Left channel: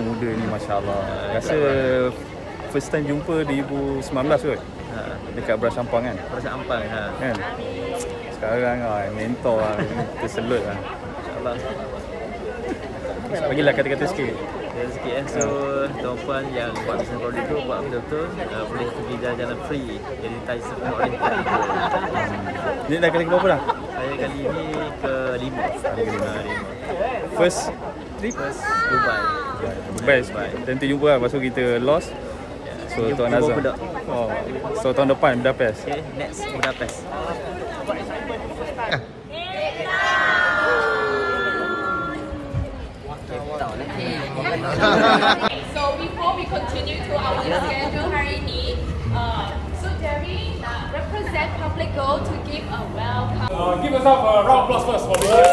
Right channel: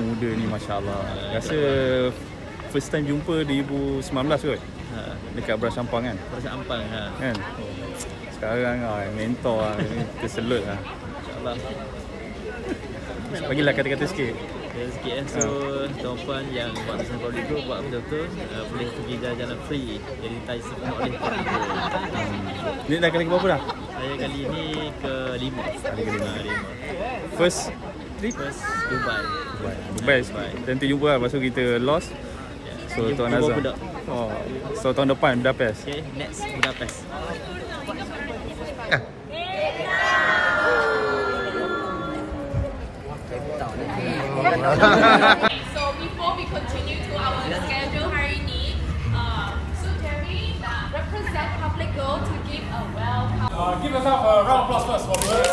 orang muda ni masya-Allah. Rasa first time jumpa 2019 kot. Dekat Beras Ampang kan? Beras Ampang kan? Sekarang mentor terselut insya-Allah. Bagilah kata-kata sikit. So tuan-puan yang buat bisnes Public Gold buat betul-betul boleh pergi jalan-jalan free yang ditargetkan oleh Public Gold. Ni dah kali ke berapa dah? Saya kali ni ke-5. Kali ke-5. First trip? First Dubai. Nanti jumpa lah. Lepas tu kita lost. So Tuan Azam. So tahun depan Budapest. Okay, next Budapest. So before we continue to our schedule hari ini, so Jerry represent Public Gold to give a welcome. Give yourself a round of applause first for being here.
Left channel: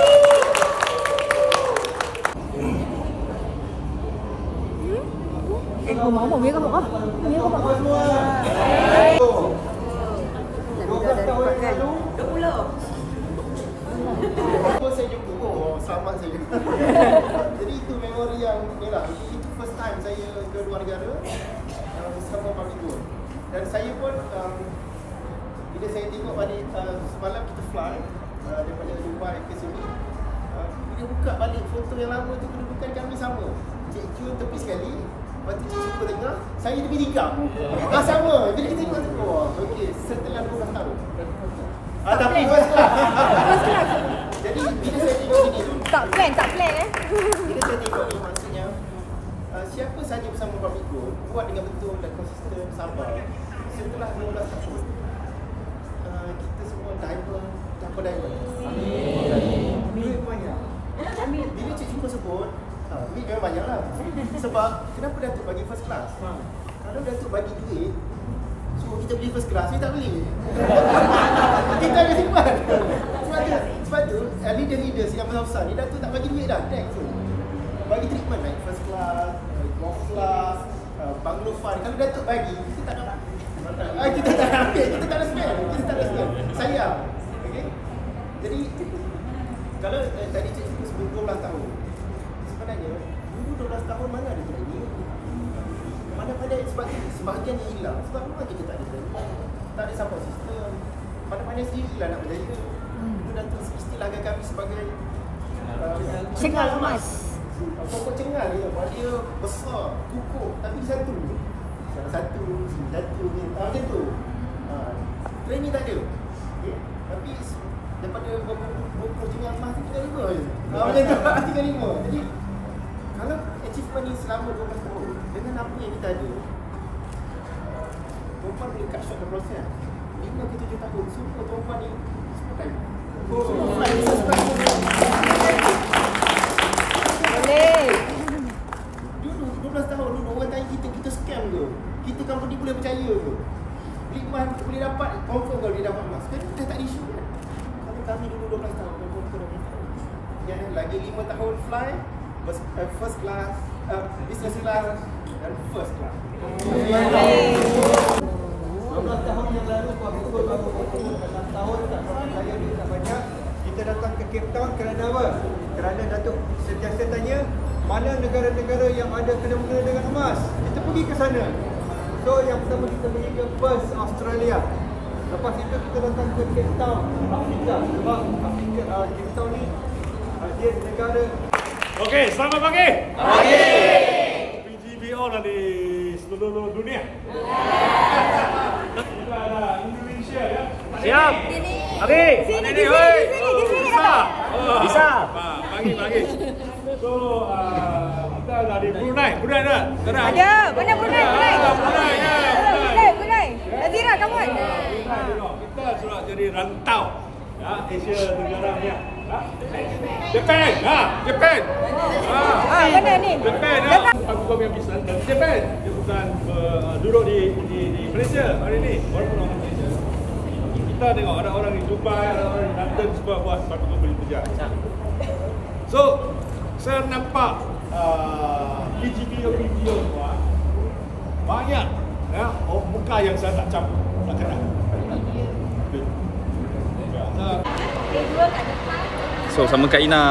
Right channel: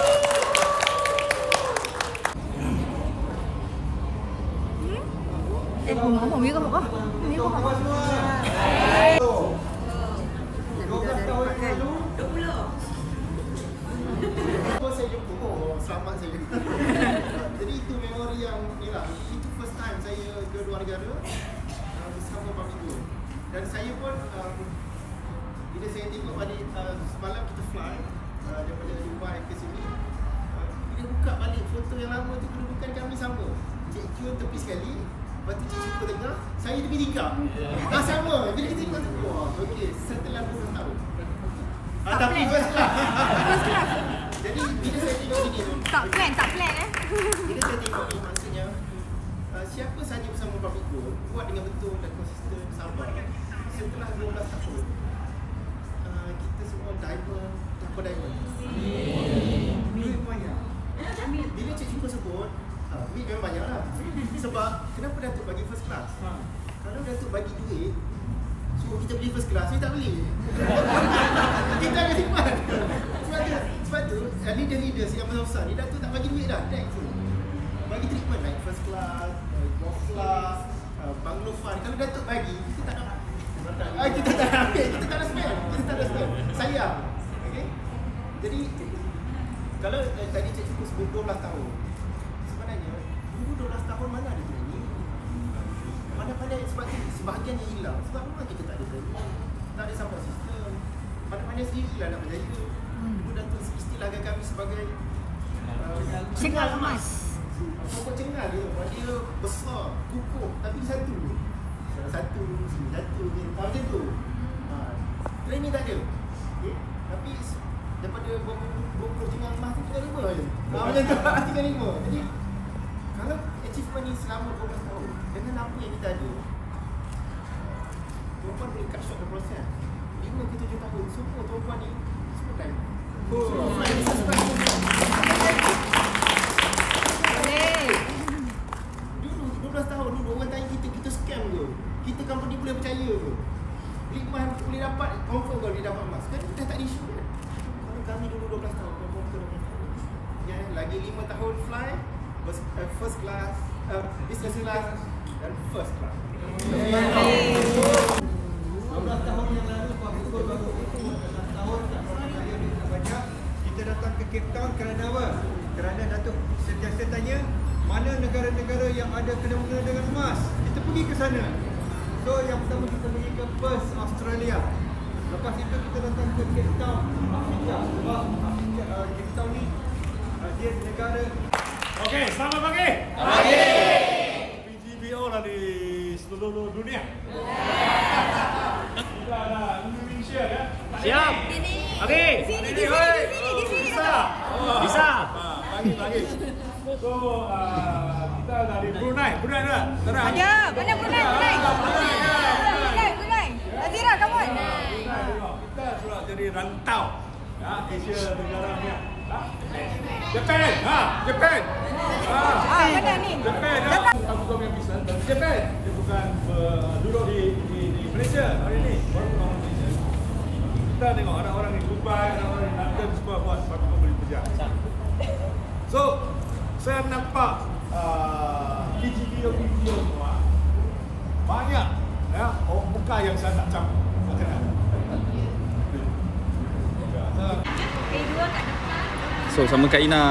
Saya jumpa, selamat saya. Jadi itu memori yang ni lah. Itu first time saya ke luar negara bersama Public Gold. Dan saya pun bila saya tengok balik semalam kita fly daripada Dubai ke sini, bila buka balik foto yang lama tu kedudukan kami sama. Cik Jun tepi sekali, lepas tu Cik Super tengah, saya tepi tingkap. Sama. Jadi kita tengok tu, okey, setelah 12 tahun. Tapi first class. Jadi bila saya tengok ini tu, Tak plan bila saya tengok ni maksudnya siapa saja bersama Public Gold buat dengan betul dan konsisten, sabar. Setelah 12 tahun kita semua diamond, dapat diamond. Amin. Duit banyak. Bila Cik Jumpa sebut duit memang banyak lah. Sebab kenapa Datuk bagi first class? Kalau Datuk bagi duit suruh kita beli first class, saya tak beli. Kita akan simpan. Sebab tu leader-leaders yang besar-besar ni Datuk tak bagi duit dah. Thanks tu. Bagi treatment naik first class, golf class, bungalow fund. Kalau Datuk bagi, kita tak nak. Kita tak nak ambil, kita tak nak spend. Sayang. Okay? Jadi kalau tadi Cik Cukup sebut 12 tahun, sebenarnya dulu 12 tahun mana ada training? Pandai-pandai sebab sebahagian yang hilang. Sebab memang kita tak ada training, tak ada support system. Pandai-pandai sendirilah nak berjaya. Itu Datuk istilahkan kami sebagai Cengal emas. Pokok cengal dia, dia besar, kukuh, tapi satu. Satu, macam tu. Training tak ada. Okay? Tapi daripada berapa cengal emas tu 3-5 je. Macam tu, 3-5. Jadi kalau achievement ni selama 12 tahun, dengan apa yang kita ada, perempuan boleh cut short the process. 5 ke 7 tahun, semua perempuan ni semua time. Semua fly, dulu 12 tahun dulu orang tanya kita scam ke? Kita company boleh percaya ke? Beli emas boleh dapat, confirm kalau dia dapat emas. Kan kita tak ada isu kan? Kalau kami dulu 12 tahun, dan perempuan 12 tahun. Yang lagi 5 tahun fly, first class, business class dan first class. 12 tahun yang lalu Public Gold baru 6 tahun saya duit tak banyak. Kita datang ke Cape Town kerana apa? Kerana Datuk sentiasa tanya mana negara-negara yang ada kena-mengena dengan emas. Kita pergi ke sana. So yang pertama kita pergi ke Perth, Australia. Lepas itu kita datang ke Cape Town, Afrika. Sebab Cape Town ni dia negara. Okey, selamat pagi. Pagi. PGBO lah di seluruh dunia. Indonesia ya. Siap. Okey. Di sini dapat. Bisa. Pagi. So kita dari Brunei dah. Ada, mana Brunei? Brunei. Nazira, kawan. Kita sudah jadi rantau Asia Tenggara ni. Japan. Mana ni? Japan. Aku kau punya bisnes dari Japan. Dia bukan duduk di Malaysia hari ni. Baru orang Malaysia. Kita tengok ada orang di Dubai, ada orang di London semua buat sepatu beli kerja. So, saya nampak video semua banyak muka yang saya tak campur, tak kenal. So sama Kak Ina.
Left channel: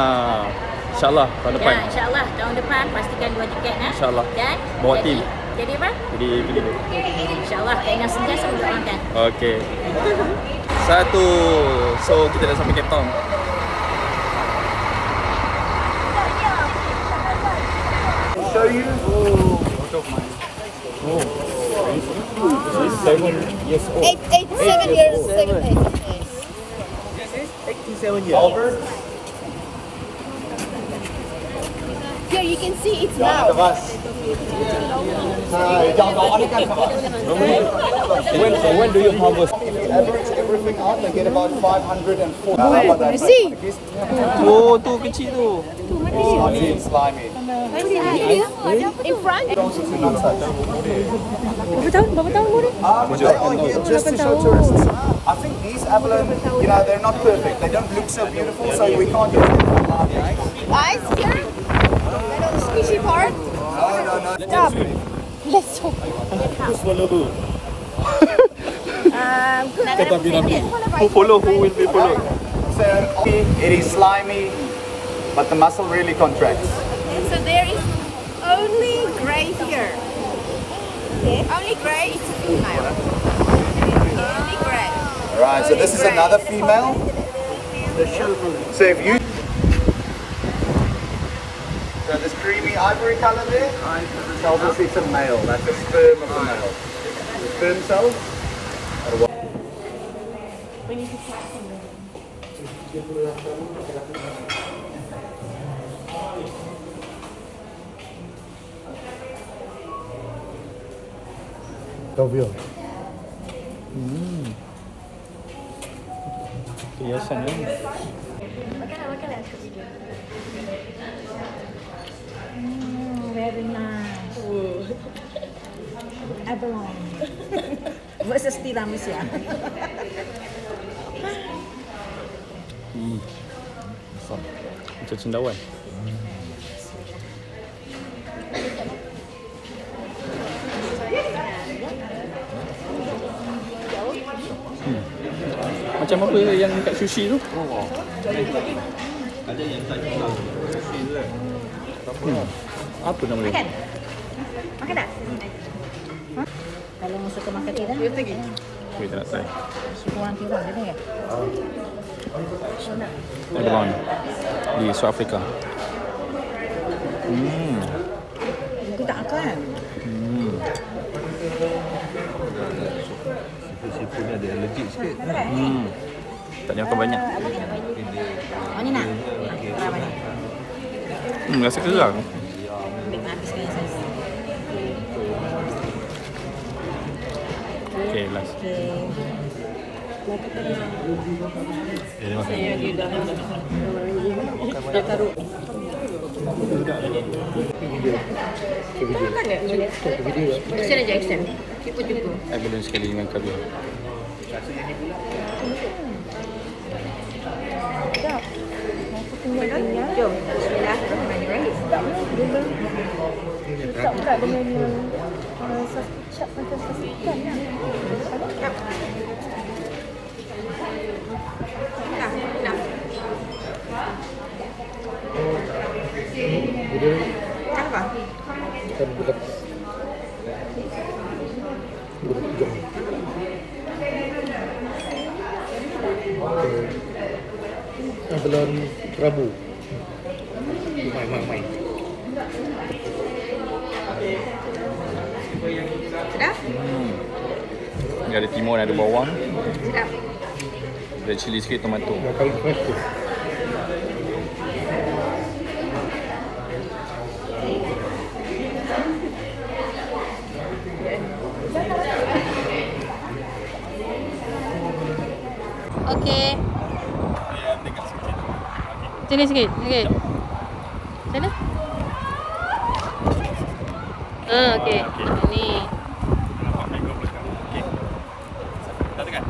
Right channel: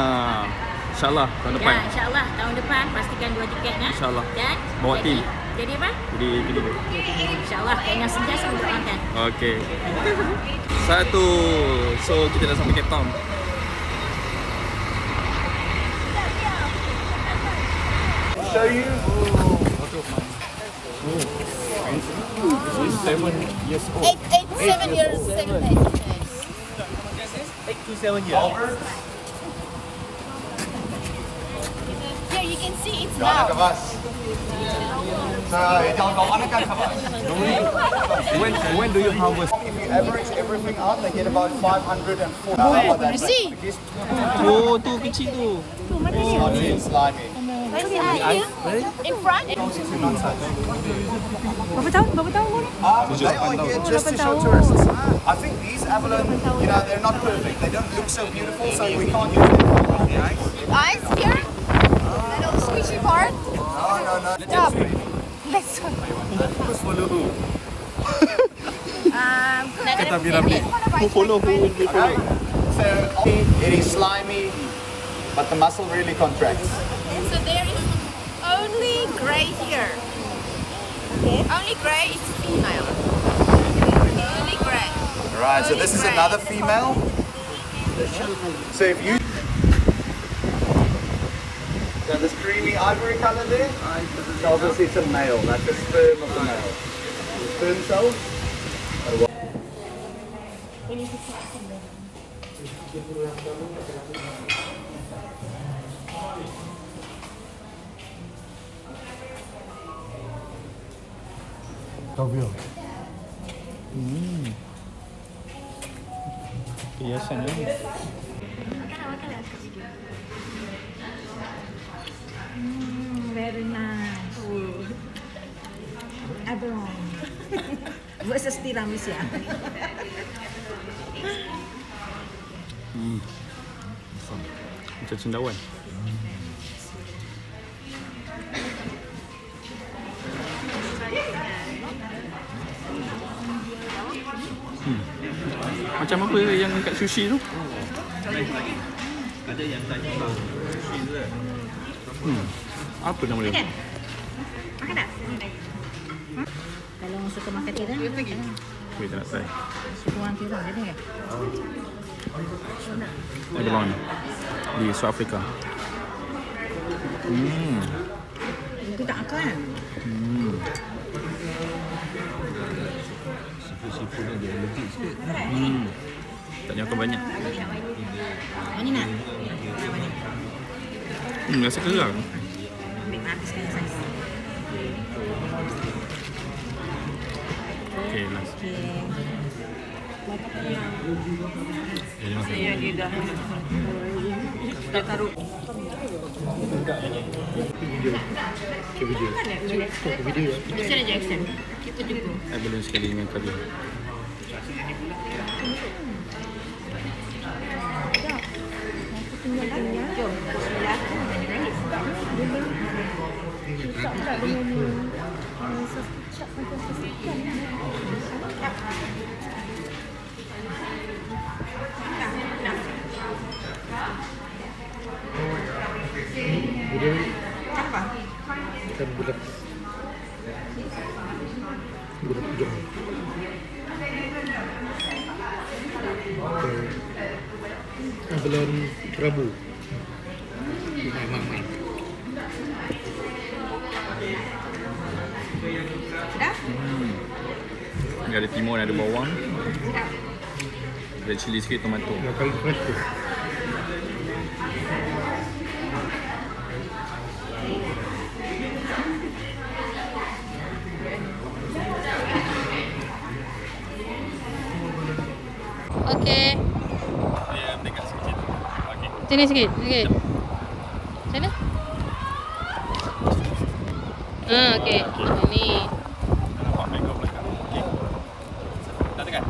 InsyaAllah tahun depan. Ya, insyaAllah tahun depan pastikan 2 tiket InsyaAllah. Dan Bawa tim. Jadi apa? Jadi pergi dia. InsyaAllah dengan sentiasa mendoakan. Okey. 1. So kita dah sampai Cape Town. Show you. Out of my. Oh. This is 7 years old. 7 years. 7 years. This is 87 years. Over. Here you can see it's now. When do you harvest? If you average everything out, they get about 504. See? Oh, tu kecil tu. Slimy and slimy. In front. Berapa tahun umur dia? Just to show tourists. I think these abalone, you know, they're not perfect. They don't look so beautiful, so we can't use them. Guys, here. Little squishy part. No. Stop. Let's go. Who's follow who? Kata Binamli. Who follow who will be follow? So it is slimy, but the muscle really contracts. So there is only grey here. Only grey is female. Only grey. Alright, so this is another female. So if you... So this creamy ivory color there tells us it's a male. That's the sperm of the male. The sperm cells are what? Hiasan ni. Very nice. Abalone versus tiramisu. Macam cendawan. Macam apa yang kat sushi tu? Ada yang tak tahu. Apa nama dia? Makan. Makan tak? Kalau musuh makan tiram. Wait, tak nak try. Kurang tiram dia kan? Abalone di South Africa. Itu tak kan? Siput ada allergic sikit. Tak ada makan banyak. Mana nak? Berapa ni? Rasa kerang. Ambil habis ni. Okay, last. Extend aja, extend. Ikut juga. Abalone sekali dengan kari. Jom. Abalone kerabu. Main. Sudah? Ni ada timun, ada bawang, Sudah. ada cili sikit, tomato. Paling fresh tu. Okey. Sini sikit. Okey. Sini. Okey. Ni. Dah tekan?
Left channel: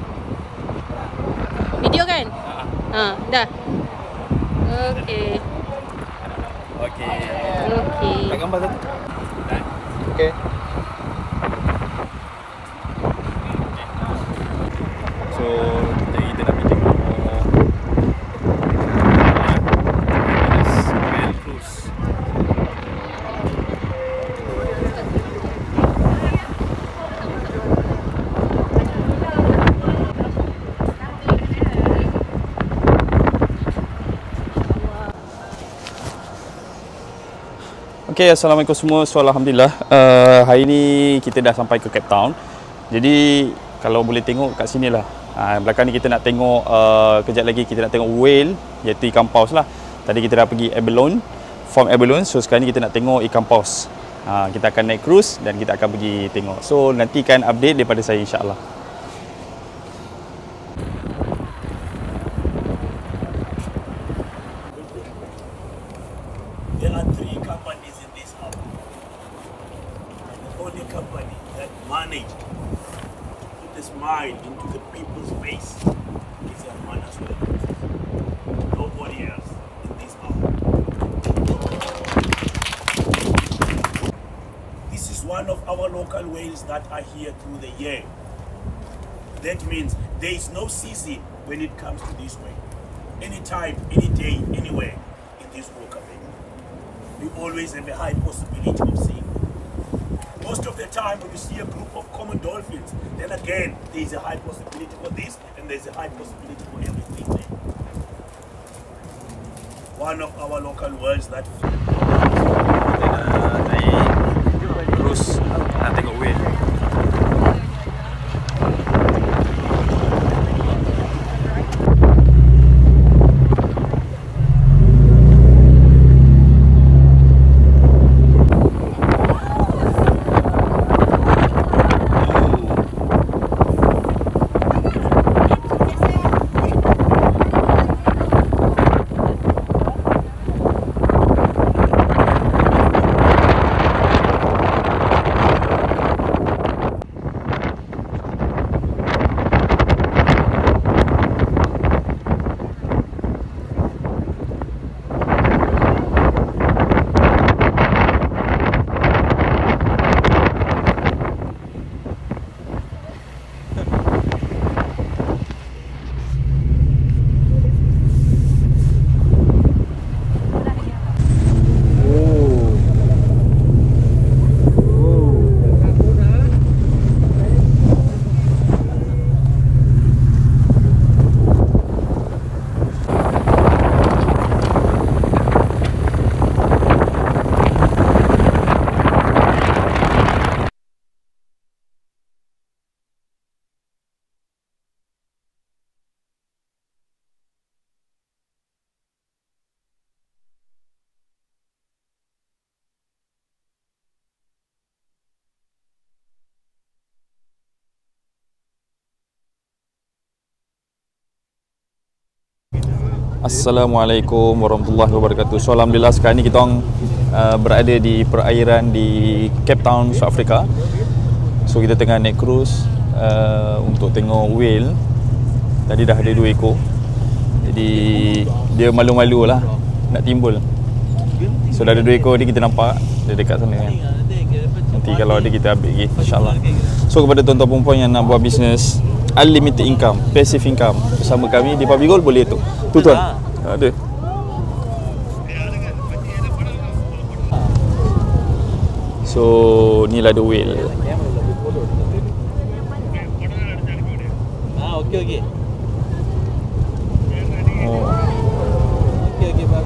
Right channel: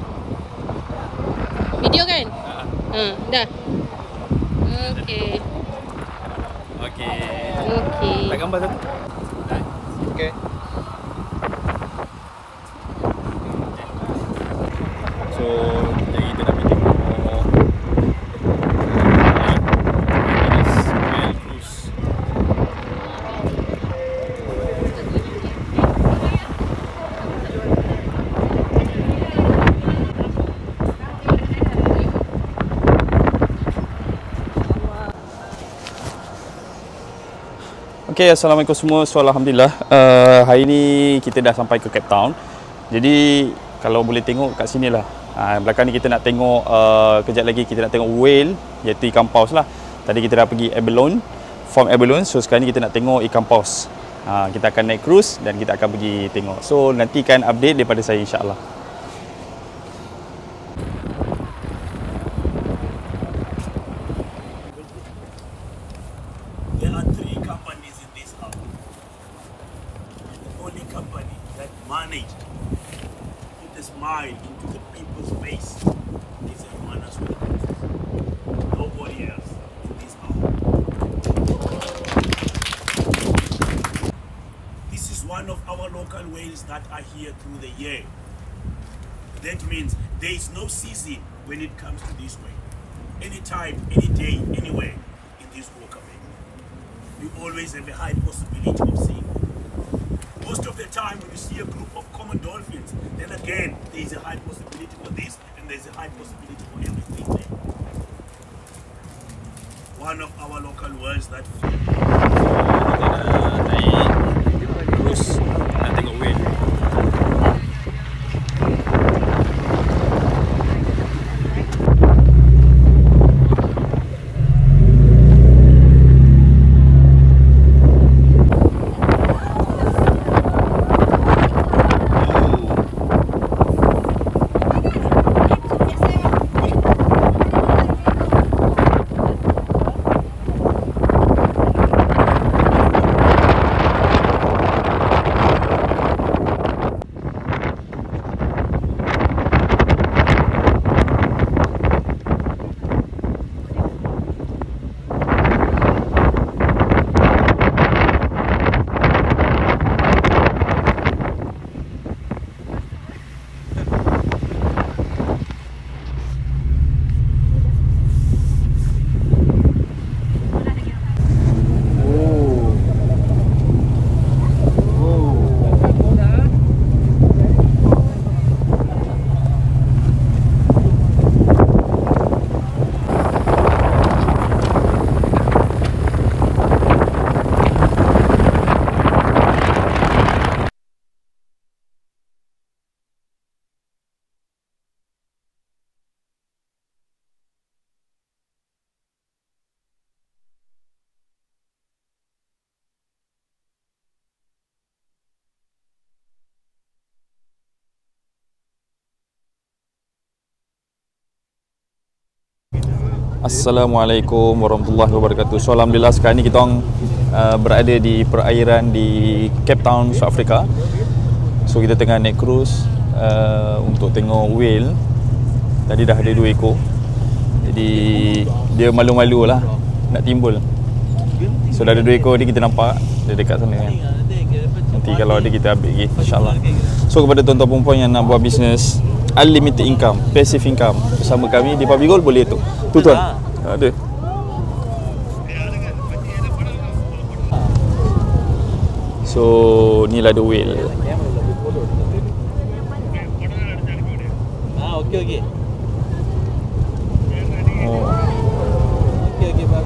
Video kan? Dah. Okey. Okey. Okey. Tak gambar satu? Okey. So, kita dah tengok Okay, Assalamualaikum semua. So, Alhamdulillah, hari ni kita dah sampai ke Cape Town. Jadi, kalau boleh tengok kat sini lah. Belakang ni kita nak tengok, kejap lagi kita nak tengok whale, iaitu ikan paus lah. Tadi kita dah pergi abalone, farm abalone. So, sekarang ni kita nak tengok ikan paus. Kita akan naik cruise dan kita akan pergi tengok. So, nantikan update daripada saya, insyaAllah. There are 3 companies in this hub. And the only company that managed to put a smile into the people's face is Hermanas Wellness. Nobody else in this hub. This is one of our local whales that are here through the year. That means there is no season when it comes to this whale. Anytime, any day, anywhere in this Walker Bay. We always have a high possibility of seeing them. Most of the time when you see a group of common dolphins, then again there is a high possibility for this and there is a high possibility for everything there. One of our local whales that Terus nak tengok whale. Assalamualaikum warahmatullahi wabarakatuh. So, Alhamdulillah sekarang ni kita orang berada di perairan di Cape Town, South Africa. So, kita tengah naik cruise untuk tengok whale. Tadi dah ada 2 ekor. Jadi, dia malu-malu lah nak timbul. So, dah ada 2 ekor ni kita nampak. Dia dekat sana kan. Nanti kalau ada kita ambil lagi, insyaAllah. So, kepada tuan-tuan perempuan yang nak buat bisnes unlimited income, passive income bersama kami di Public Gold, boleh tu. Tu tuan. Ada. So, ni lah the whale. Okey. Oh. Okey, bye.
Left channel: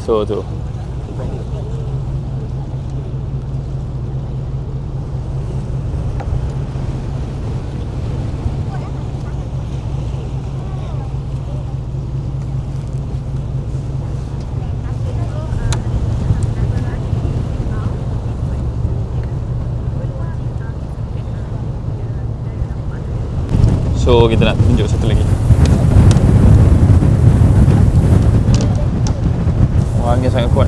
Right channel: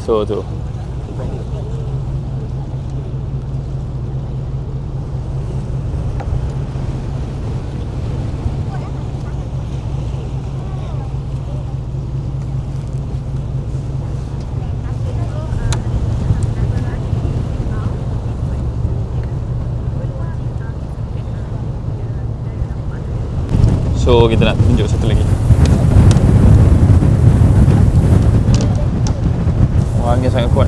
So, tu. So, kita nak tunjuk satu lagi. Wah, angin sangat kuat.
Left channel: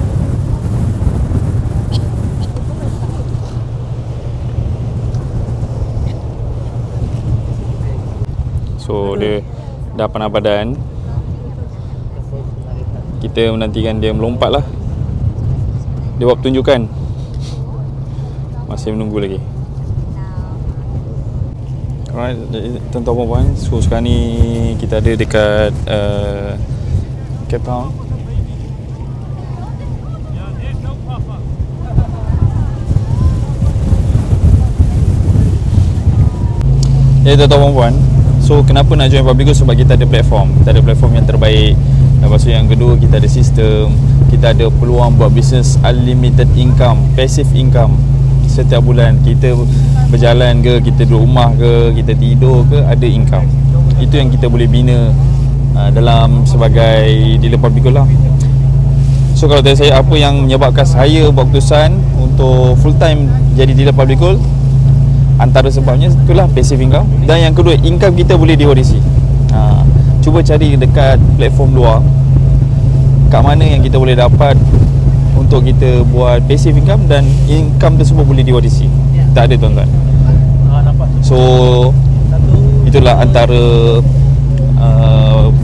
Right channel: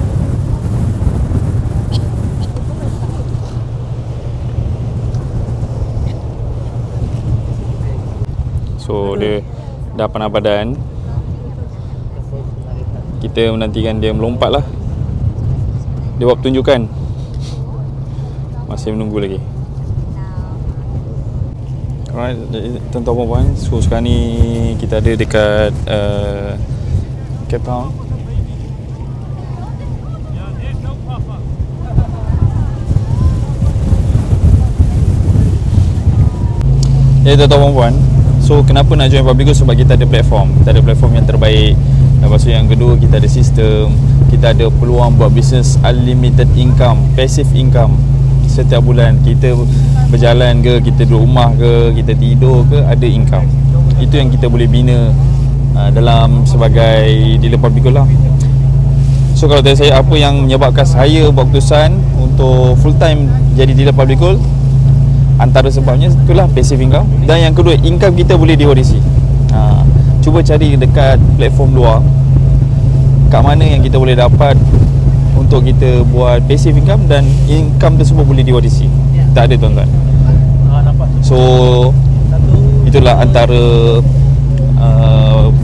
So, dia dah panah badan. Kita menantikan dia melompat lah. Dia buat pertunjukan. Masih menunggu lagi. Alright, tuan-tuan puan, so sekarang ni kita ada dekat Cape Town. Ya tuan-tuan puan, so kenapa nak join Public Gold? Sebab kita ada platform. Kita ada platform yang terbaik Lepas tu yang kedua, kita ada sistem, kita ada peluang buat bisnes unlimited income, passive income. Setiap bulan kita berjalan ke, kita duduk rumah ke, kita tidur ke, ada income. Itu yang kita boleh bina dalam sebagai dealer public gold lah. So kalau tanya saya apa yang menyebabkan saya buat keputusan untuk full time jadi dealer public gold, antara sebabnya itulah passive income. Dan yang kedua, income kita boleh diwarisi. Cuba cari dekat platform luar kat mana yang kita boleh dapat untuk kita buat passive income dan income tersebut boleh diwarisi. Tak ada tuan-tuan. So itulah antara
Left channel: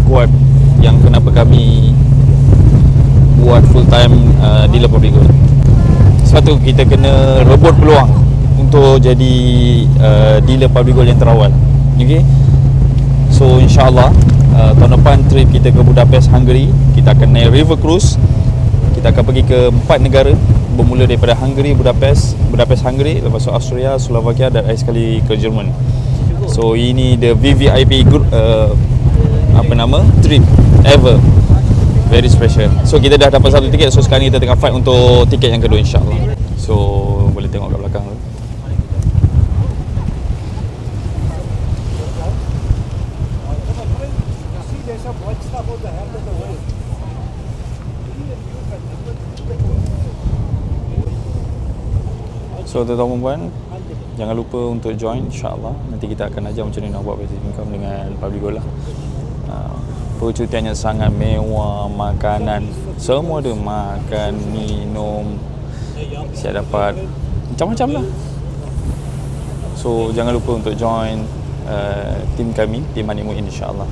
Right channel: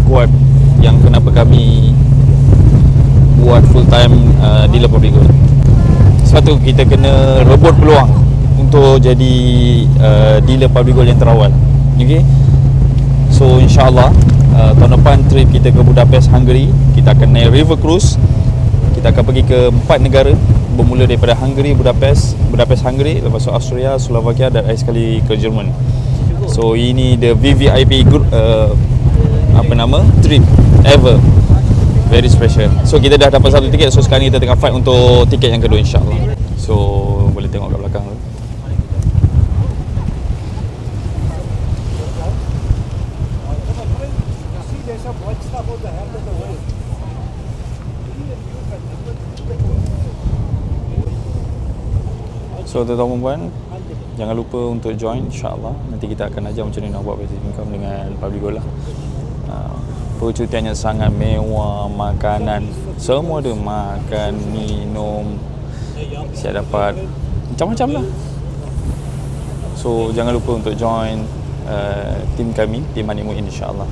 kuat yang kenapa kami buat full time dealer public gold. Sebab tu kita kena rebut peluang untuk jadi dealer public gold yang terawal. Okay. So insyaAllah tahun depan trip kita ke Budapest, Hungary. Kita akan naik river cruise. Kita akan pergi ke 4 negara, bermula daripada Hungary, Budapest, Hungary, lepas tu Austria, Slovakia dan akhir sekali ke Jerman. So ini the VVIP group trip ever. Very special. So kita dah dapat satu tiket. So sekarang kita tengah fight untuk tiket yang kedua insyaAllah. So boleh tengok kat belakang tu. So tuan-tuan dan puan, jangan lupa untuk join insyaAllah. Nanti kita akan ajar macam mana nak buat passive income dengan public gold lah. Percutiannya sangat mewah, makanan semua ada, makan, minum, siap dapat macam-macam lah. So jangan lupa untuk join tim kami, tim Manik Muin insyaAllah.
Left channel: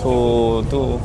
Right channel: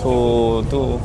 So tu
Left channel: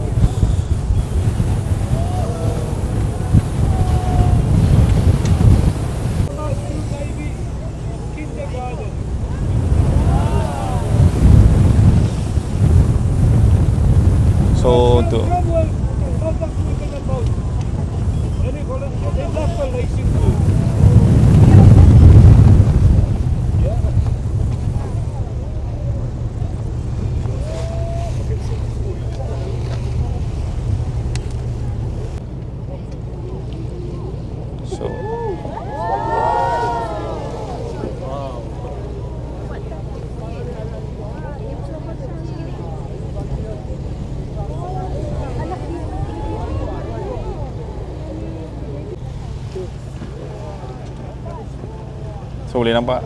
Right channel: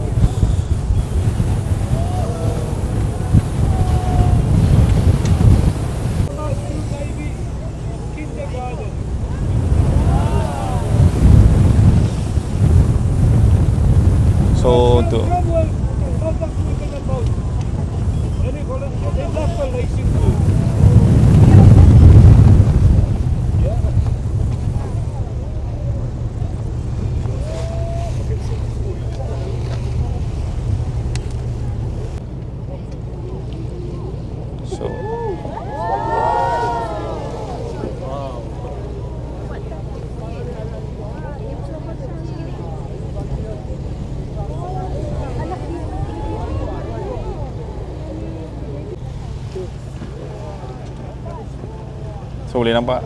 So boleh nampak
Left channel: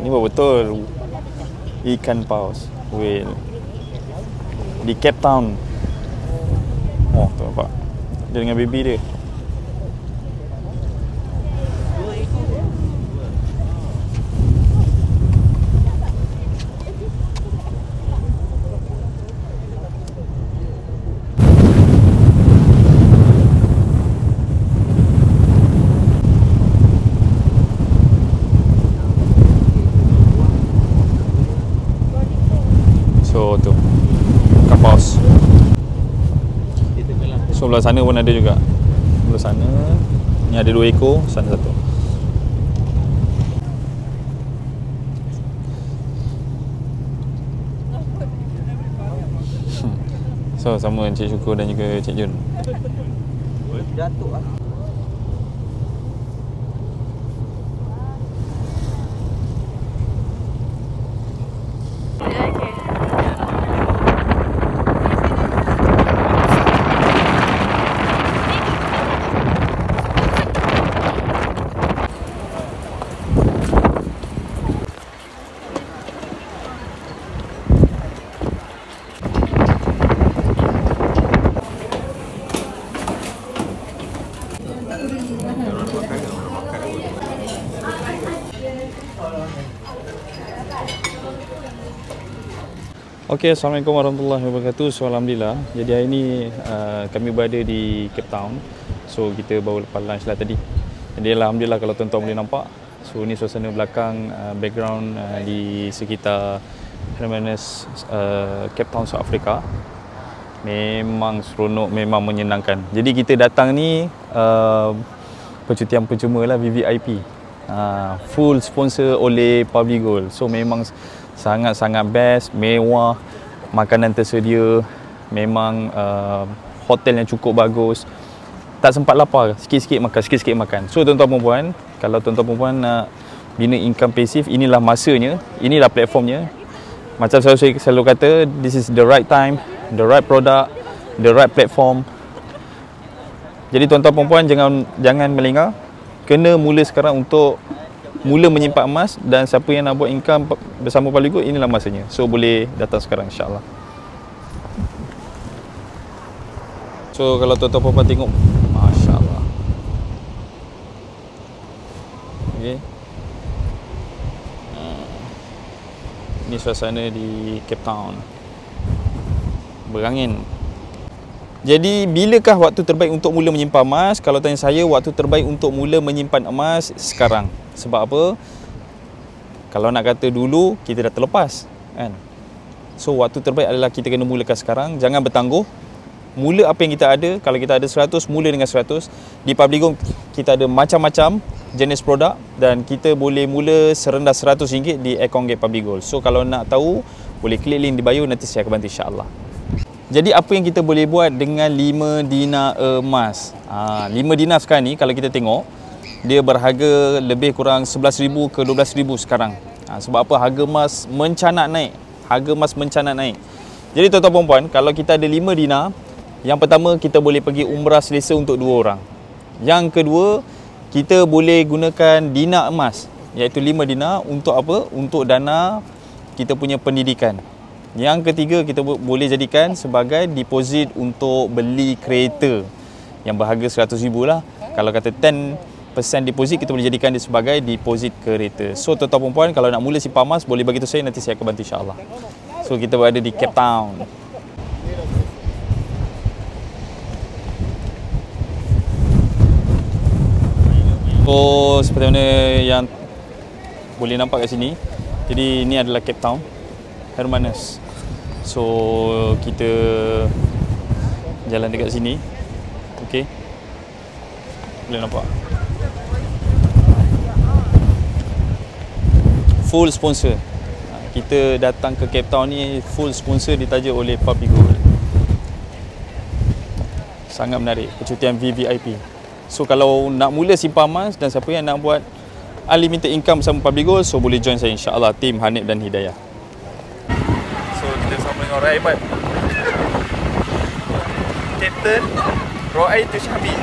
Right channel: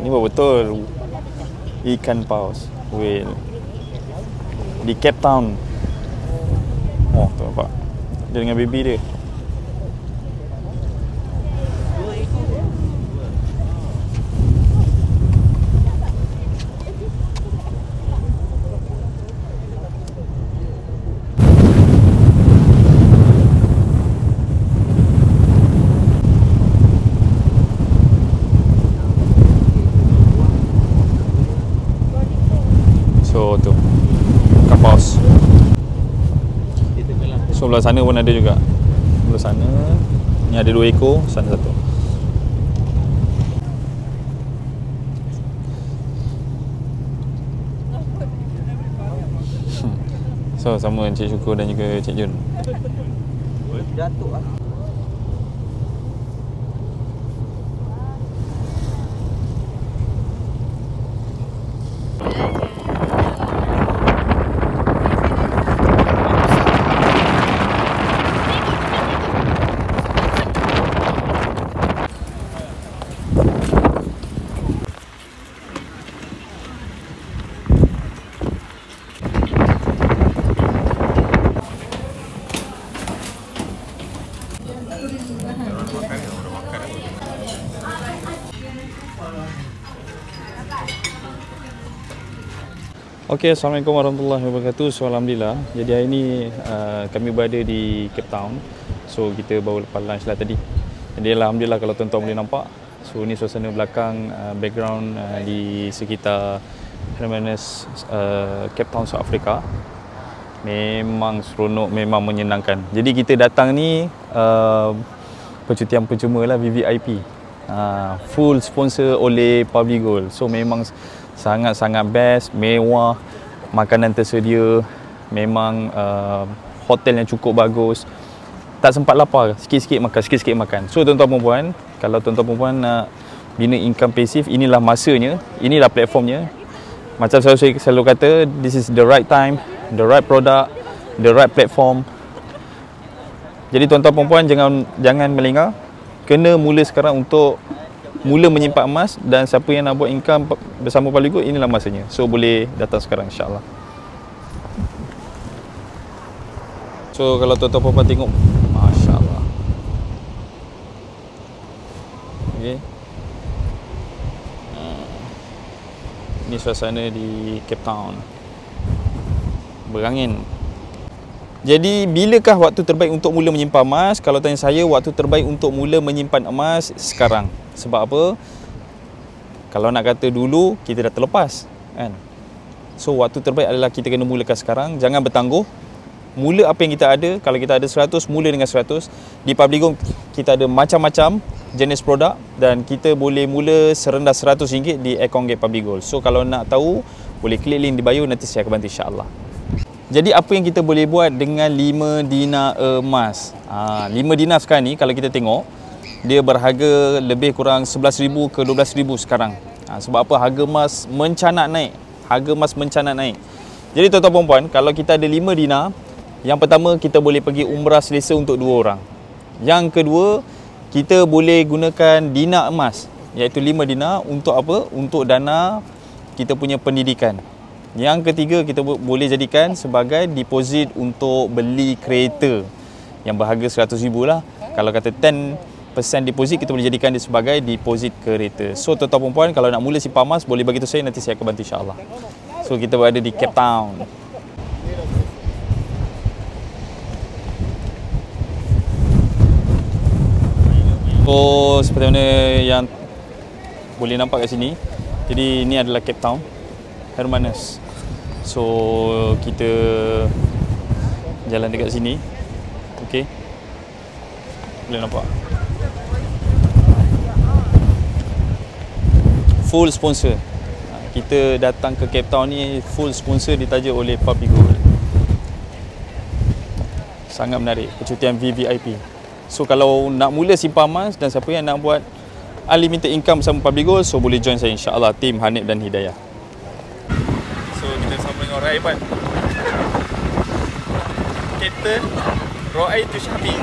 ni betul ikan paus whale di Cape Town. Oh tu nampak dia dengan baby dia. So tu kapaus. So belah sana pun ada juga. Belah sana ni ada 2 ekor, sana satu. So sama Encik Syukur dan juga Encik Jun. Jatuh lah. Okey, Assalamualaikum warahmatullahi wabarakatuh. So alhamdulillah, jadi hari ni kami berada di Cape Town. So kita baru lepas lunch lah tadi. Jadi alhamdulillah kalau tuan-tuan boleh nampak, so ni suasana belakang background di sekitar Hermanus Cape Town, South Africa. Memang seronok, memang menyenangkan. Jadi kita datang ni percutian percuma lah, VVIP. Full sponsor oleh Public Gold. So memang Sangat-sangat best, mewah, makanan tersedia, memang hotel yang cukup bagus. Tak sempat lapar, sikit-sikit makan. So tuan-tuan perempuan, kalau tuan-tuan perempuan nak bina income pasif, inilah masanya, inilah platformnya. Macam saya selalu kata, this is the right time, the right product, the right platform. Jadi tuan-tuan perempuan jangan melengah. Kena mula sekarang untuk mula menyimpan emas, dan siapa yang nak buat income bersama Public Gold, inilah masanya. So boleh datang sekarang insya-Allah. So kalau tuan-tuan perempuan tengok, masya-Allah. Okey. Ini suasana di Cape Town. Berangin. Jadi bilakah waktu terbaik untuk mula menyimpan emas? Kalau tanya saya, waktu terbaik untuk mula menyimpan emas sekarang. Sebab apa? Kalau nak kata dulu, kita dah terlepas, kan? So waktu terbaik adalah kita kena mulakan sekarang. Jangan bertangguh. Mula apa yang kita ada. Kalau kita ada 100, mula dengan 100. Di Public Gold kita ada macam-macam jenis produk, dan kita boleh mula serendah RM100 di akaun Gate Public Gold. So kalau nak tahu, boleh klik link di bio, nanti saya akan bantu insya-Allah. Jadi apa yang kita boleh buat dengan 5 dinar emas? 5 dinar sekarang ni kalau kita tengok, dia berharga lebih kurang 11,000 ke 12,000 sekarang. Sebab apa? Harga emas mencanak naik. Jadi tuan-tuan perempuan, kalau kita ada 5 dinar, yang pertama kita boleh pergi umrah selesa untuk 2 orang. Yang kedua, kita boleh gunakan dinar emas, iaitu 5 dinar untuk apa? Untuk dana kita punya pendidikan. Yang ketiga, kita boleh jadikan sebagai deposit untuk beli kereta yang berharga 100,000 lah. Kalau kata 10% deposit, kita boleh jadikan dia sebagai deposit kereta. So tuan-tuan perempuan, kalau nak mula simpan emas, boleh bagi tahu saya, nanti saya akan bantu insya-Allah. So kita berada di Cape Town. So seperti mana yang boleh nampak kat sini, jadi ini adalah Cape Town, Hermanus. So kita jalan dekat sini. Okey, boleh nampak full sponsor. Kita datang ke Cape Town ni full sponsor, ditaja oleh Public Gold. Sangat menarik, percutian VVIP. So kalau nak mula simpan emas, dan siapa yang nak buat unlimited income bersama Public Gold, so boleh join saya insya-Allah, tim Hanif dan Hidayah. So kita bersama dengan orang hebat, Captain Roai tu Syahmi.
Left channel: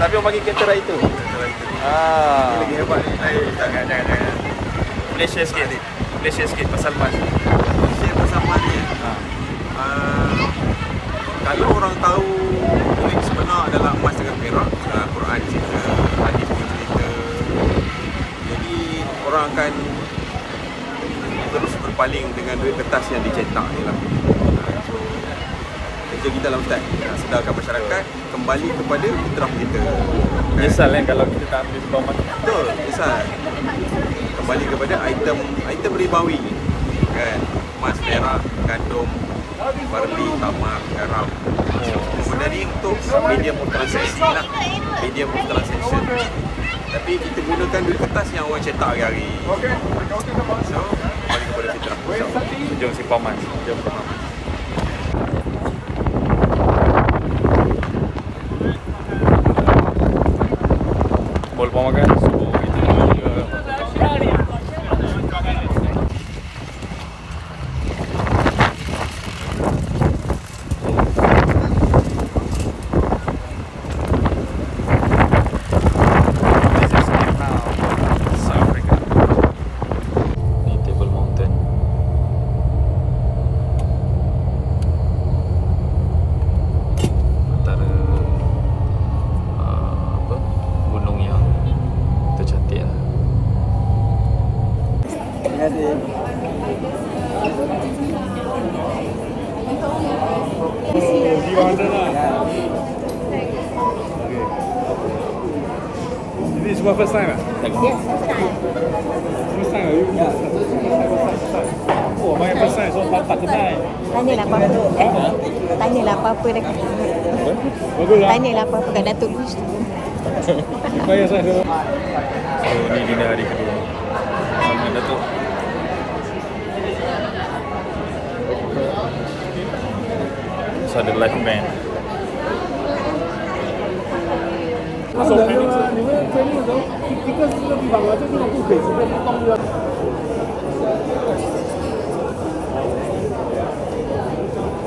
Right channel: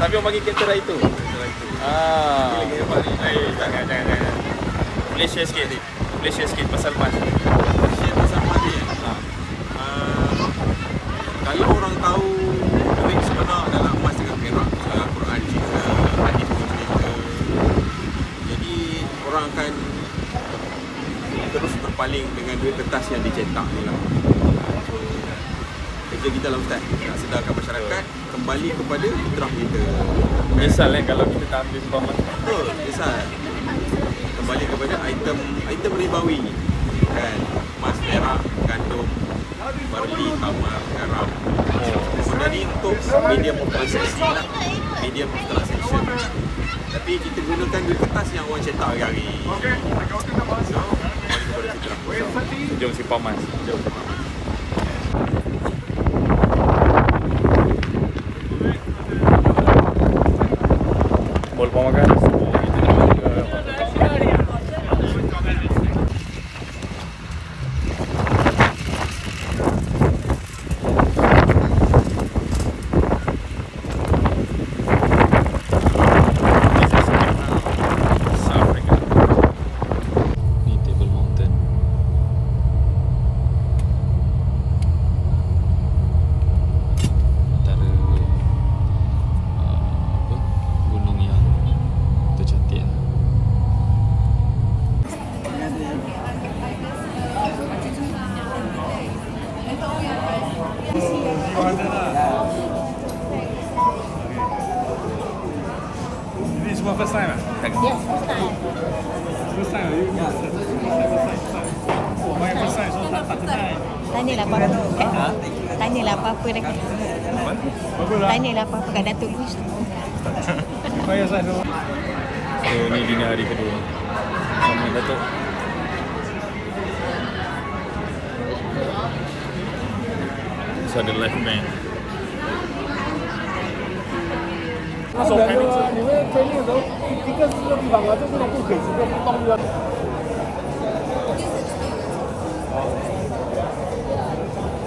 Tapi orang panggil Captain Roai tu. Ini lagi hebat ni. Jangan. Boleh share sikit pasal emas. Share pasal emas ni. Kalau orang tahu duit sebenar adalah emas dengan perak, Quran cerita, hadis pun cerita. Jadi orang akan terus berpaling dengan duit kertas yang dicetak ni lah. So kerja kita lah Ustaz, nak sedarkan masyarakat kembali kepada fitrah kita. Nyesal kan kalau kita tak ambil simpan emas. Betul, nyesal. Kembali kepada item ribawi kan, emas, perak, gandum, barley, tamar, garam. Benda ni untuk medium of transaksi lah, medium of transaction. Tapi kita gunakan duit kertas yang orang cetak hari-hari. So kembali kepada fitrah. Jom simpan emas. Boleh lepas makan. Ini semua first time ah? Yes, First time ah? First time. Oh, main first time, so tak kenal. Tanyalah apa-apa. Tanyalah apa-apa dekat Apa? Bagus lah. Tanyalah apa-apa kat Datuk Wish. Bayar saya dulu. So ni dinner hari kedua sama Datuk. So ada live band.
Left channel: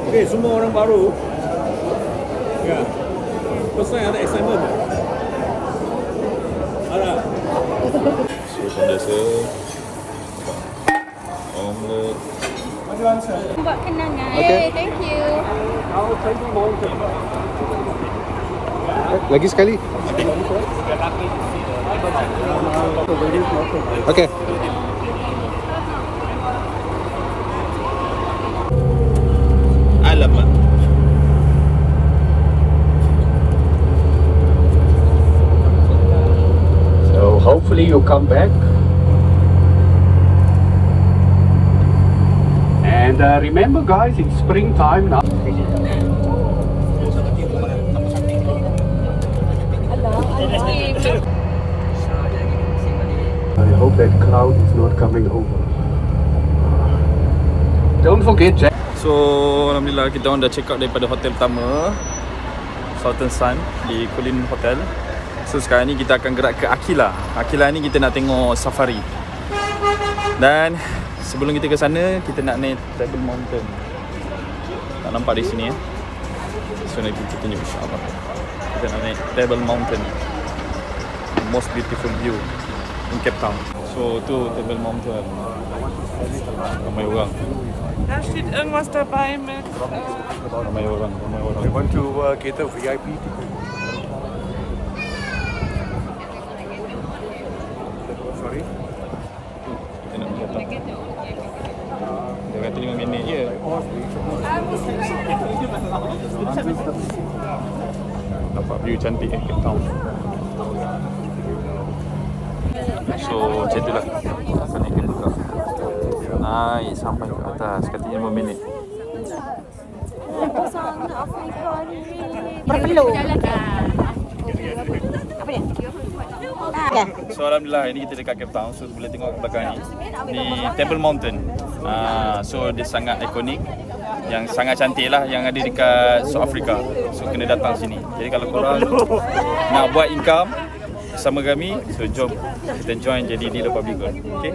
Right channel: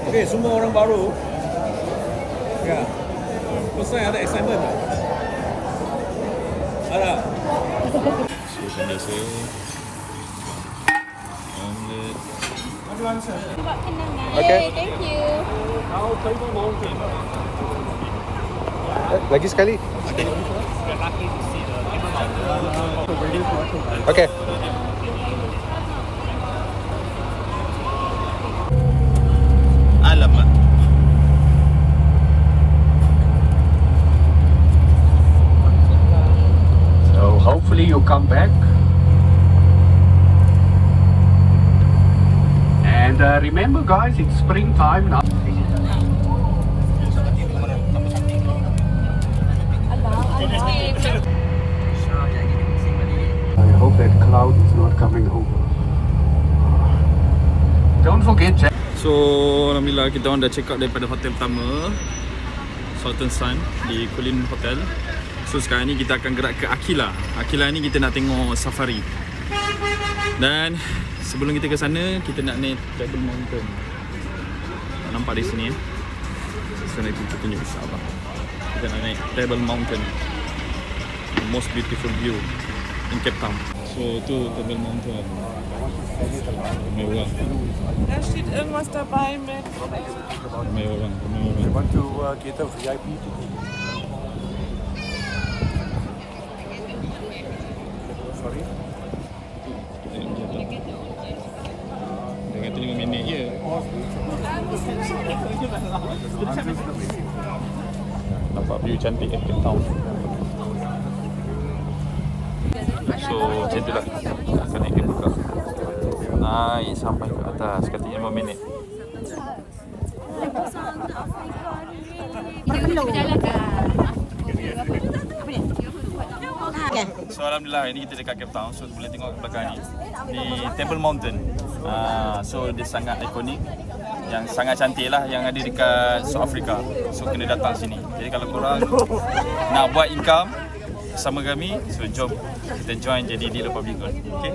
Okay, semua orang baru. Ya. Pasal ada excitement. Ada. So biasa. Omelette. Buat kenangan. Lagi sekali. Okey. Alamak. So hopefully you come back. And remember guys, it's springtime now. I hope that cloud is not coming over. Don't forget Jack. So alhamdulillah kita orang dah check out daripada hotel pertama, Sultan Sun di Kulin Hotel. So sekarang ni kita akan gerak ke Akila. Akila ni kita nak tengok safari. Dan sebelum kita ke sana, kita nak naik Table Mountain. Tak nampak di sini ya. So nanti kita tunjuk insya-Allah. Kita nak naik Table Mountain. The most beautiful view in Cape Town. So tu Table Mountain. Ramai orang. Rashid Master Prime. Ramai orang. I want to get a VIP. Sorry. Kita nak pergi atas ni. Dia kata 5 minit je. View cantik kan kita. So macam tu lagi. Naik sampai ke atas. Katanya 5 minit. Perlu. Apa dia? So alhamdulillah ini kita dekat Cape Town. So boleh tengok kat belakang ni di Table Mountain. So dia sangat ikonik, yang sangat cantik lah, yang ada dekat South Africa. So kena datang sini. Jadi kalau korang nak buat income bersama kami, so jom kita join jadi dealer public gold. Okay?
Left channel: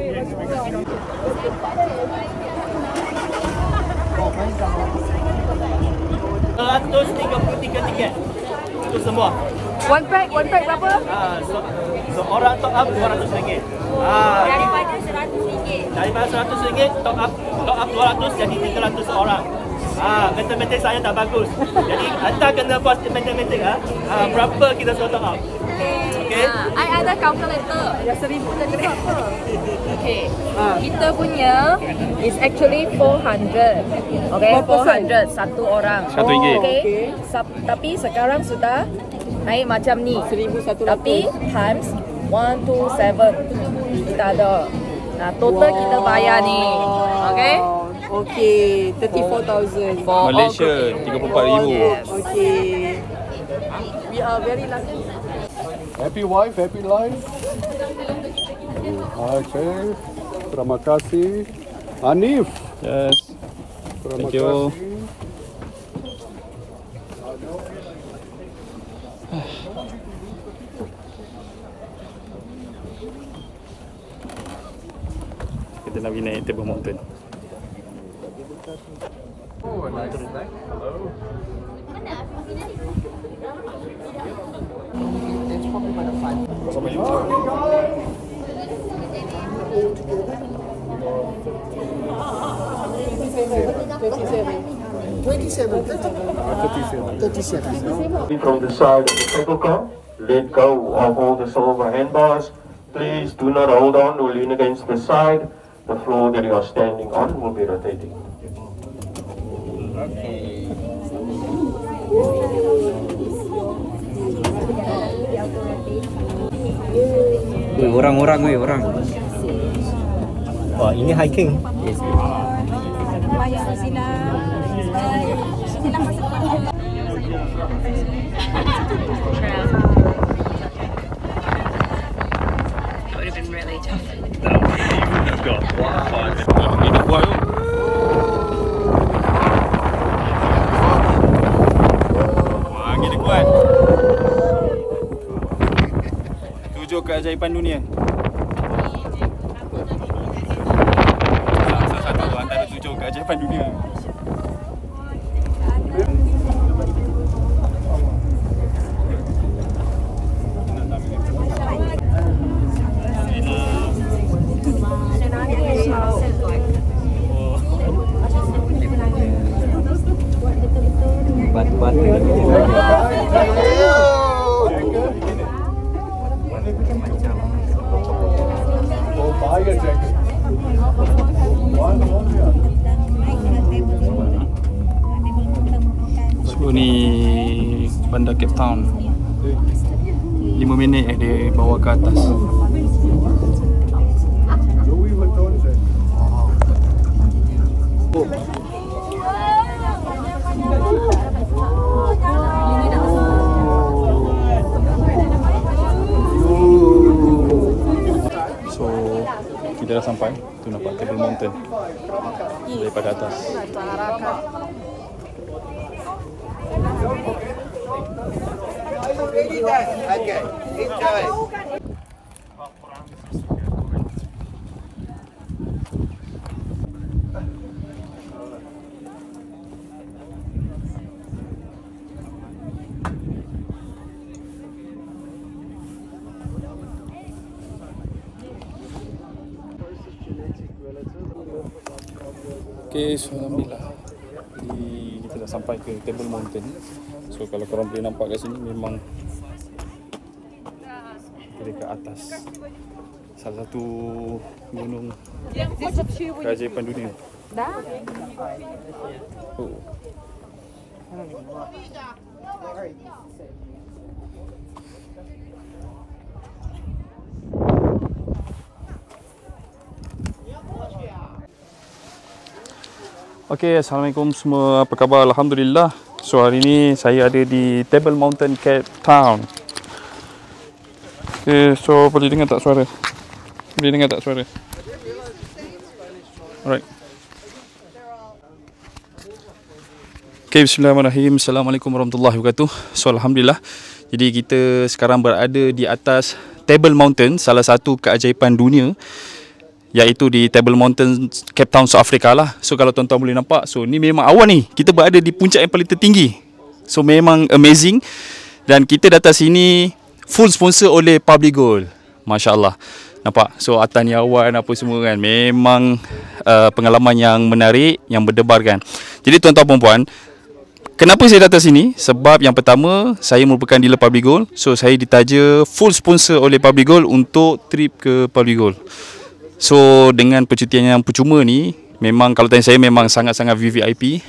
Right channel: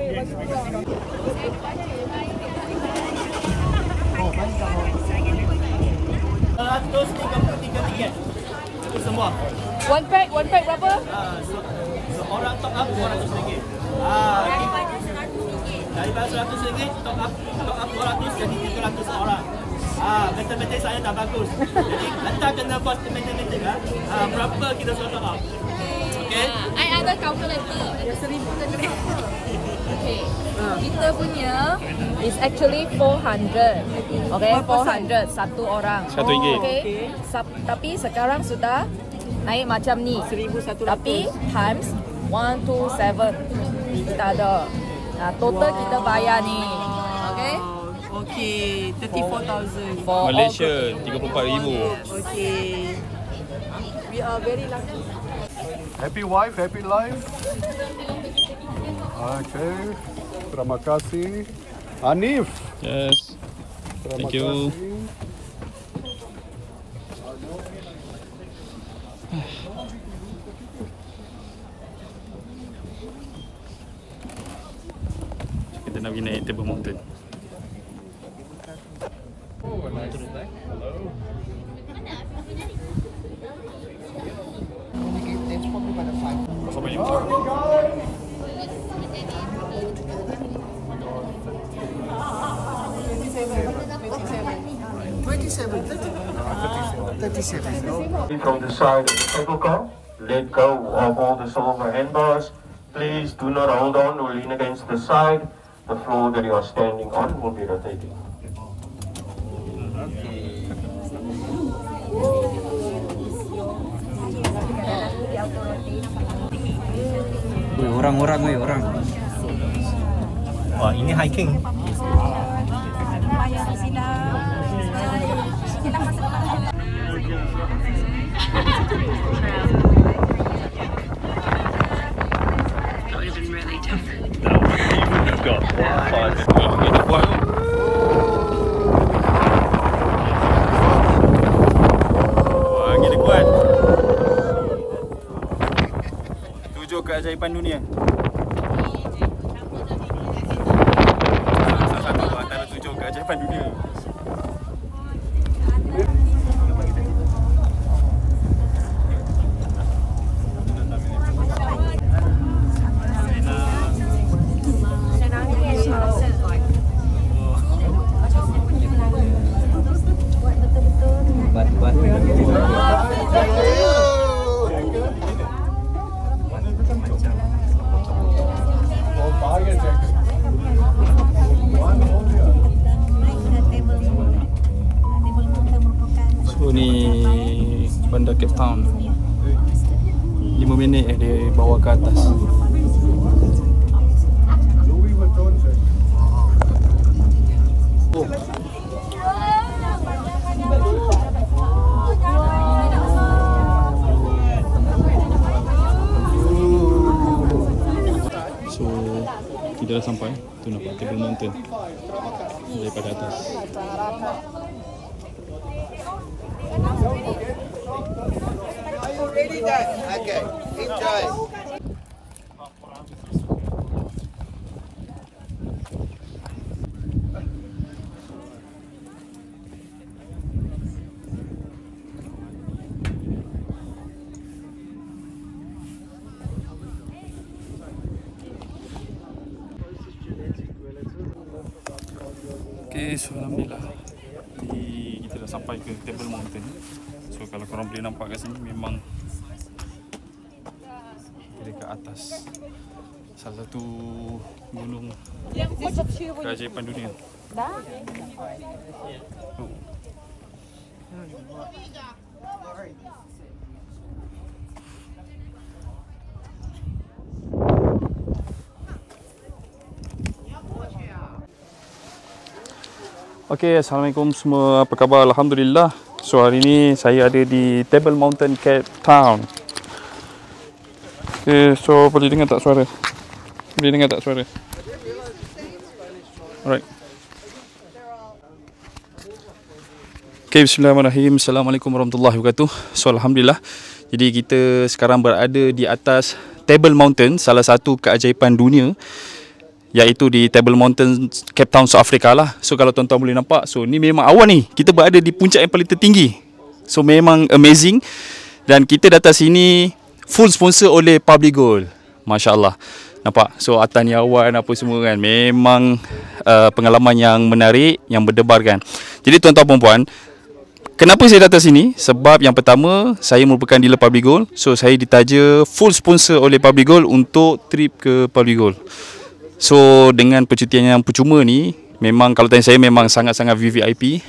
RM133 itu semua. One pack berapa? So orang top up RM200. Daripada RM100. Daripada RM100 top up 200 jadi RM300 orang. Matematik saya tak bagus. Jadi anda kena buat matematik berapa kita suruh top up. Okay. I ada calculator. Ada 1,000 dan berapa? Okay. Kita punya is actually 400. Okay, 400 satu orang. RM1. Okay. Tapi sekarang sudah naik macam ni. 1,100. Tapi times 127 kita ada. Total kita bayar ni. Okay. Okay, 34,000. Malaysia 34,000. Yes. Okay. We are very lucky. Happy wife, happy life. Okay. Terima kasih. Hanif. Yes. Thank you. Kita nak pergi naik Table Mountain. From the side of the table cloth, let go of all the silver handbars. Please do not hold on or lean against the side. The floor that you are standing on will be rotating. Orang. Wah, ini hiking. Yes. That would have been really tough. You've got 5 minutes. keajaiban dunia. Salah satu antara 7 keajaiban dunia. So ni bandar Cape Town. 5 minit dia bawa ke atas. So kita dah sampai. Tu nampak Table Mountain daripada atas. Okay, enjoy. Okay, so alhamdulillah. Jadi kita dah sampai ke Table Mountain. So kalau korang boleh nampak kat sini memang kita dekat atas salah satu gunung keajaiban dunia. Oh. Okay, Assalamualaikum semua, apa khabar? Alhamdulillah. So hari ni saya ada di Table Mountain, Cape Town. Okay, so boleh dengar tak suara? Boleh dengar tak suara? Alright. Okay, bismillahirrahmanirrahim. Assalamualaikum warahmatullahi wabarakatuh. So alhamdulillah. Jadi kita sekarang berada di atas Table Mountain, salah satu keajaiban dunia, iaitu di Table Mountain, Cape Town, South Africa lah. So kalau tuan-tuan boleh nampak, so ni memang awan ni. Kita berada di puncak yang paling tertinggi. So memang amazing. Dan kita datang sini full sponsor oleh Public Gold. Masya Allah. Nampak? So atas ni awan apa semua kan. Memang pengalaman yang menarik, yang berdebar kan. Jadi tuan-tuan perempuan, kenapa saya datang sini? Sebab yang pertama, saya merupakan dealer Public Gold. So saya ditaja full sponsor oleh Public Gold untuk trip ke Public Gold. So dengan percutian yang percuma ni, memang kalau tanya saya memang sangat-sangat VVIP.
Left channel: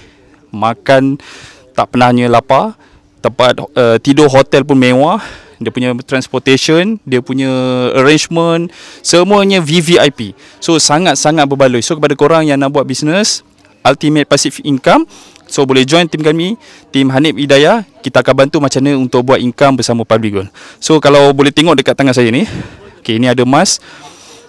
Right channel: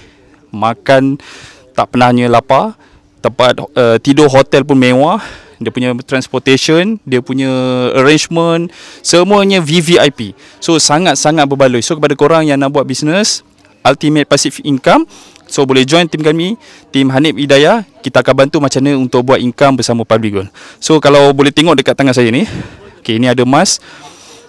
Makan tak pernahnya lapar. Tempat tidur hotel pun mewah. Dia punya transportation, dia punya arrangement, semuanya VVIP. So sangat-sangat berbaloi. So kepada korang yang nak buat bisnes Ultimate Passive Income, so boleh join tim kami, tim Hanif Hidayah. Kita akan bantu macam mana untuk buat income bersama Public Gold. So kalau boleh tengok dekat tangan saya ni, okay, ni ada emas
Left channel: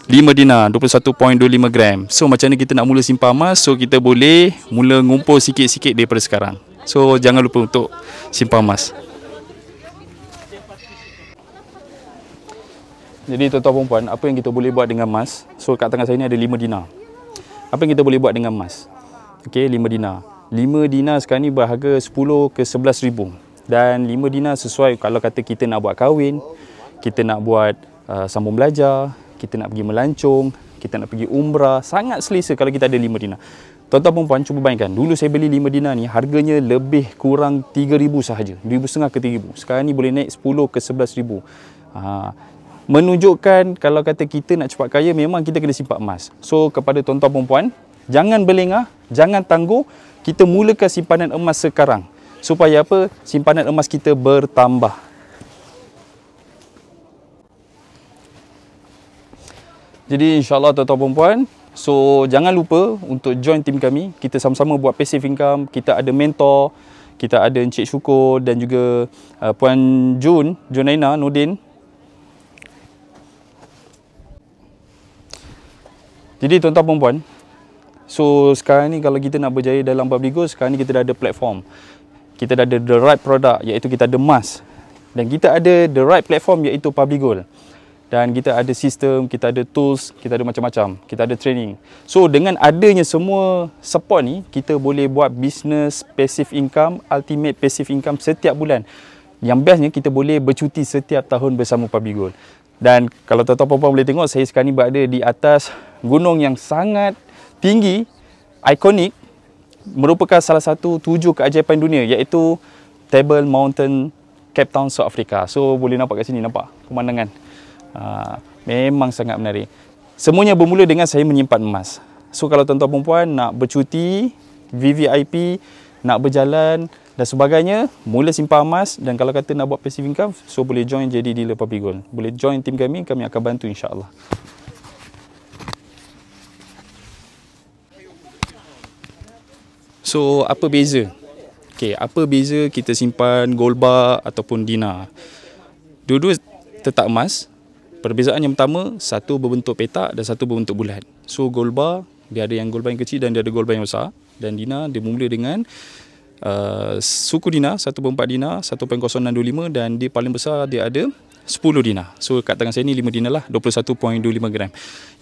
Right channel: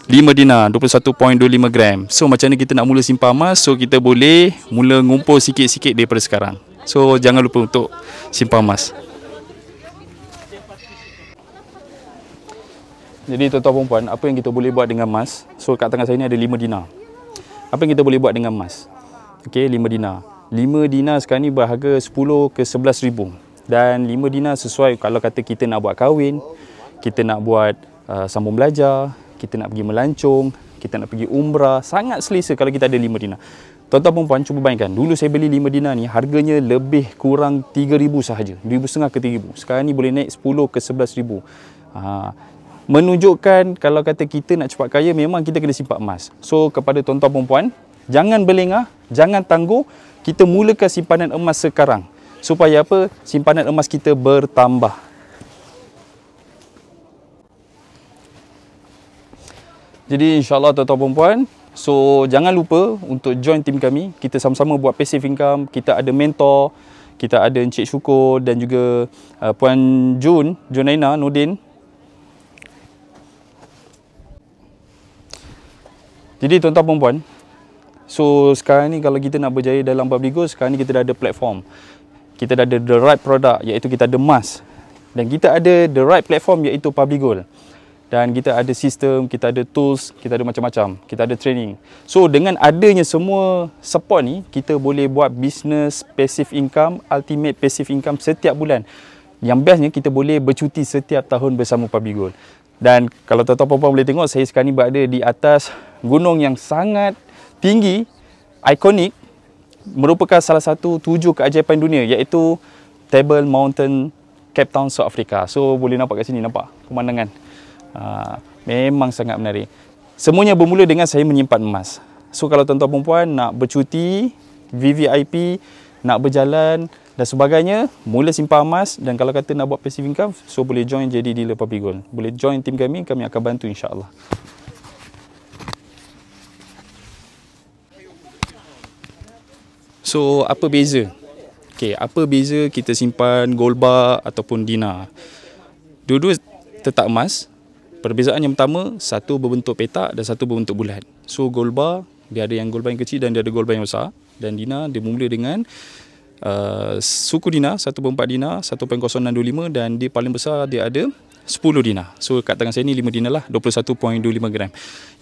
5 dinar, 21.25 gram. So macam mana kita nak mula simpan emas? So kita boleh mula ngumpul sikit-sikit daripada sekarang. So jangan lupa untuk simpan emas. Jadi tuan-tuan perempuan, apa yang kita boleh buat dengan emas? So kat tangan saya ni ada 5 dinar. Apa yang kita boleh buat dengan emas? Okay, 5 dinar. 5 dinar sekarang ni berharga 10 ke 11 ribu. Dan 5 dinar sesuai kalau kata kita nak buat kahwin, kita nak buat sambung belajar, kita nak pergi melancong, kita nak pergi umrah, sangat selesa kalau kita ada 5 dinar. Tuan-tuan perempuan, cuba bayangkan, dulu saya beli 5 dinar ni harganya lebih kurang 3,000 sahaja, 2,500 ke 3,000. Sekarang ni boleh naik 10 ke 11 ribu. Menunjukkan kalau kata kita nak cepat kaya, memang kita kena simpan emas. So kepada tuan-tuan perempuan, jangan berlengah, jangan tangguh, kita mulakan simpanan emas sekarang. Supaya apa? Simpanan emas kita bertambah. Jadi insyaAllah tuan-tuan perempuan, so jangan lupa untuk join tim kami. Kita sama-sama buat passive income. Kita ada mentor, kita ada Encik Syukur dan juga Puan Junaina Nordin. Jadi tuan-tuan perempuan, so sekarang ni kalau kita nak berjaya dalam Public Gold, sekarang ni kita dah ada platform. Kita dah ada the right product, iaitu kita ada emas. Dan kita ada the right platform, iaitu Public Gold. dan kita ada sistem, kita ada tools, kita ada macam-macam, kita ada training. So dengan adanya semua support ni, kita boleh buat business passive income, ultimate passive income setiap bulan. Yang bestnya kita boleh bercuti setiap tahun bersama Public Gold. Dan kalau tuan-tuan puan boleh tengok, saya sekarang ni berada di atas gunung yang sangat tinggi, ikonik, merupakan salah satu 7 keajaiban dunia, iaitu Table Mountain, Cape Town, South Africa. So boleh nampak kat sini, nampak pemandangan. Memang sangat menarik. Semuanya bermula dengan saya menyimpan emas. So kalau tuan-tuan perempuan nak bercuti, VVIP, nak berjalan dan sebagainya, mula simpan emas. Dan kalau kata nak buat passive income, so boleh join jadi dealer Public Gold. Boleh join tim kami akan bantu insya-Allah. So apa beza? Okey, apa beza kita simpan gold bar ataupun dinar? Dua-dua tetap emas. Perbezaan yang pertama, satu berbentuk petak dan satu berbentuk bulat. So gold bar, dia ada yang gold bar yang kecil dan dia ada gold bar yang besar. Dan dinar dia mula dengan suku dinar 1/4 dinar 1.0625 dan dia paling besar dia ada 10 dinar. So kat tangan saya ni 5 dinar lah, 21.25 gram.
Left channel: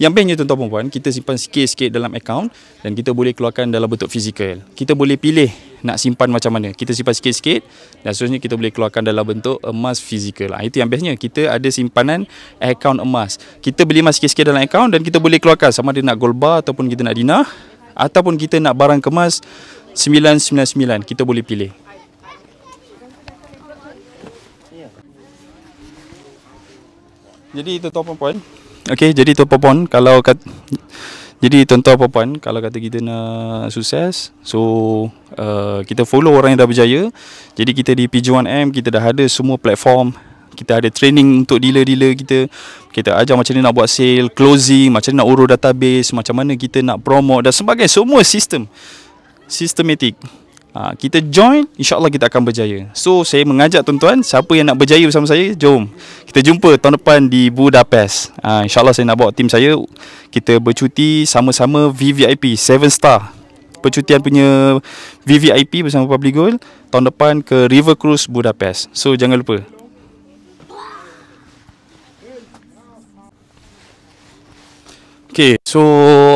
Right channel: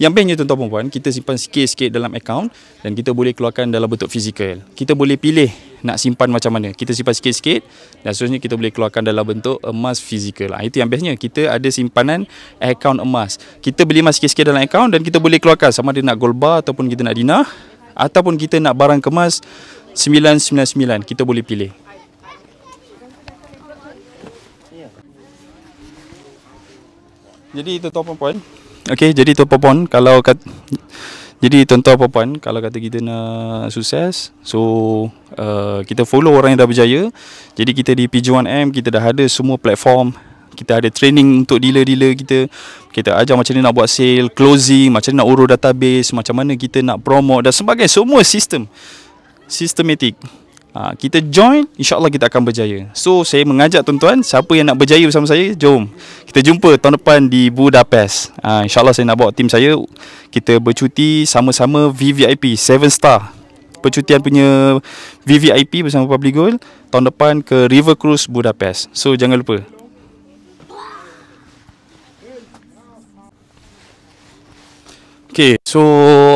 Yang bestnya tuan-tuan puan, kita simpan sikit-sikit dalam akaun dan kita boleh keluarkan dalam bentuk fizikal. Kita boleh pilih nak simpan macam mana. Kita simpan sikit-sikit dan seterusnya kita boleh keluarkan dalam bentuk emas fizikal. Itu yang bestnya, kita ada simpanan akaun emas. Kita beli emas sikit-sikit dalam akaun dan kita boleh keluarkan sama ada nak gold bar ataupun kita nak dinar ataupun kita nak barang kemas 999, kita boleh pilih. Jadi tuan-tuan puan, okey, jadi tuan-tuan puan, kalau kata kita nak sukses, so kita follow orang yang dah berjaya. Jadi kita di PG1M kita dah ada semua platform. Kita ada training untuk dealer-dealer kita. Kita ajar macam mana nak buat sale, closing, macam mana nak urus database, macam mana kita nak promote dan sebagainya. Semua sistematik. Kita join, insya-Allah kita akan berjaya. So saya mengajak tuan-tuan, siapa yang nak berjaya bersama saya, jom kita jumpa tahun depan di Budapest. Insya-Allah saya nak bawa tim saya, kita bercuti sama-sama VVIP 7 star. Percutian punya VVIP bersama Public Gold tahun depan ke River Cruise Budapest. So jangan lupa. Okay, so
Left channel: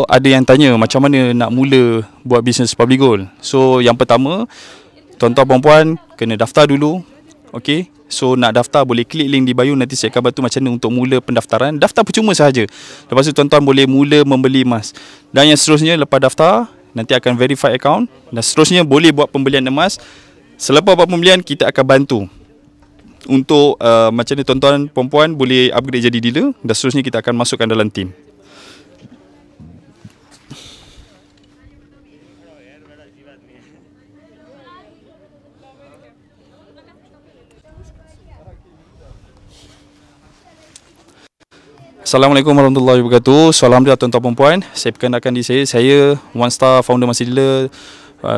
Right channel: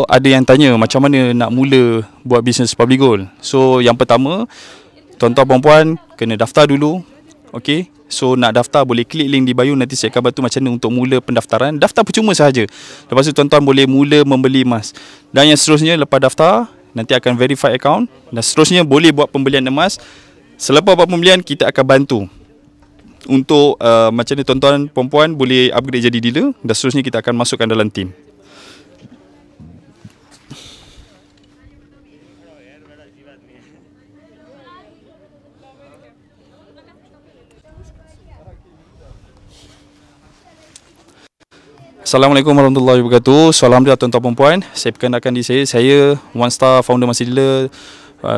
ada yang tanya macam mana nak mula buat bisnes Public Gold. So yang pertama, tuan-tuan perempuan kena daftar dulu. Okay, so nak daftar boleh klik link di bio, nanti saya akan bantu macam mana untuk mula pendaftaran. Daftar percuma sahaja. Lepas tu tuan-tuan boleh mula membeli emas. Dan yang seterusnya lepas daftar, nanti akan verify account. Dan seterusnya boleh buat pembelian emas. Selepas buat pembelian, kita akan bantu untuk macam mana tuan-tuan perempuan boleh upgrade jadi dealer. Dan seterusnya kita akan masukkan dalam tim. Assalamualaikum warahmatullahi wabarakatuh. So, alhamdulillah tuan-tuan perempuan, saya perkenalkan diri saya One Star founder Masih Dealer,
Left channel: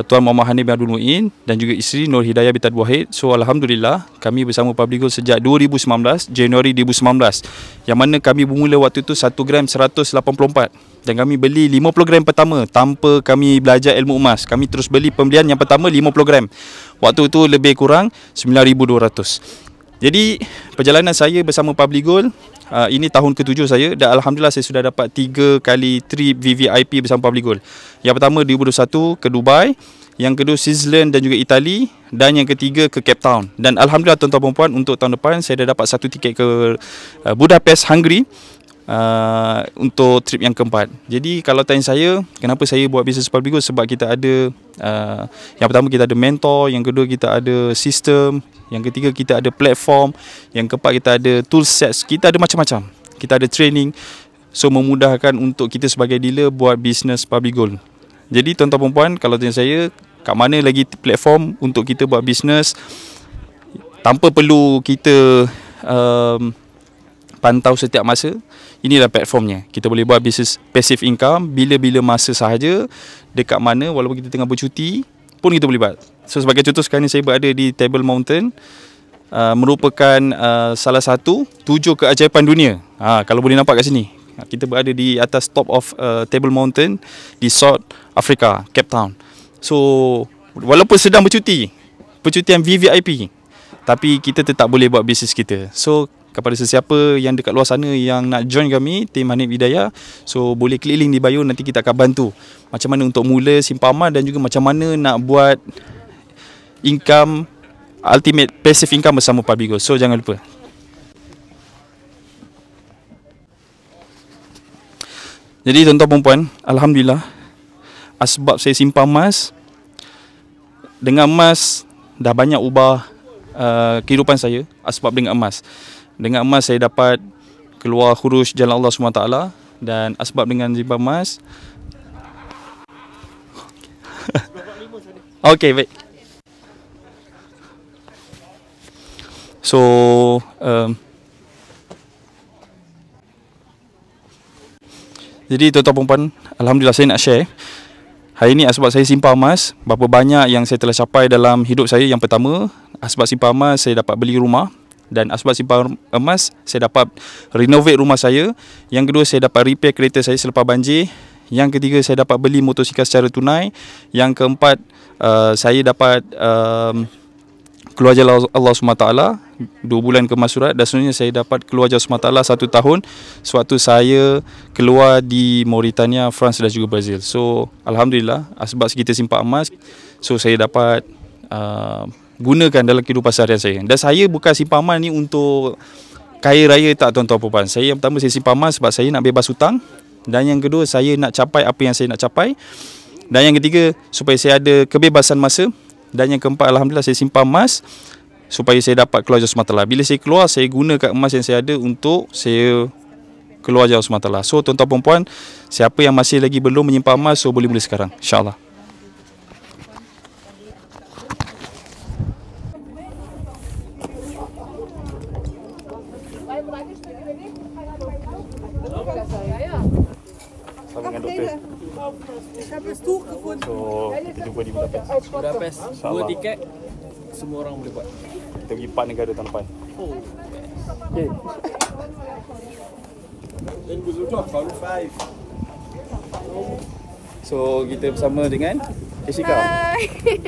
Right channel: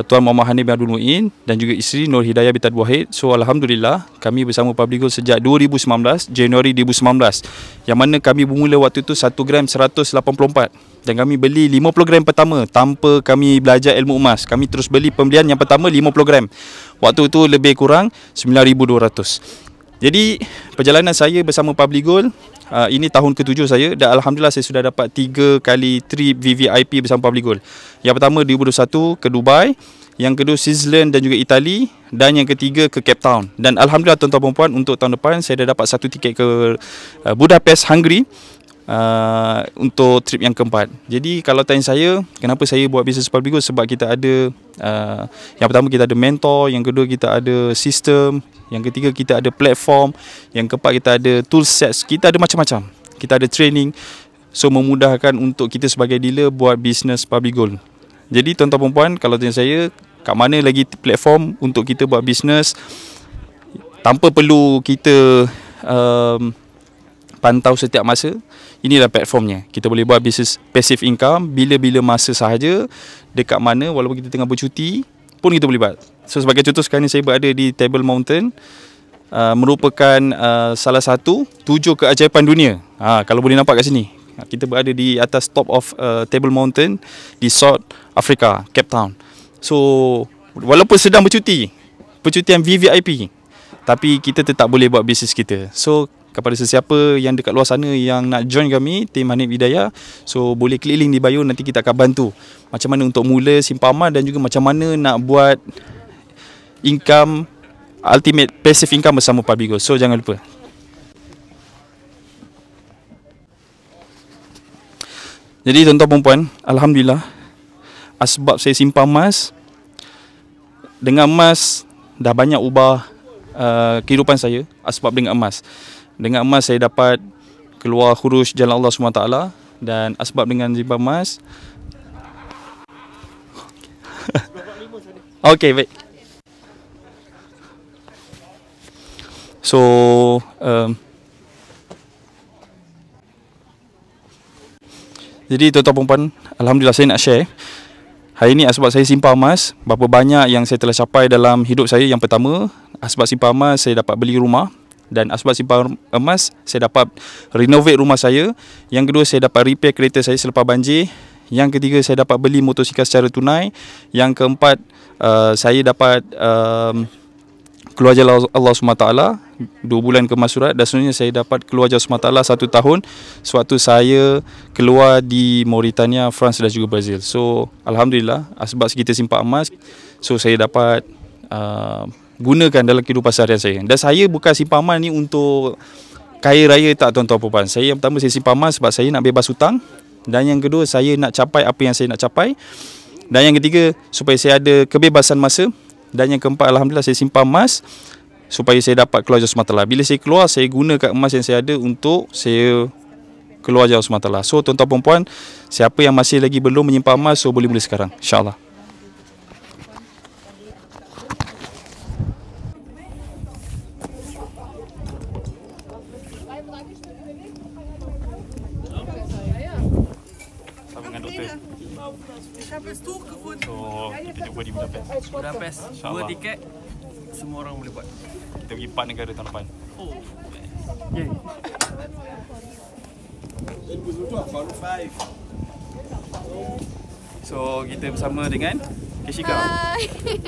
Tuan Muhammad Hanif bin Abdul Muin dan juga isteri Nur Hidayah binti Wahid. So alhamdulillah kami bersama Public Gold sejak 2019, Januari 2019. Yang mana kami bermula waktu itu 1 gram 184 dan kami beli 50 gram pertama tanpa kami belajar ilmu emas. Kami terus beli pembelian yang pertama 50 gram. Waktu itu lebih kurang 9,200. Jadi perjalanan saya bersama Public Gold, ini tahun ke-7 saya dan alhamdulillah saya sudah dapat 3 kali trip VVIP bersama Public Gold. Yang pertama 2021 ke Dubai, yang kedua Switzerland dan juga Itali, dan yang ketiga ke Cape Town. Dan alhamdulillah tuan-tuan perempuan, untuk tahun depan saya dah dapat 1 tiket ke Budapest, Hungary, untuk trip yang keempat. Jadi kalau tanya saya kenapa saya buat bisnes Public Gold, sebab kita ada yang pertama kita ada mentor, yang kedua kita ada sistem, yang ketiga kita ada platform, yang keempat kita ada tool sets, kita ada macam-macam, kita ada training. So memudahkan untuk kita sebagai dealer buat bisnes Public Gold. Jadi tuan-tuan perempuan, kalau tanya saya kat mana lagi platform untuk kita buat bisnes tanpa perlu kita pantau setiap masa, inilah platformnya. Kita boleh buat bisnes passive income bila-bila masa sahaja, dekat mana, walaupun kita tengah bercuti pun kita boleh buat. So sebagai contoh, sekarang ni saya berada di Table Mountain, merupakan salah satu 7 keajaiban dunia. Kalau boleh nampak kat sini, kita berada di atas top of Table Mountain di South Africa, Cape Town. So walaupun sedang bercuti, percutian VVIP, tapi kita tetap boleh buat bisnes kita. So kepada sesiapa yang dekat luar sana yang nak join kami, tim Hanif Hidayah, so boleh klik link di bio, nanti kita akan bantu macam mana untuk mula simpan amal dan juga macam mana nak buat income, ultimate passive income bersama Public Gold. So jangan lupa. Jadi tuan-tuan dan puan, alhamdulillah asbab saya simpan emas, dengan emas dah banyak ubah kehidupan saya. Asbab dengan emas saya dapat keluar khuruj jalan Allah SWT, dan asbab dengan simpan emas okey, baik. So jadi tuan-tuan perempuan, alhamdulillah saya nak share hari ni asbab saya simpan emas, berapa banyak yang saya telah capai dalam hidup saya. Yang pertama, asbab simpan emas saya dapat beli rumah, dan asbab simpan emas saya dapat renovate rumah saya. Yang kedua, saya dapat repair kereta saya selepas banjir. Yang ketiga, saya dapat beli motosikal secara tunai. Yang keempat, saya dapat keluar jalan Allah SWT 2 bulan kemas surat, dan sebenarnya saya dapat keluar jalan SWT 1 tahun sewaktu saya keluar di Mauritania, France dan juga Brazil. So alhamdulillah asbab kita simpan emas, so saya dapat gunakan dalam kehidupan seharian saya. Dan saya bukan simpan emas ni untuk kaya raya, tak tuan-tuan puan. Saya yang pertama, saya simpan emas sebab saya nak bebas hutang, dan yang kedua, saya nak capai apa yang saya nak capai, dan yang ketiga, supaya saya ada kebebasan masa. Dan yang keempat, alhamdulillah saya simpan emas supaya saya dapat keluar jalan SWT. Bila saya keluar, saya gunakan emas yang saya ada untuk saya keluar jalan SWT. So tuan-tuan dan puan, siapa yang masih lagi belum menyimpan emas, so boleh mula sekarang, insyaAllah. Sama dengan doktor. So kita jumpa di Budapest. 2 tiket, semua orang boleh buat. Kita pergi 4 negara tahun depan. Okay. So kita bersama dengan Keshika.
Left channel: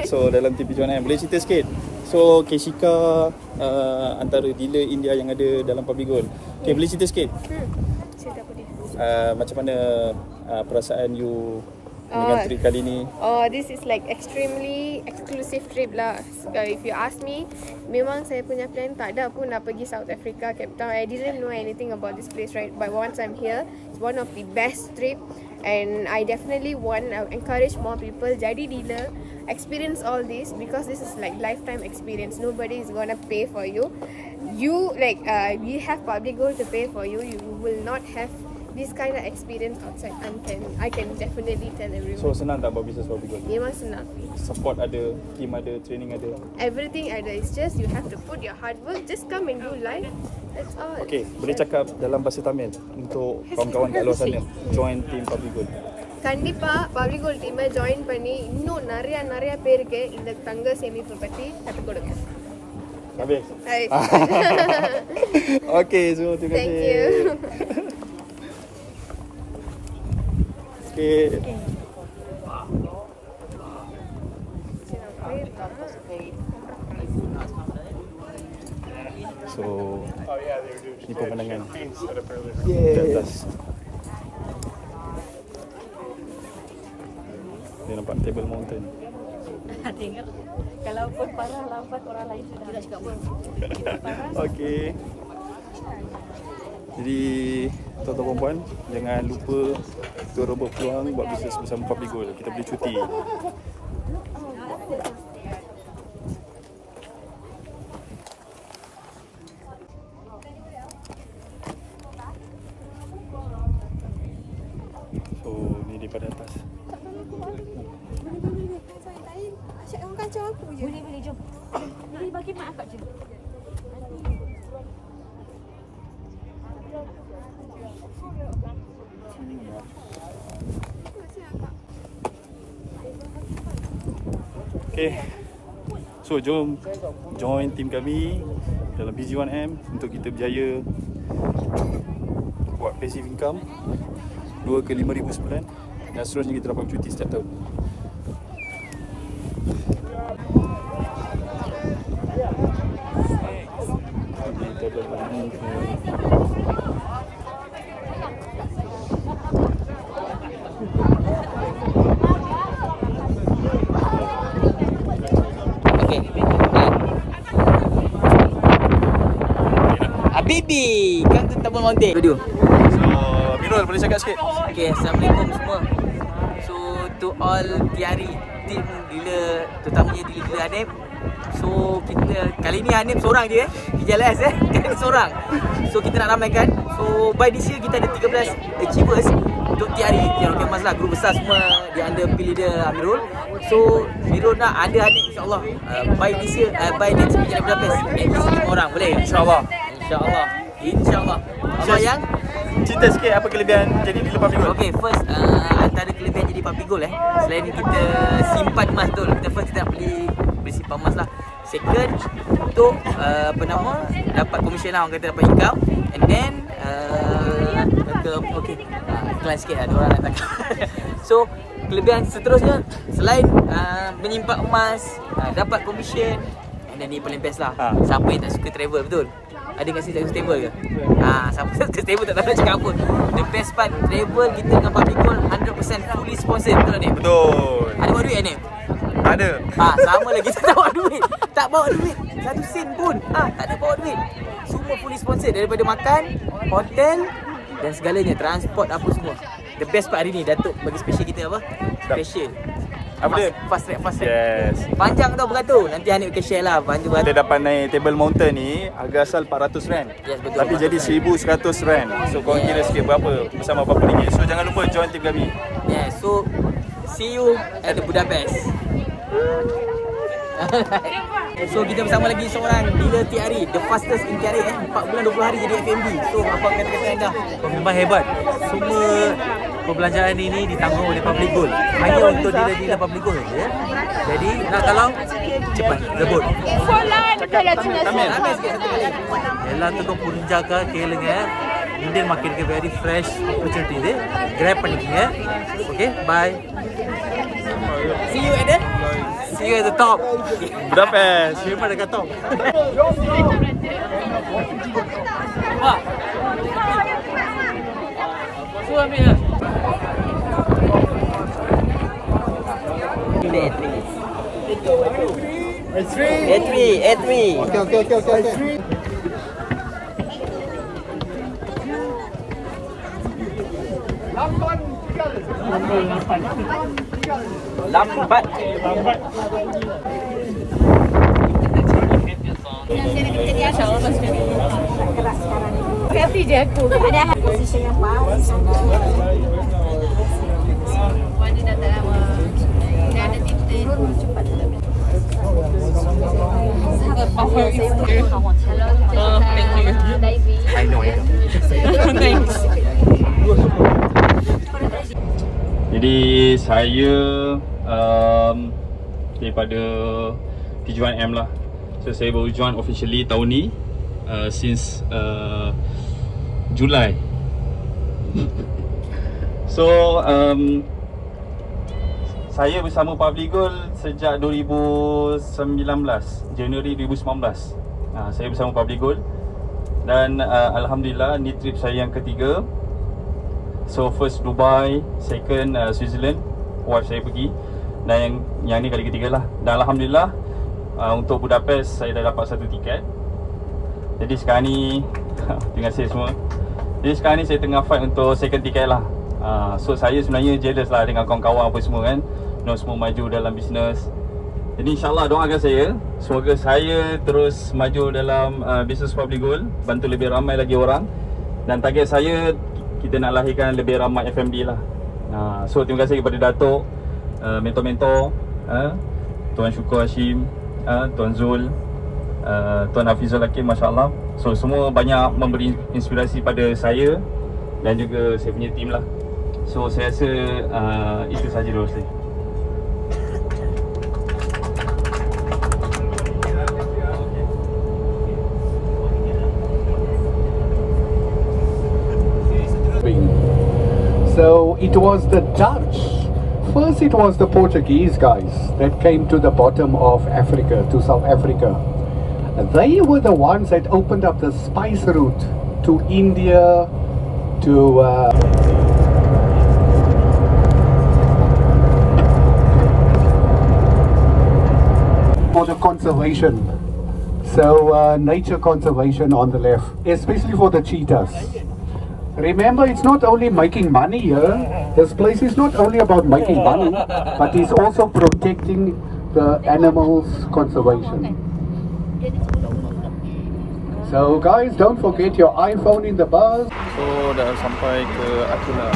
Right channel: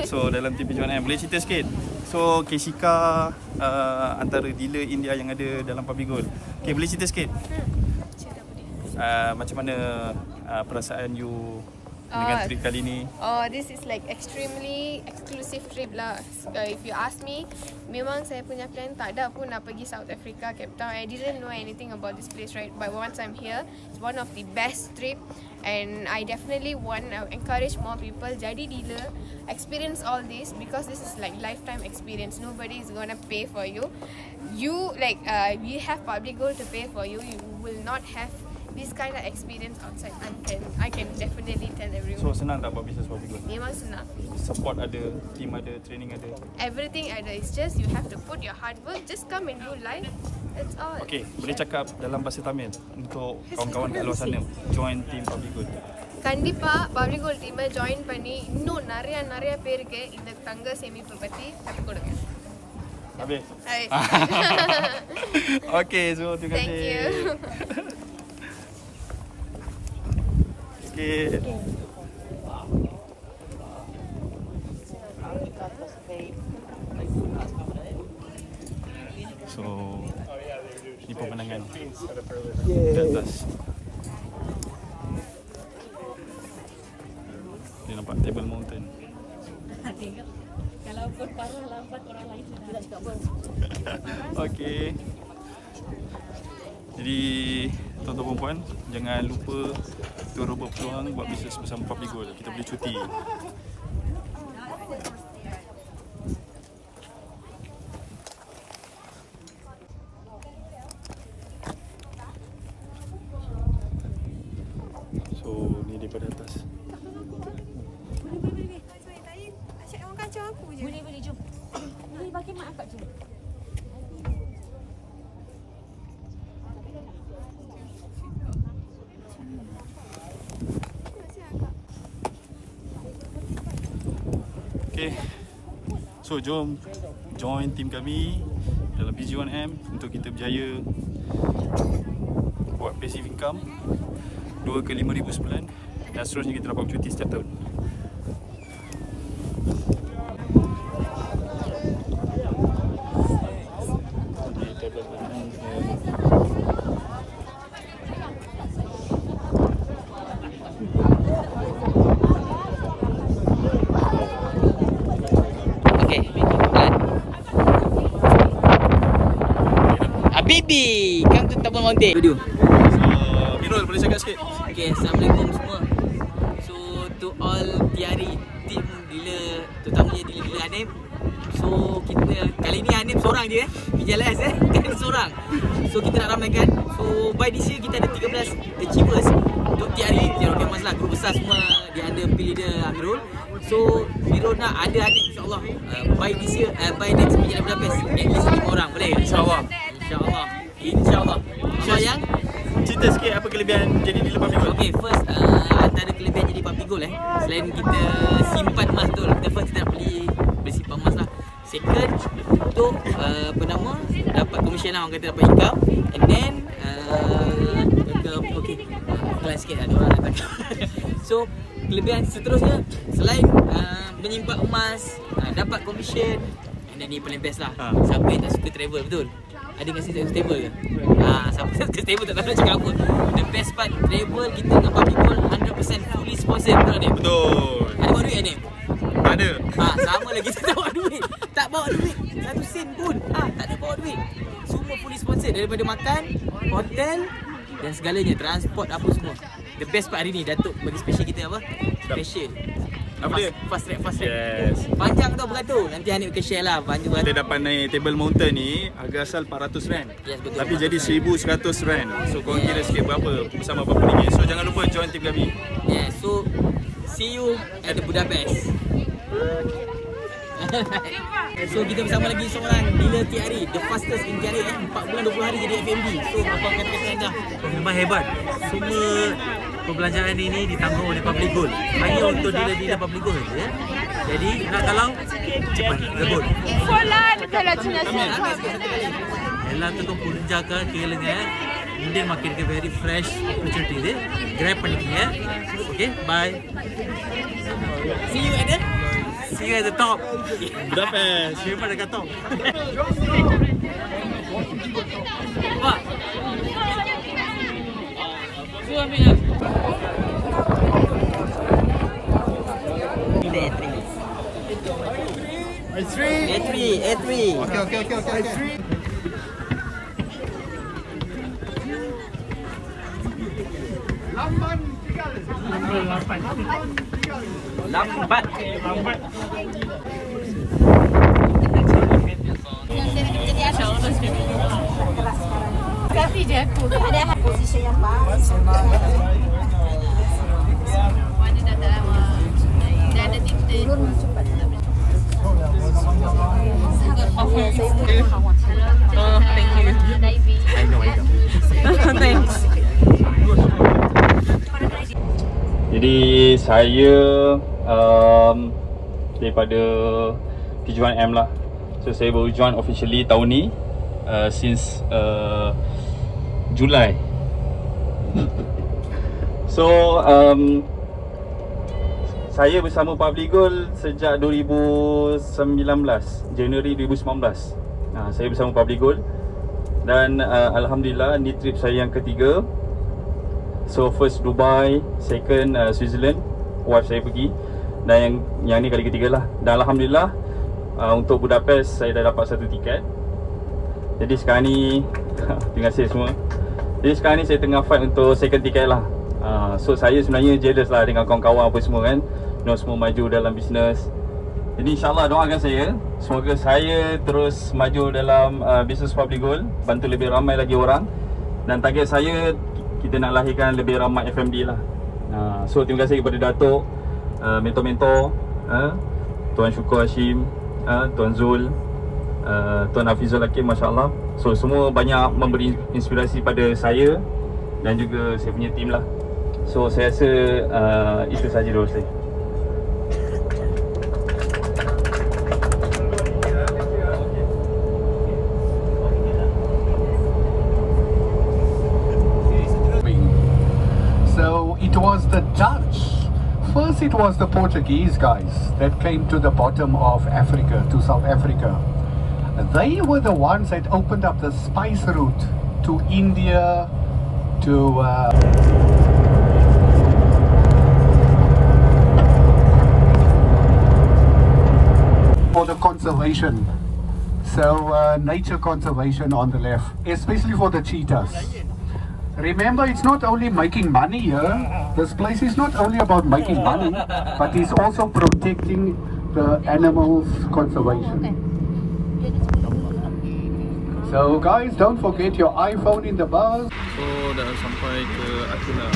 So dalam TV Jualan, boleh cerita sikit? So Keshika antara dealer India yang ada dalam Public Gold. Okay, boleh cerita sikit? Cerita apa dia? Macam mana perasaan you dengan trip kali ni? This is like extremely exclusive trip lah. If you ask me, memang saya punya plan tak ada pun nak pergi South Africa, Cape Town. I didn't know anything about this place, right? But once I'm here, it's one of the best trip, and I definitely want to encourage more people jadi dealer, experience all this, because this is like lifetime experience. Nobody is gonna pay for you. You like we have Public Gold to pay for you. You will not have this kind of experience outside. I can definitely tell everyone. So senang tak buat bisnes Public Gold? Memang senang. Support ada, team ada, training ada. Everything ada. It's just you have to put your hard work. Just come and do live. That's all. Okay, boleh cakap dalam bahasa Tamil untuk kawan-kawan kat luar sana join team Public Gold. கண்டிப்பா Public Gold team join பண்ணி இன்னும் நிறைய பேருக்கு இந்த தங்க சேமிப்பு பத்தி கத்து கொடுங்க. Habis. Okay, so terima kasih. Thank you. Okay. So ni pemandangan di atas. Ni nampak Table Mountain. Tengok. Kalau pun parah lambat, orang lain sudah cakap parah. Okey. Jadi tuan-tuan dan puan, jangan lupa untuk rebut peluang buat bisnes bersama Public Gold. Kita boleh cuti. So ni daripada atas. Asyik orang kacau aku je. Boleh, jom. Boleh bagi mak akak je. Okay, so jom join team kami dalam BG1M untuk kita berjaya buat passive income 2 ke 5,000 sebulan, dan seterusnya kita dapat cuti setiap tahun. Habibi, come to Table Mountain. Video. Mirul, boleh cakap sikit? Okay, Assalamualaikum semua. So, to all TRE team Gila, terutamanya Gila Hanif. So, kita kali ni Hanif seorang je PJLS Hanif seorang. So, kita nak ramaikan. So, by this year kita ada 13 achievers untuk TRE Kemas lah, group besar semua di under leader Amirul. So, Amirul nak ada Hanif insyaAllah by this year, by next PJLS Budapest at least 5 orang, boleh? InsyaAllah. InsyaAllah. InsyaAllah. Allah yang cerita sikit apa kelebihan jadi dealer public gold. Okay, first antara kelebihan jadi public gold selain kita simpan emas betul, kita first kita nak beli simpan emas lah. Second, untuk apa nama, dapat komisen lah, orang kata dapat income. And then okay, iklan sikit lah, diorang nak takut. So, kelebihan seterusnya selain menyimpan emas, dapat komisen, and then ni paling best lah, siapa yang tak suka travel, betul? Ada kasi tak suka travel ke? Siapa tak suka travel tak tahu nak cakap apa. The best part, travel kita dengan public gold 100% fully sponsored, betul tak ni? Betul. Ada bawa duit ni? Ada. Sama lagi, tak bawa duit. Tak bawa duit, 1 sen pun. Tak ada bawa duit. Semua fully sponsored, daripada makan, hotel dan segalanya, transport apa semua. The best part hari ni, Datuk bagi special kita apa? Special. Apa dia? Fast track, fast track. Yes. Panjang tau beratur. Nanti Hanif akan share lah. Kita dapat naik Table Mountain ni, harga asal RM400. Yes, betul. Tapi jadi RM1,100. So korang kira sikit berapa, bersama berapa ringgit. So jangan lupa join Team Gabi. Yes, so see you at the Budapest. So kita bersama lagi seorang dealer TRE, the fastest in TRE 4 bulan 20 hari jadi FMD. So apa kata-kata anda? Memang hebat. Semua perbelanjaan ini ditanggung oleh Public Gold. Hanya untuk dealer-dealer Public Gold saja. Jadi nak kalau cepat rebut. Cakap Tamil. Ella tu kau punjaga கேளுங்க. Indian market ke very fresh opportunity ಇದೆ. Grab பண்ணிக்கங்க. Okay, bye. See you at the top. Budapest. See you pada top. A3. Okay. Lambat. Happy je aku. Ada position yang bagus sana. Wajib dah tak lama. Dah ada tintin. Cepat tak boleh. Thank you. I know. Thanks. Jadi saya daripada T1M lah. So saya baru join officially tahun ni, since Julai. So saya bersama Public Gold sejak 2019, Januari 2019. Saya bersama Public Gold dan alhamdulillah ni trip saya yang ketiga. So first Dubai, second Switzerland, wife saya pergi, dan yang ni kali ketiga lah. Dan alhamdulillah untuk Budapest saya dah dapat satu tiket. Jadi sekarang ni terima kasih semua. Jadi sekarang ni saya tengah fight untuk second tiket lah. So saya sebenarnya jealous lah dengan kawan-kawan apa semua kan, semua maju dalam bisnes. Jadi insyaAllah doakan saya, semoga saya terus maju dalam bisnes Public Gold, bantu lebih ramai lagi orang. Dan target saya, kita nak lahirkan lebih ramai FMD lah. So terima kasih kepada Datuk, mentor-mentor, Tuan Syukur Hashim, Tuan Zul, Tuan Hafizul Hakim, Masya Allah. So semua banyak memberi inspirasi pada saya dan juga saya punya tim lah. So saya rasa itu sahaja dulu saya. So it was the Dutch. First it was the Portuguese guys that came to the bottom of Africa, to South Africa. They were the ones that opened up the spice route to India, to for the conservation. So nature conservation on the left, especially for the cheetahs. Remember, it's not only making money here. This place is not only about making money, but it's also protecting the animals' conservation. So guys, don't forget your iPhone in the bus. So dah sampai ke Akuna.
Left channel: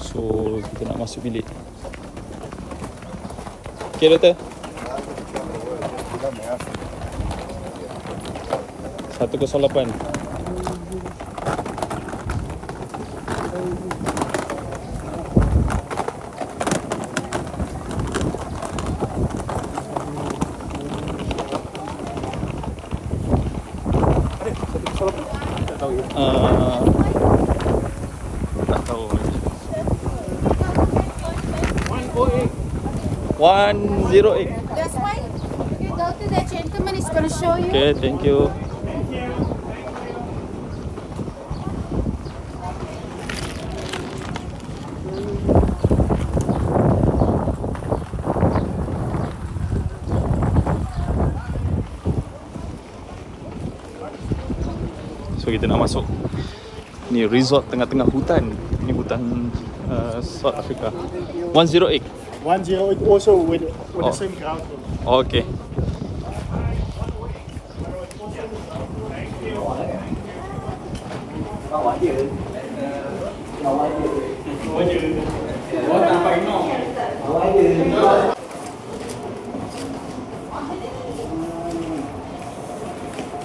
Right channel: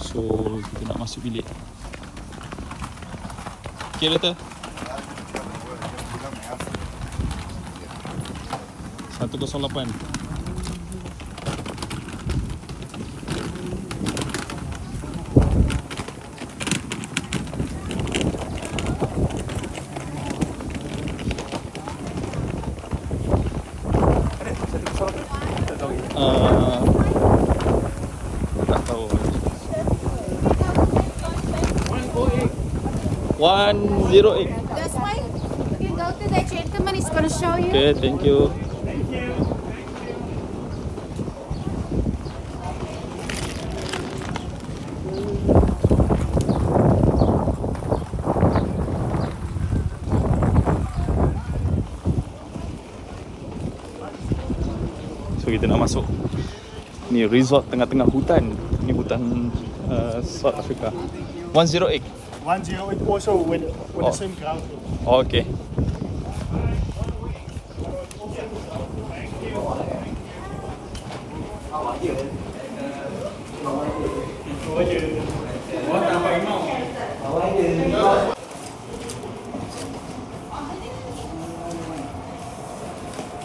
So kita nak masuk bilik. Okay, doktor. 108. Tak tahu. 108. That's why doctor, that gentleman is going to show you. Okay, thank you. So kita nak masuk ni resort tengah-tengah hutan. Ni hutan South Africa. 108. 108 also with the same ground. Okay.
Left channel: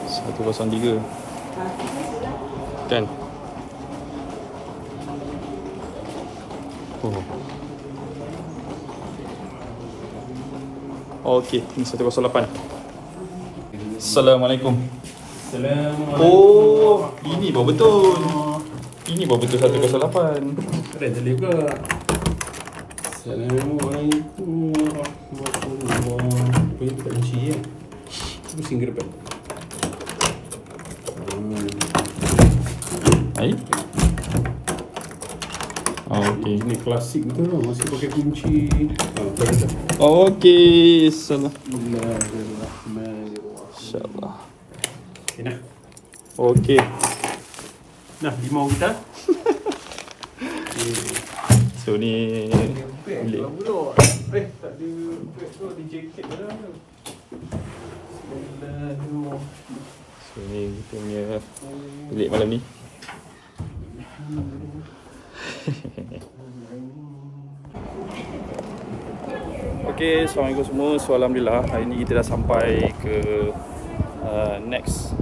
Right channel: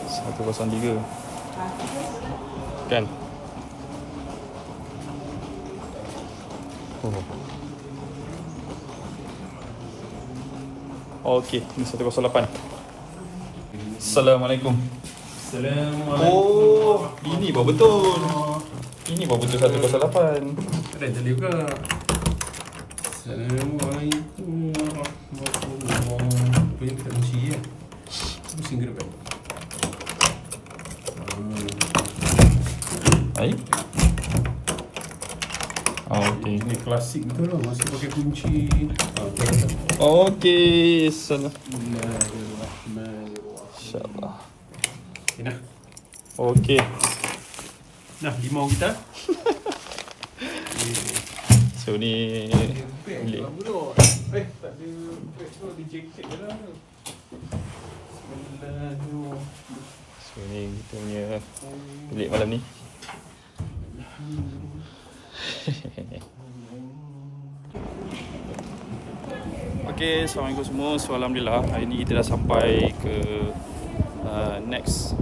Satu 03. Kan? Okey, ni 108. Assalamualaikum. Assalamualaikum. Oh, ini baru betul. Ini baru betul 108. Ada yang telur ke? Assalamualaikum warahmatullahi wabarakatuh. Kita kunci ya. Pusing ke depan. Hai. Okey, ini klasik betul lah. Masih pakai kunci. Okey, salam. InsyaAllah. Nah. Okey. Dah limau kita. So ni tak ada beg tu di jaket dah. So ni kita punya bilik malam ni. Okay, Assalamualaikum semua. So Alhamdulillah hari ni kita dah sampai ke next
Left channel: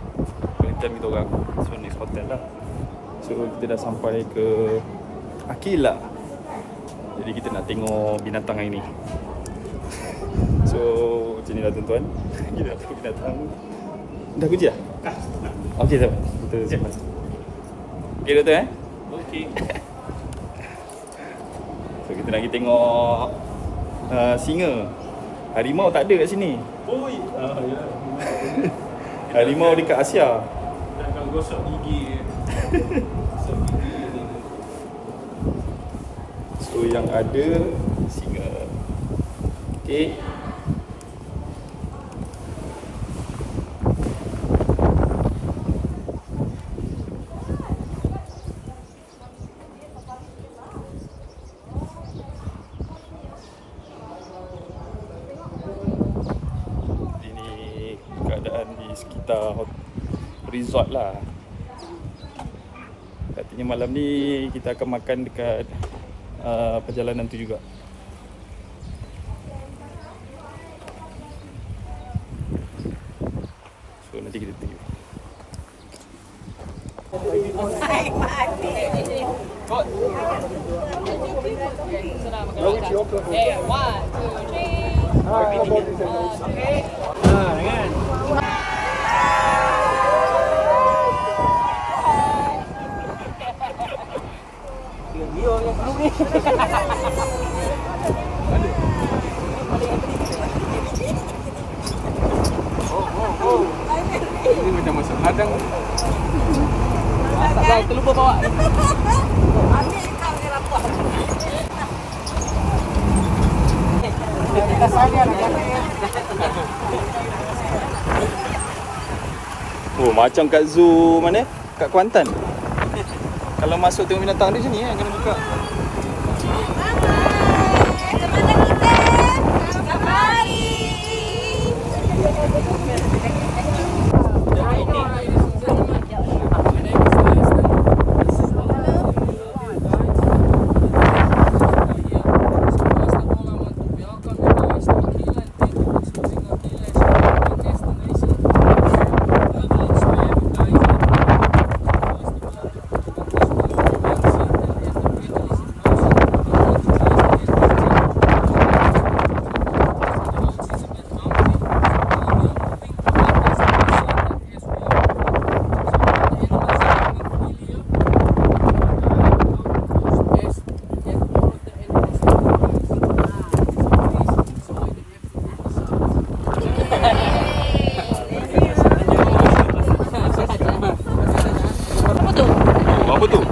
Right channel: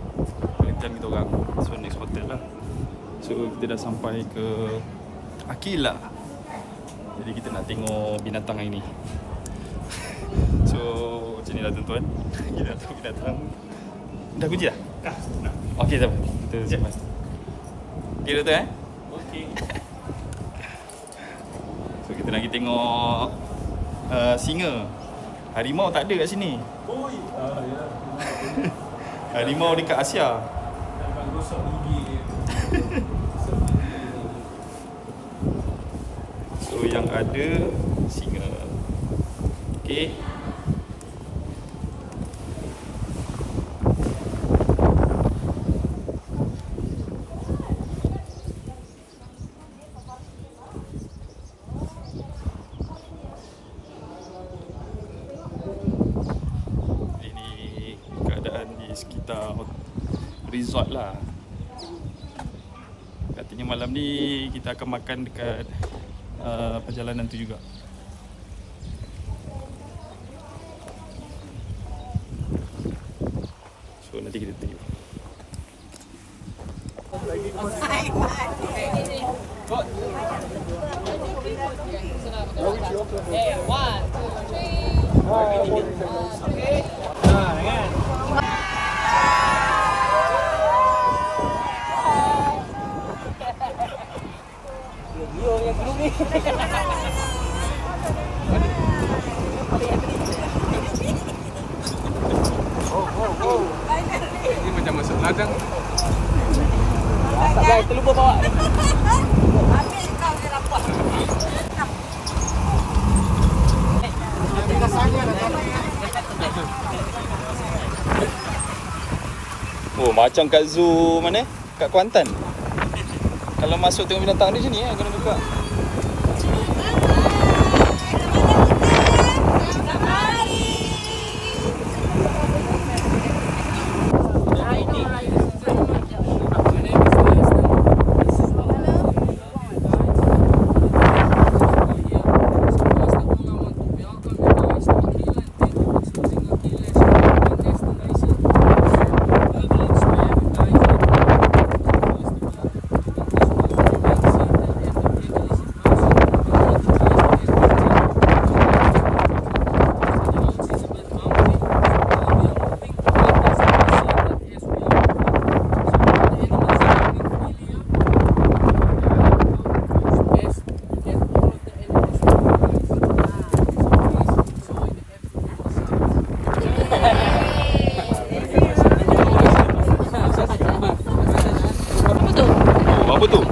penelitian kita orang. So next hotel lah. So kita dah sampai ke Akila. Jadi kita nak tengok binatang hari ni. So macam ni lah tuan-tuan. Kita nak tengok binatang. Dah kunci dah? Okay, tak apa. Kita simpan. Okay doktor Okay. So kita nak pergi tengok singa. Harimau tak ada kat sini. Oi. Harimau dekat Asia. Jangan gosok gigi. So yang ada singa. Okay. Di sekitar resort lah. Katanya malam ni kita akan makan dekat perjalanan tu juga. So nanti kita tengok. Ini macam masuk ladang. Terlupa bawa. Ambil kat merah buah. Oh, macam kat zoo mana? Kat Kuantan. Kalau masuk tengok binatang di sini kena buka. Apa tu?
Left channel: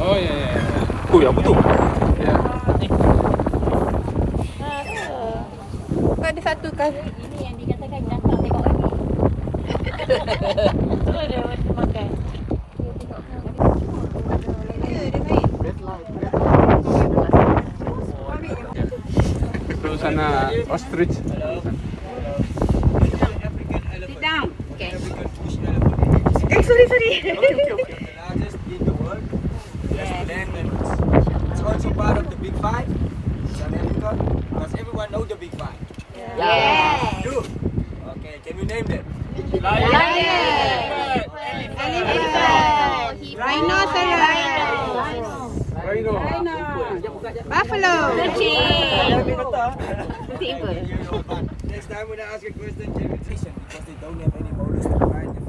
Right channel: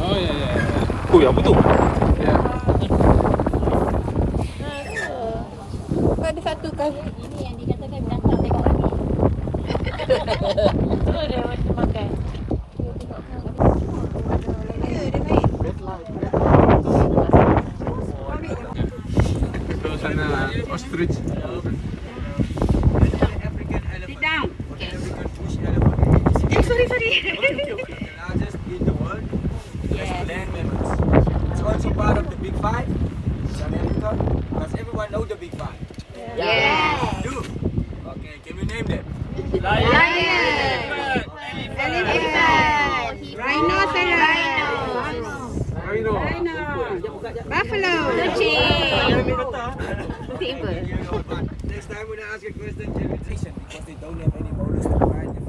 Oh ya ya. Oh, apa tu? Ada satu kan. Ini yang dikatakan binatang tengok lagi. Tu dia macam makan. Tu sana ostrich. Sorry. Okay. Largest in the world. Yes. It's also part of the Big Five. South Africa. Does everyone know the Big Five? Yes. Do. Okay. Can we name them? Rhino. Buffalo. Next time when I ask a question, can you listen? Because they don't have any molars to find them.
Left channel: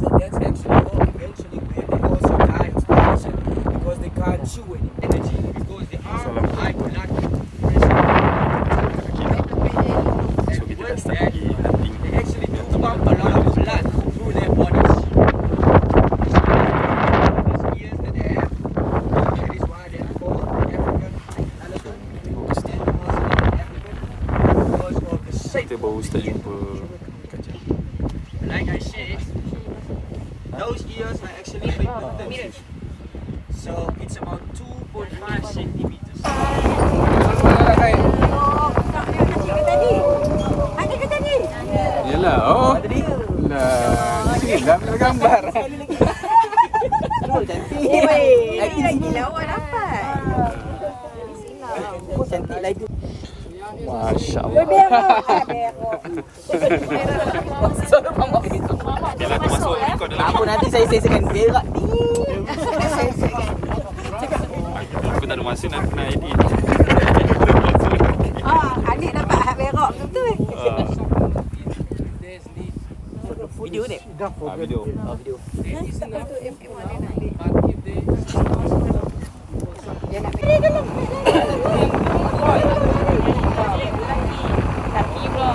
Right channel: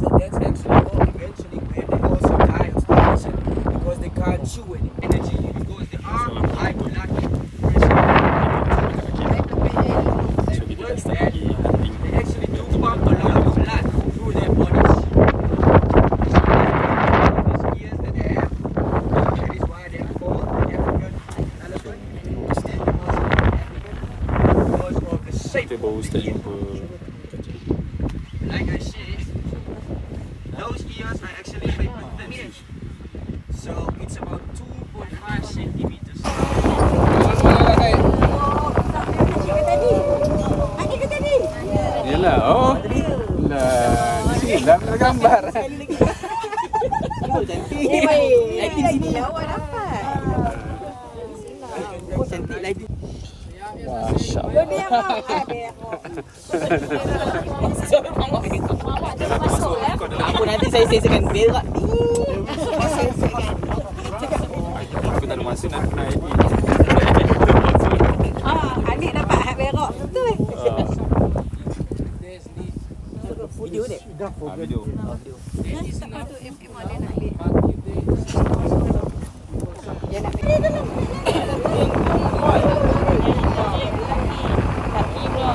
So that's actually eventually where they also die of starvation because they can't chew any energy because they are hypolactic. So kita dah start lagi hunting. They actually do pump a lot of blood through their bodies. These ears that they have, that is why they are called the African elephant. Because of the shape. Kita baru start jumpa kancil. Like I said, those ears are actually big with the ears. So it's about 2.5 centimeters. Yelah. Oh. Lah. Sini gambar. Lagi sini awak dapat. Oh cantik lagi. Masya-Allah. Bila tu masuk kau dalam. Apa nanti saya sesuaikan berak ni. Aku tak ada masa nak edit. Adik dapat hak berak betul. Video ni. Video. Siapa tu M1 dia nak ambil. Dia nak ambil. Tapi pula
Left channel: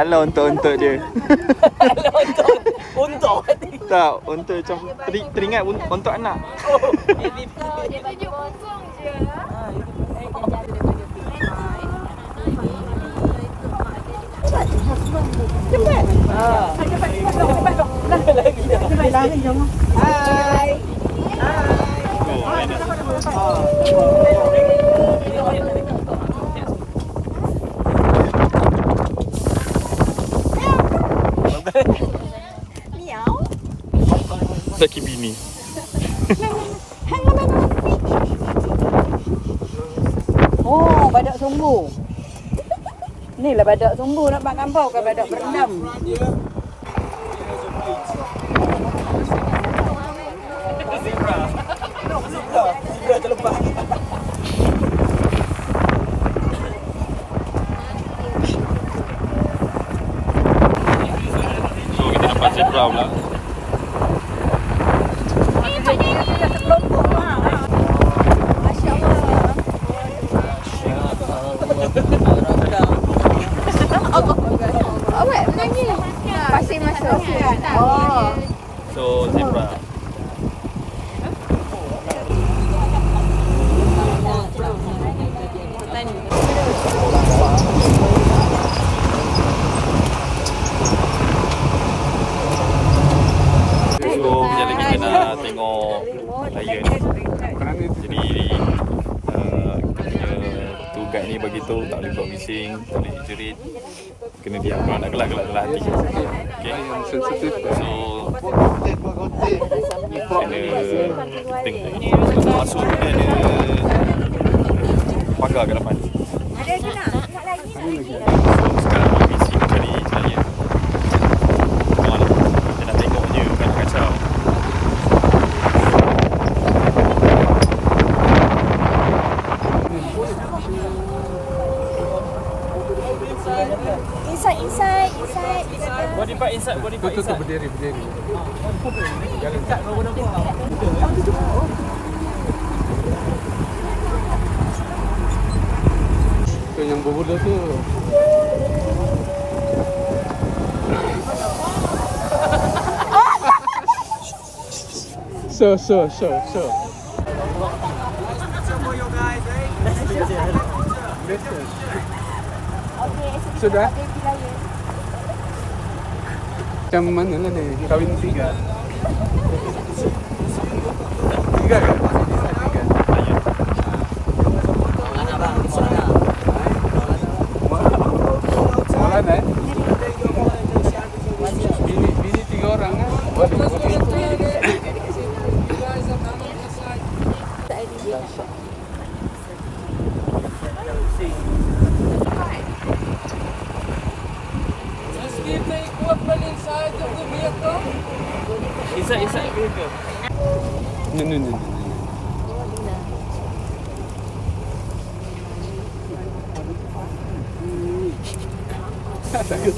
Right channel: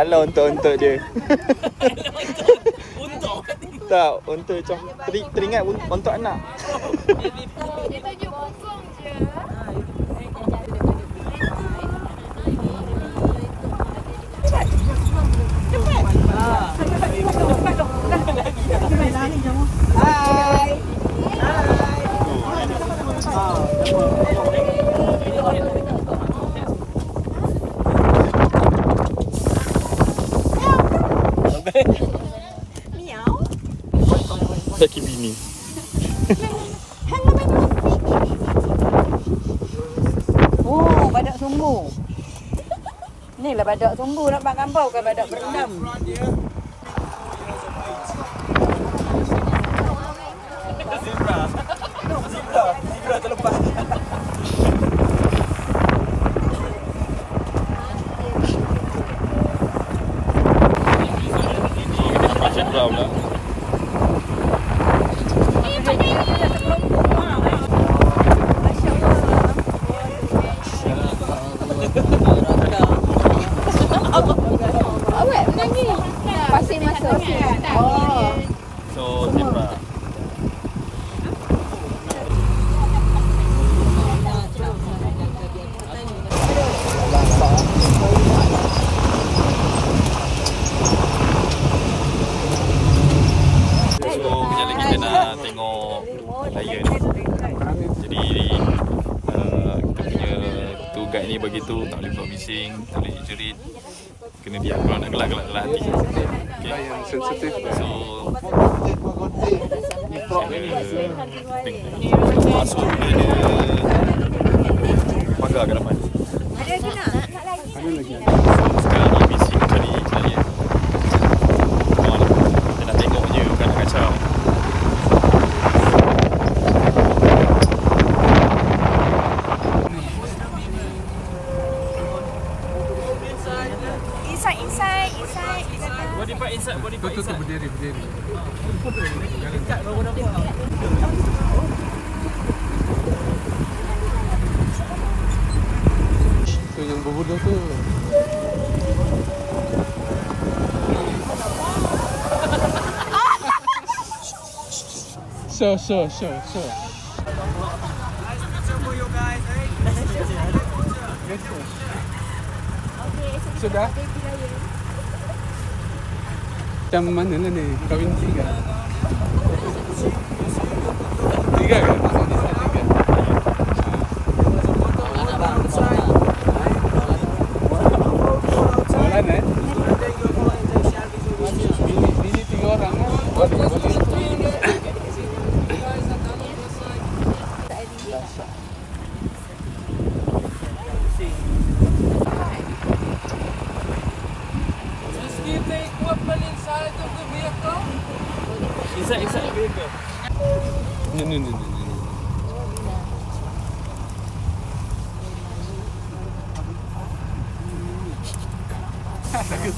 Alah untuk dia. Untuk tak, untuk macam teringat untuk anak. Dia tunjuk bongkong je. Lari jom. Hai. Miau. Laki bini. Oh, badak sumbu. Ni lah badak sumbu nak makan bau kan badak berendam. Awak menyanyi pasir masa. So zebra. Guide ni bagi tahu tak boleh buat bising, tak boleh jerit, kena diam. Kalau nak gelak-gelak dalam hati. Okay. So kena masuk dia ada pagar kat depan. Ada lagi nak? Sekarang ni bising cari saya. Come on, kita nak tengok je, bukan nak kacau. Inside. Body part inside. Tutup berdiri. Jangan kat baru nampak. So yang berbuda tu So. Sudah? Macam mana lah ni? Kahwin 3? 3 ke? Soalan eh? Ini 3 orang. No. Takut.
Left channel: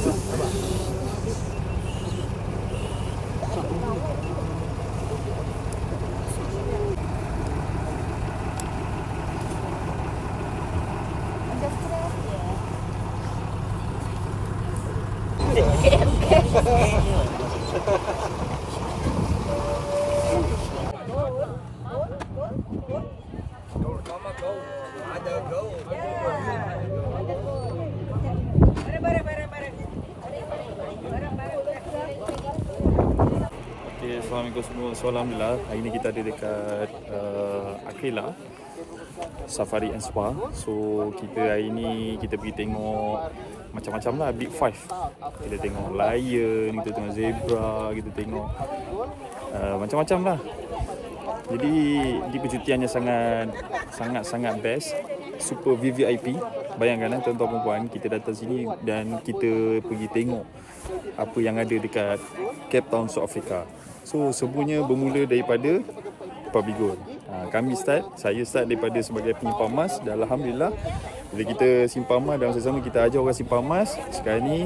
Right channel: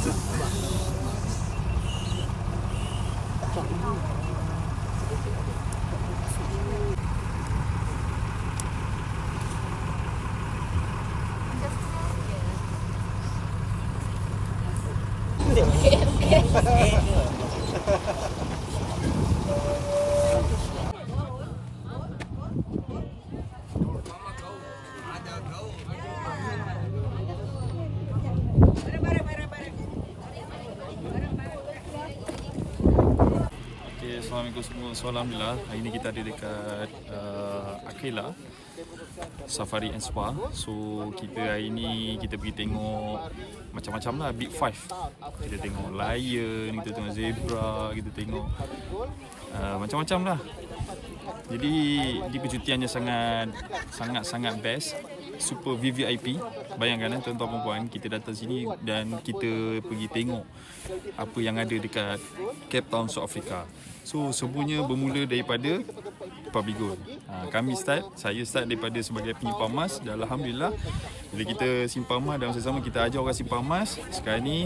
Assalamualaikum semua. So alhamdulillah hari ni kita ada dekat Akela Safari and Spa. So kita hari ni kita pergi tengok macam-macam lah, Big Five. Kita tengok lion, kita tengok zebra, kita tengok macam-macam lah. Jadi di percutiannya sangat best, super VVIP. Bayangkan tuan-tuan perempuan, kita datang sini dan kita pergi tengok apa yang ada dekat Cape Town, South Africa. So semuanya bermula daripada Public Gold. Saya start daripada sebagai penyimpan emas dan alhamdulillah bila kita simpan emas dan sama-sama kita ajar orang simpan emas, sekarang ni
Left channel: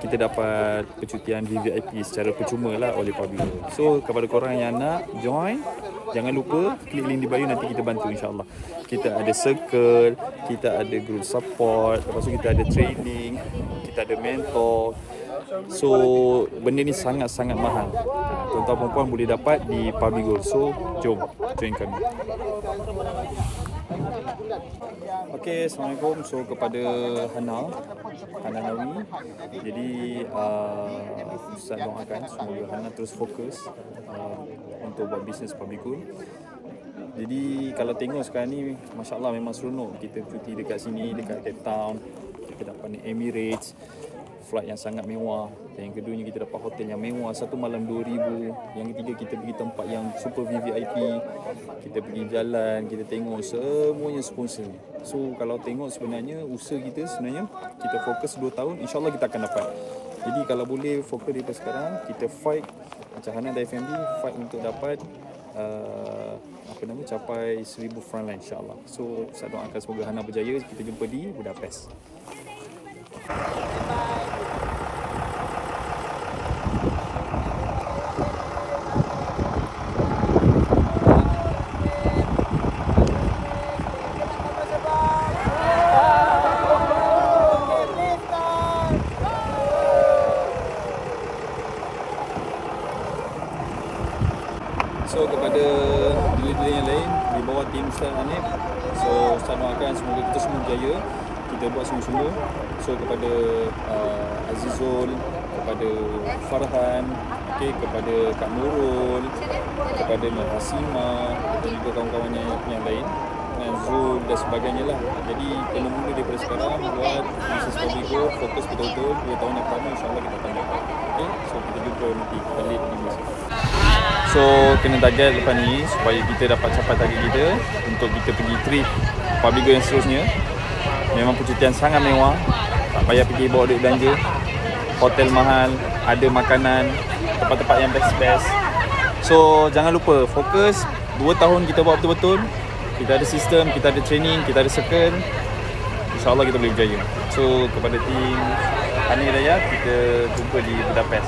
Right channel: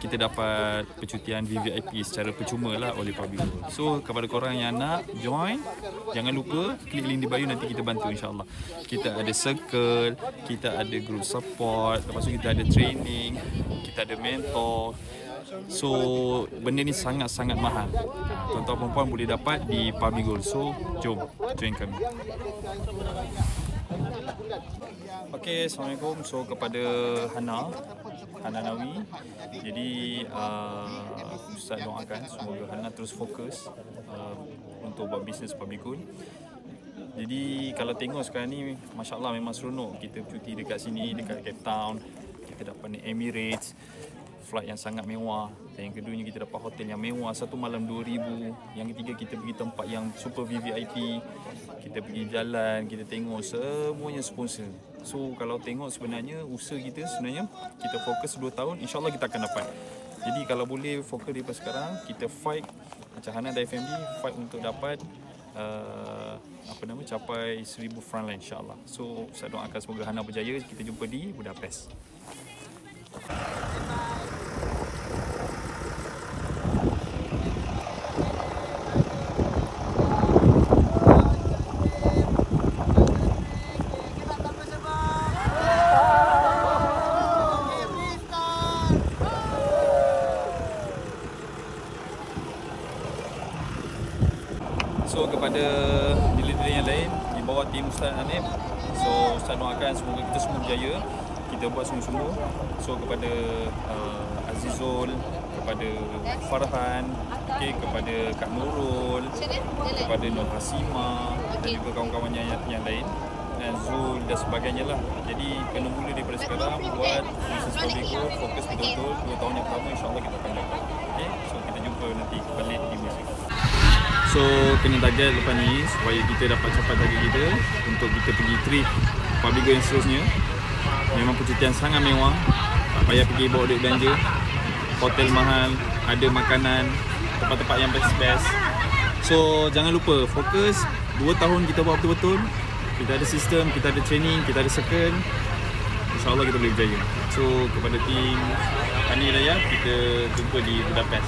kita dapat percutian VVIP secara percuma lah oleh Public Gold. So kepada korang yang nak join, jangan lupa klik link di bio, nanti kita bantu insyaAllah. Kita ada circle, kita ada group support, lepas tu kita ada training, kita ada mentor. So benda ni sangat-sangat mahal. Tuan-tuan perempuan boleh dapat di Public Gold. So jom join kami. Okay, Assalamualaikum. So kepada Hana Nawi, jadi Ustaz doakan semoga Hana terus fokus untuk buat bisnes Public Gold. Jadi kalau tengok sekarang ni, Masya Allah memang seronok. Kita cuti dekat sini, dekat Cape Town. Kita dapat naik Emirates, flight yang sangat mewah. Dan yang keduanya kita dapat hotel yang mewah, satu malam 2,000. Yang ketiga kita pergi tempat yang super VVIP. Kita pergi jalan, kita tengok semuanya sponsor. So kalau tengok sebenarnya usaha kita sebenarnya kita fokus 2 tahun, insyaAllah kita akan dapat. Jadi kalau boleh fokus daripada sekarang, kita fight macam Hana dan FMD, fight untuk dapat capai 1,000 frontline insyaAllah. So saya doakan semoga Hana berjaya. Kita jumpa di Budapest. So kepada dealer-dealer yang lain di bawah tim Ustaz Hanif, so Ustaz doakan semoga kita semua berjaya, kita buat sungguh-sungguh. So kepada Azizul, kepada Farhan, okay, kepada Kak Nurul, kepada Nur Hasima dan juga kawan-kawannya yang lain, dan Zul dan sebagainya lah. Jadi kena mula daripada sekarang buat bisnes Fabligo, fokus betul-betul 2 tahun yang pertama, insyaAllah kita akan dapat. Okay? So kita jumpa nanti balik di Malaysia. So kena target lepas ni supaya kita dapat capai target kita untuk kita pergi trip Fabligo yang seterusnya. Memang percutian sangat mewah, tak payah pergi bawa duit belanja, hotel mahal, ada makanan, tempat-tempat yang best-best. So jangan lupa fokus 2 tahun kita buat betul-betul. Kita ada sistem, kita ada training, kita ada circle. InsyaAllah kita boleh berjaya. So kepada tim Hani Raya, kita jumpa di Budapest.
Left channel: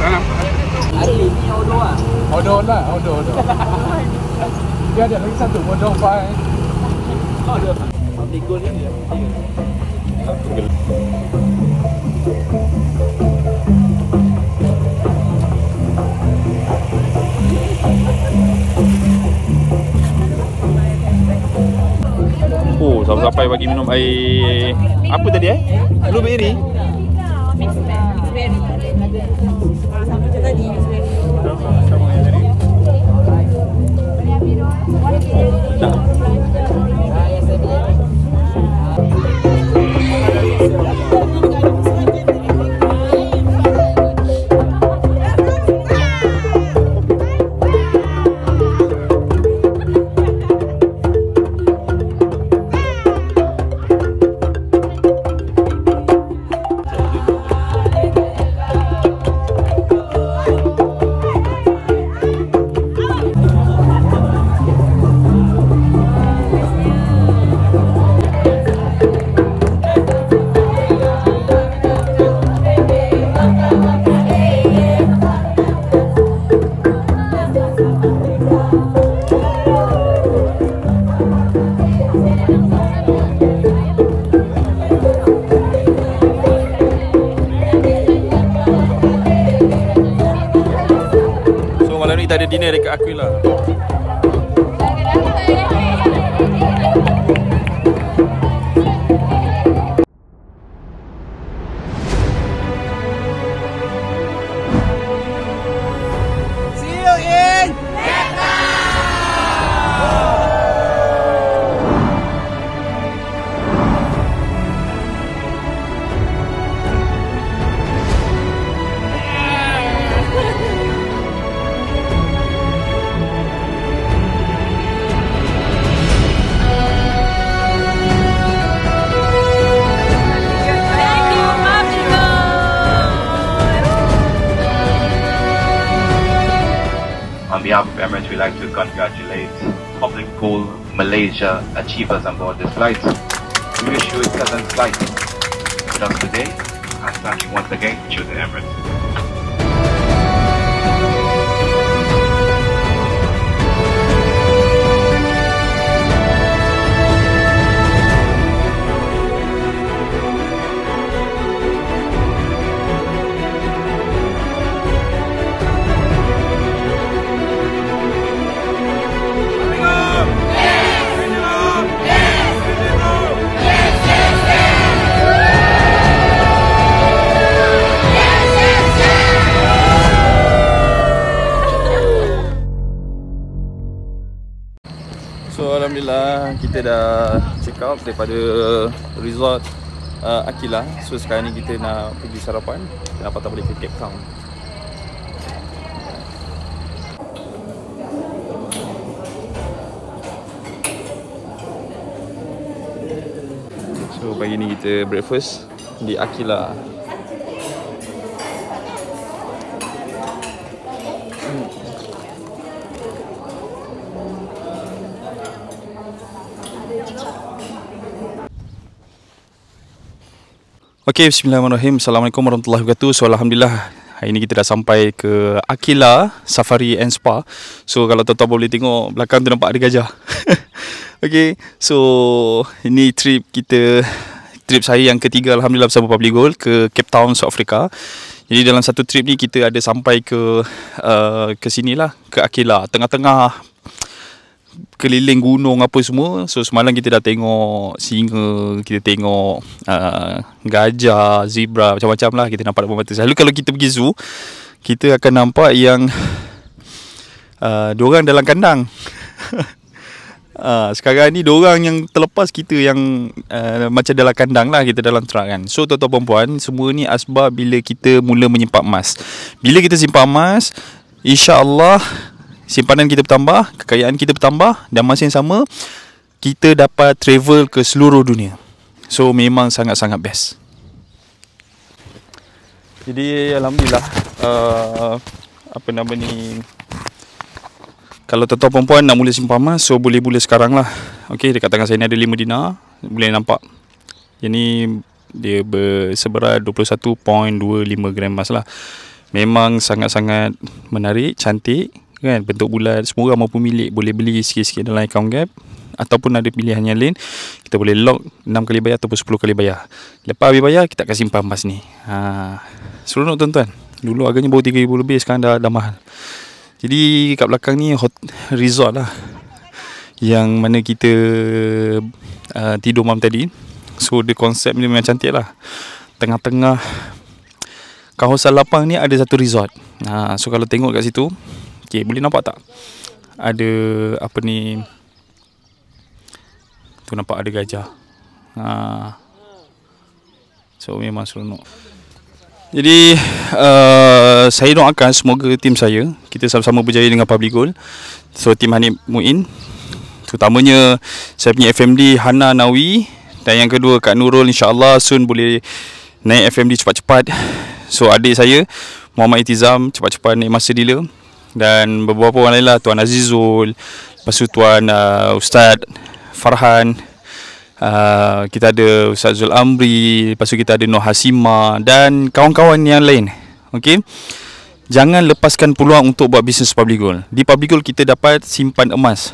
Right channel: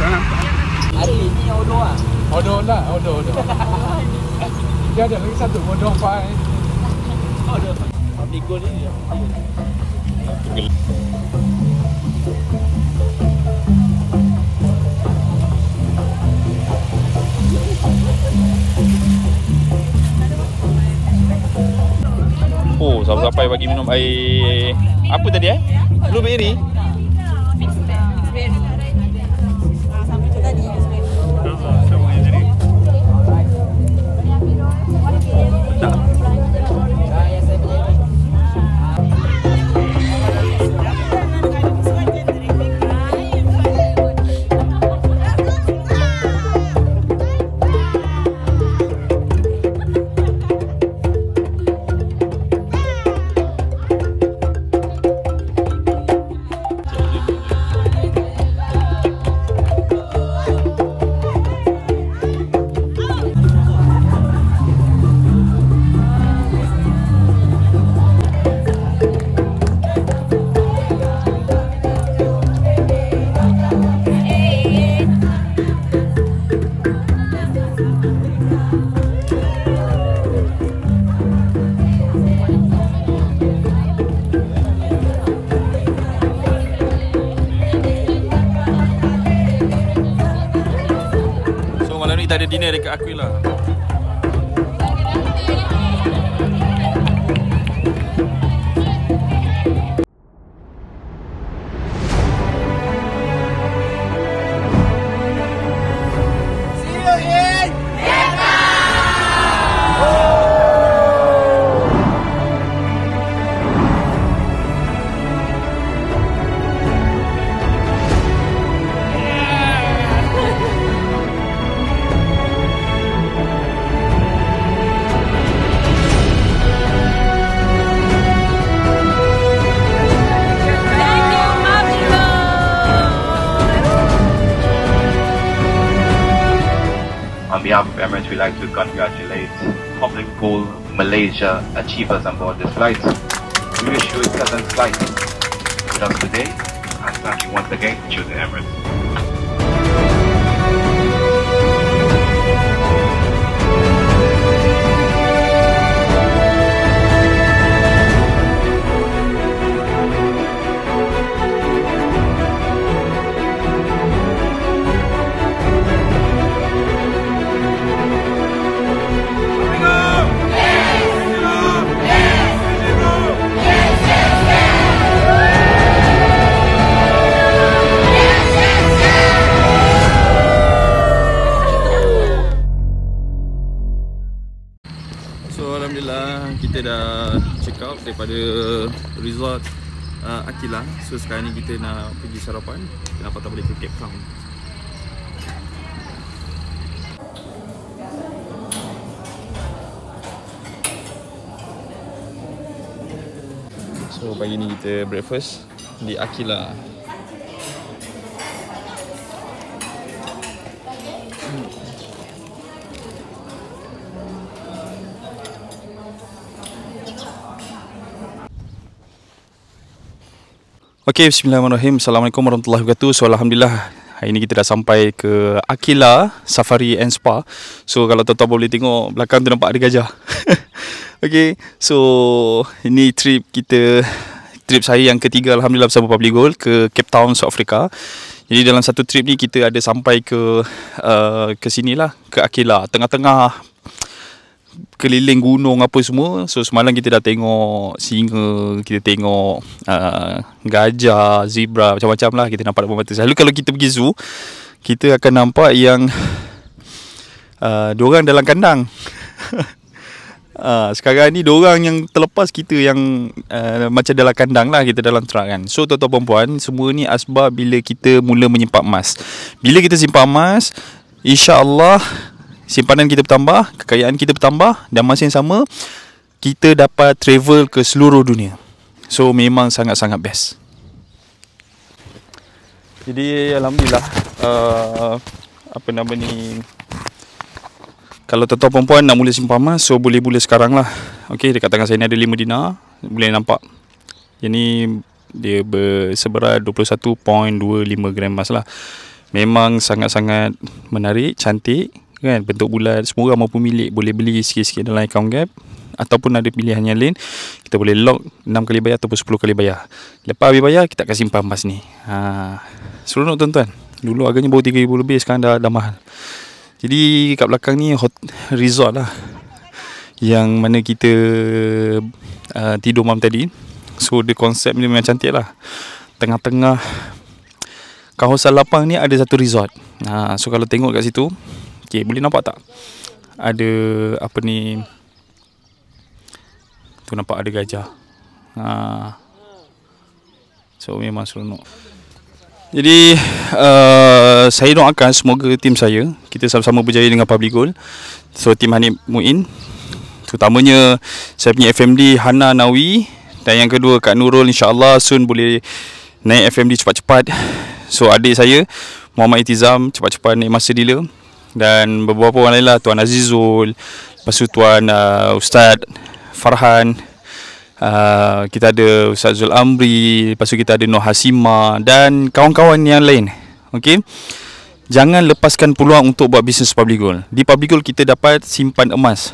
Tak nampak. Odor lah, odor. Dia ada lagi satu odor baik. Ikut ni. Oh, sampai bagi minum air apa tadi blueberry. Sama yang tadi. Tak. Kita ada dinner dekat Aquila. See you in Vietnam! On behalf of Emirates, we'd like to congratulate Public Pool Malaysia achievers on board this flight. We wish you a pleasant flight with us today, and thank you once again for choosing Emirates. So alhamdulillah kita dah check out daripada resort Aquila. So sekarang ni kita nak pergi sarapan. Kenapa tak boleh ke Cape Town? So pagi ni kita breakfast di Aquila. Okay, bismillahirrahmanirrahim. Assalamualaikum warahmatullahi wabarakatuh. So alhamdulillah hari ni kita dah sampai ke Aquila Safari and Spa. So kalau tuan-tuan boleh tengok belakang tu nampak ada gajah. Okay, so ini trip saya yang ketiga alhamdulillah bersama Public Gold ke Cape Town, South Africa. Jadi dalam satu trip ni kita ada sampai ke sinilah, ke Akela, tengah-tengah keliling gunung apa semua. So semalam kita dah tengok singa, kita tengok gajah, zebra, macam-macam lah kita nampak depan mata. Selalu kalau kita pergi zoo, kita akan nampak yang diorang dalam kandang. Sekarang ni diorang yang terlepas, kita yang macam dalam kandang lah, kita dalam truck kan. So tuan-tuan perempuan, semua ni asbab bila kita mula menyimpan emas. Bila kita simpan emas, insya-Allah simpanan kita bertambah, kekayaan kita bertambah, dan masa yang sama kita dapat travel ke seluruh dunia. So memang sangat-sangat best. Jadi alhamdulillah kalau tuan-tuan perempuan nak mula simpan emas, so boleh mula sekarang lah. Okay, dekat tangan saya ni ada 5 dinar. Boleh nampak. Yang dia berseberat 21.25 gram emas lah. Memang sangat-sangat menarik, cantik kan, bentuk bulat. Semua orang maupun milik boleh beli sikit-sikit dalam account Gap. Ataupun ada pilihan yang lain, kita boleh lock 6 kali bayar ataupun 10 kali bayar. Lepas habis bayar, kita akan simpan emas ni. Seronok tuan-tuan. Dulu harganya baru 3,000 lebih, sekarang dah mahal. Jadi kat belakang ni resort lah, yang mana kita tidur malam tadi. So the konsep ni memang cantik lah. Tengah-tengah kawasan lapang ni ada satu resort. So kalau tengok kat situ, okay, boleh nampak tak? Ada tu nampak ada gajah. So memang seronok. Jadi saya doakan semoga tim saya, kita sama-sama berjaya dengan Public Gold. So tim Hanif Muin, terutamanya saya punya FMD Hana Nawi, dan yang kedua Kak Nurul, insya-Allah soon boleh naik FMD cepat-cepat. So adik saya Muhammad Itizam cepat-cepat naik master dealer, dan beberapa orang lain lah, Tuan Azizul, lepas tu Tuan Ustaz Farhan, kita ada Ustaz Zul Amri, lepas tu kita ada Noh Hasima dan kawan-kawan yang lain. Okey, jangan lepaskan peluang untuk buat bisnes Public Gold. Di Public Gold kita dapat simpan emas,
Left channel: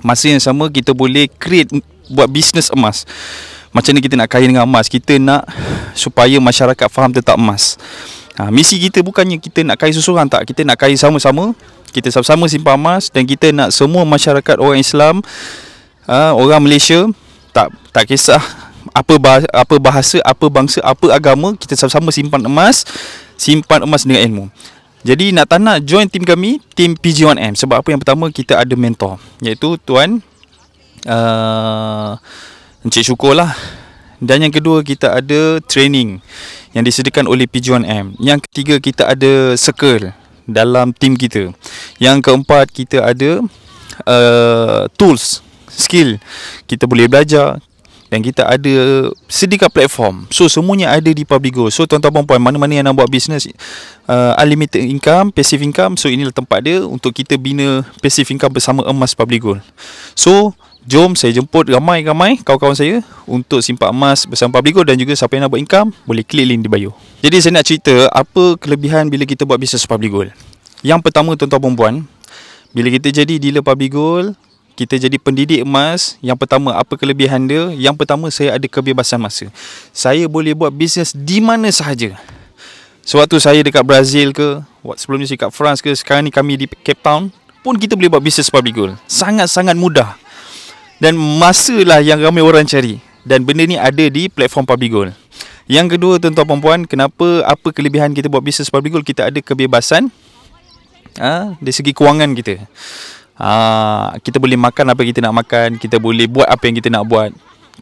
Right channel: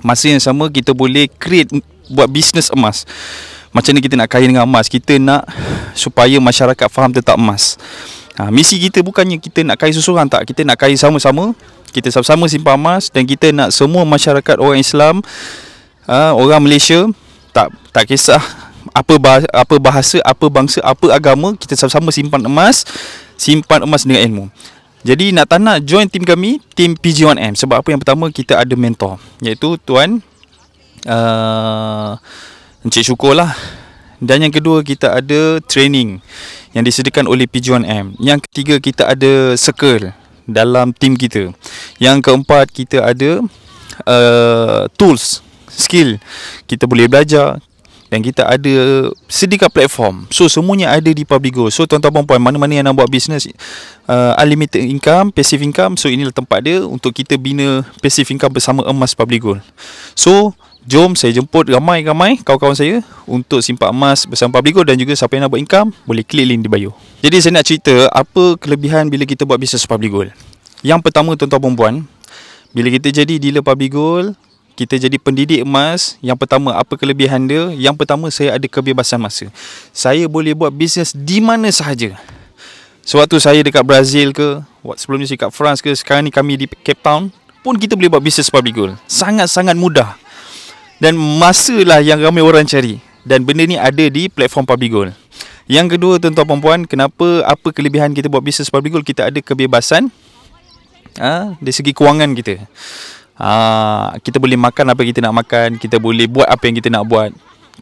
masa yang sama kita boleh create buat bisnes emas. Macam ni kita nak kaya dengan emas, kita nak supaya masyarakat faham tentang emas. Misi kita bukannya kita nak kaya seseorang, tak. Kita nak kaya sama-sama, kita sama-sama simpan emas, dan kita nak semua masyarakat orang Islam, orang Malaysia, tak kisah apa bahasa, apa bangsa, apa agama, kita sama-sama simpan emas dengan ilmu. Jadi nak tak nak join tim kami, tim PG1M. Sebab apa? Yang pertama, kita ada mentor, iaitu Tuan Encik Syukur lah. Dan yang kedua, kita ada training yang disediakan oleh PG1M. Yang ketiga, kita ada circle dalam tim kita. Yang keempat, kita ada tools, skill, kita boleh belajar, dan kita ada sediakan platform. So semuanya ada di Public Gold. So tuan-tuan perempuan, mana-mana yang nak buat bisnes unlimited income, passive income, so inilah tempat dia untuk kita bina passive income bersama emas Public Gold. So jom saya jemput ramai-ramai kawan-kawan saya untuk simpan emas bersama Public Gold, dan juga siapa yang nak buat income boleh klik link di bio. Jadi saya nak cerita apa kelebihan bila kita buat bisnes Public Gold. Yang pertama tuan-tuan perempuan, bila kita jadi dealer Public Gold, kita jadi pendidik emas. Yang pertama, apa kelebihan dia? Yang pertama, saya ada kebebasan masa. Saya boleh buat bisnes di mana sahaja. Sewaktu saya dekat Brazil ke, sebelum ni saya dekat France ke, sekarang ni kami di Cape Town, pun kita boleh buat bisnes Public Gold. Sangat-sangat mudah. Dan masa lah yang ramai orang cari. Dan benda ni ada di platform Public Gold. Yang kedua tuan-tuan perempuan, apa kelebihan kita buat bisnes Public Gold? Kita ada kebebasan dari segi kewangan kita. Kita boleh makan apa kita nak makan, kita boleh buat apa yang kita nak buat,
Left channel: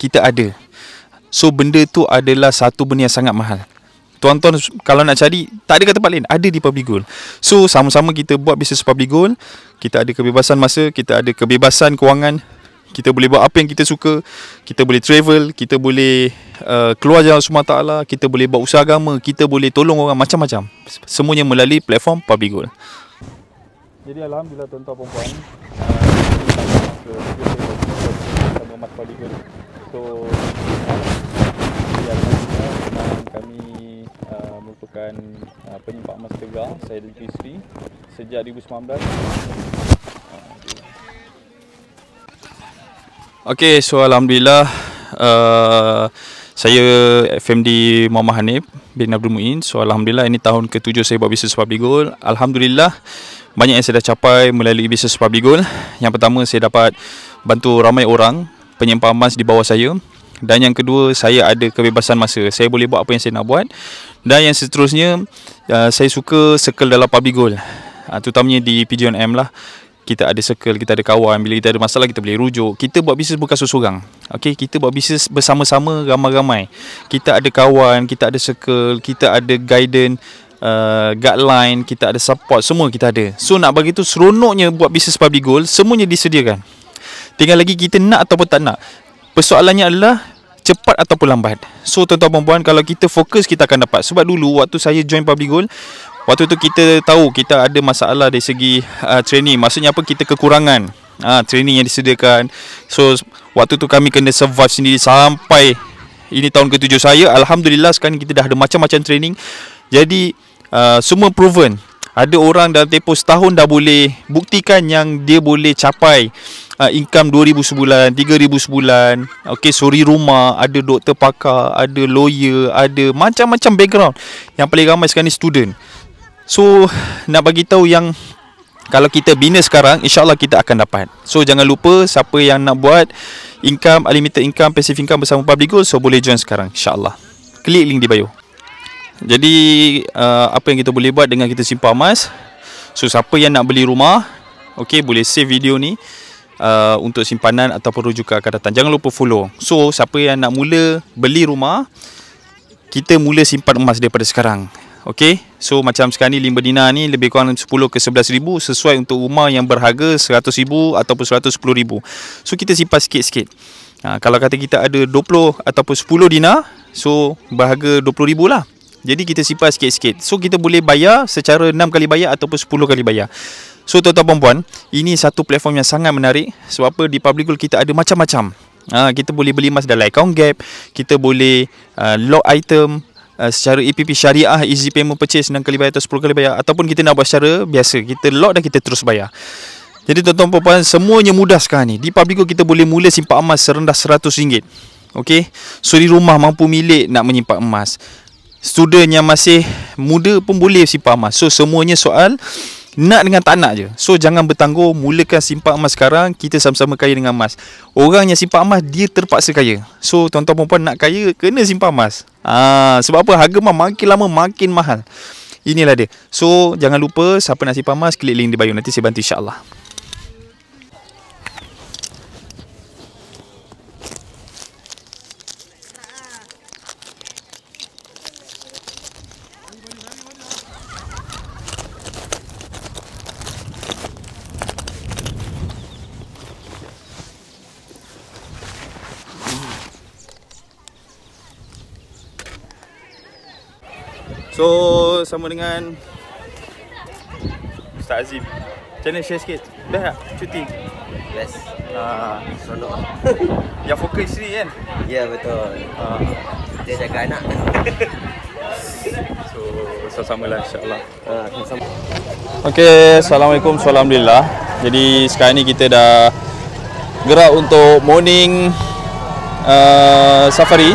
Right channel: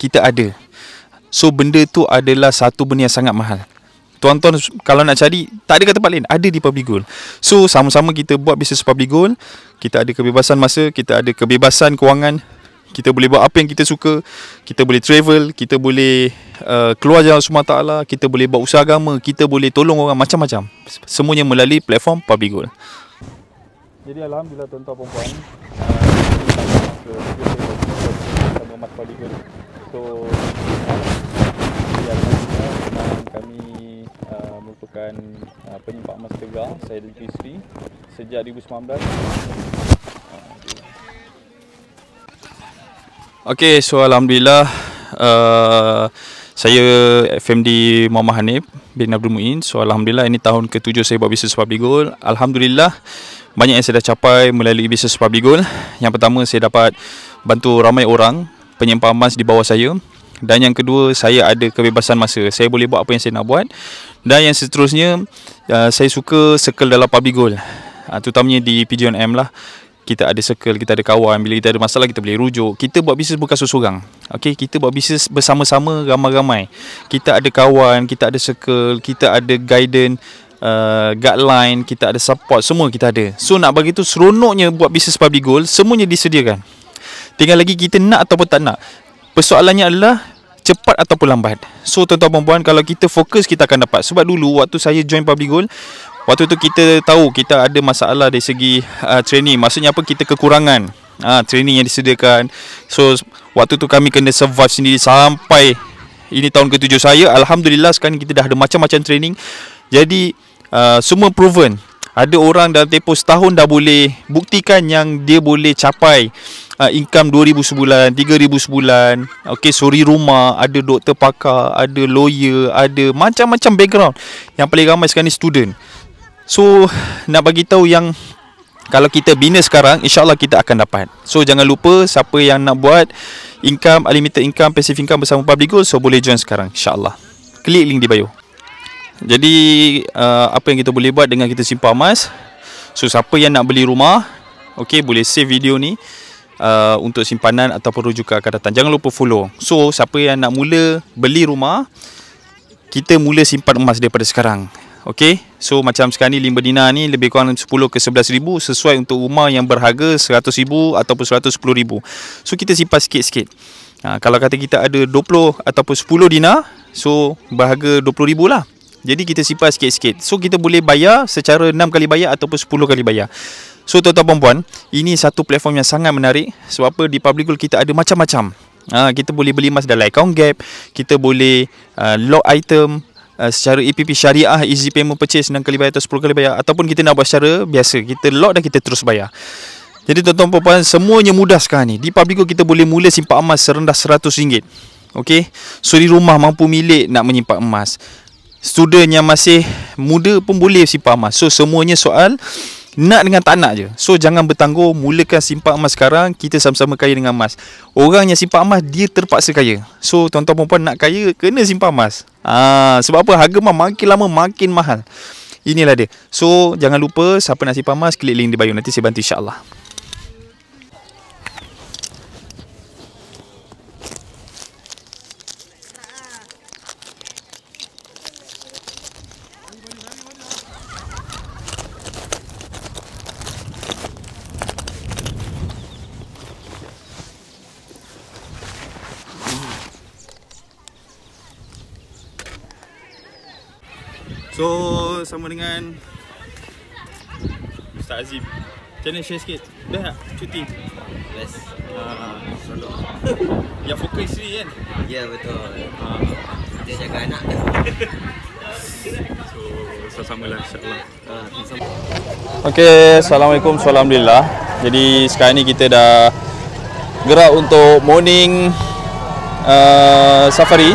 kita ada. So benda tu adalah satu benda yang sangat mahal. Tuan-tuan kalau nak cari, tak ada kat tempat lain, ada di Public Gold. So sama-sama kita buat bisnes Public Gold, kita ada kebebasan masa, kita ada kebebasan kewangan, kita boleh buat apa yang kita suka, kita boleh travel, kita boleh keluar jalan Sumatera Taala, kita boleh buat usaha agama, kita boleh tolong orang, macam-macam. Semuanya melalui platform Public Gold. Jadi alhamdulillah tuan-tuan perempuan, sama emas Public Gold. So kami merupakan penyimpan emas tegar, saya dan isteri, sejak 2019. Okay, so Alhamdulillah saya FMD Muhammad Hanif bin Abdul Muin. So Alhamdulillah ini tahun ke-7 saya buat bisnes Public Gold. Alhamdulillah banyak yang saya dah capai melalui bisnes Public Gold. Yang pertama, saya dapat bantu ramai orang penyimpan emas di bawah saya. Dan yang kedua, saya ada kebebasan masa. Saya boleh buat apa yang saya nak buat. Dan yang seterusnya, saya suka circle dalam Public Gold, terutamanya di PGNM lah. Kita ada circle, kita ada kawan. Bila kita ada masalah, kita boleh rujuk. Kita buat bisnes bukan seorang. Okay, kita buat bisnes bersama-sama, ramai-ramai. Kita ada kawan, kita ada circle, kita ada guidance, guideline, kita ada support, semua kita ada. So nak bagi tu seronoknya buat bisnes Public Gold, semuanya disediakan. Tinggal lagi kita nak ataupun tak nak. Persoalannya adalah cepat ataupun lambat. So tuan-tuan dan puan, kalau kita fokus, kita akan dapat. Sebab dulu waktu saya join Public Gold, waktu tu kita tahu kita ada masalah dari segi training. Maksudnya apa? Kita kekurangan training yang disediakan. So waktu tu kami kena survive sendiri sampai ini tahun ke-7 saya. Alhamdulillah sekarang kita dah ada macam-macam training. Jadi semua proven. Ada orang dalam tempoh setahun dah boleh buktikan yang dia boleh capai income 2,000 sebulan, 3,000 sebulan. Okay, suri rumah, ada doktor pakar, ada lawyer, ada macam-macam background. Yang paling ramai sekarang ni student. So nak bagi tahu yang kalau kita bina sekarang, insya-Allah kita akan dapat. So jangan lupa, siapa yang nak buat income, unlimited income, passive income bersama Public Gold, so boleh join sekarang, insya-Allah. Klik link di bio. Jadi apa yang kita boleh buat dengan kita simpan emas. So siapa yang nak beli rumah, okey, boleh save video ni untuk simpanan ataupun rujukan akan datang. Jangan lupa follow. So siapa yang nak mula beli rumah, kita mula simpan emas daripada sekarang. Okey, so macam sekarang ni 5 dinar ni lebih kurang 10 ke 11 ribu, sesuai untuk rumah yang berharga 100 ribu ataupun 110 ribu. So kita simpan sikit-sikit. Kalau kata kita ada 20 ataupun 10 dinar, so berharga 20 ribu lah. Jadi kita simpan sikit-sikit. So kita boleh bayar secara 6 kali bayar ataupun 10 kali bayar. So tuan-tuan dan puan, ini satu platform yang sangat menarik. Sebab apa? Di Public Gold kita ada macam-macam. Kita boleh beli emas dalam account gap, kita boleh lock item secara EPP syariah, easy payment purchase 6 kali bayar atau 10 kali bayar, ataupun kita nak buat secara biasa, kita lock dan kita terus bayar. Jadi tuan-tuan dan puan, semuanya mudah sekarang ni. Di Public Gold kita boleh mula simpan emas serendah RM100. Okey, suri rumah mampu milik nak menyimpan emas. Student yang masih muda pun boleh simpan emas. So semuanya soal nak dengan tak nak je. So jangan bertangguh, mulakan simpan emas sekarang. Kita sama-sama kaya dengan emas. Orang yang simpan emas, dia terpaksa kaya. So tuan-tuan perempuan nak kaya, kena simpan emas. Sebab apa? Harga emas makin lama makin mahal. Inilah dia. So jangan lupa, siapa nak simpan emas, klik link di bio. Nanti saya bantu, insya-Allah. So sama dengan Ustaz Azim. Macam mana share sikit? Dah tak cuti? Yes. Seronok. Yang fokus isteri kan? Ya, betul. Dia jaga anak. So sama-sama lah, insya-Allah. Okay, Assalamualaikum, Alhamdulillah. Jadi sekarang ni kita dah gerak untuk morning safari.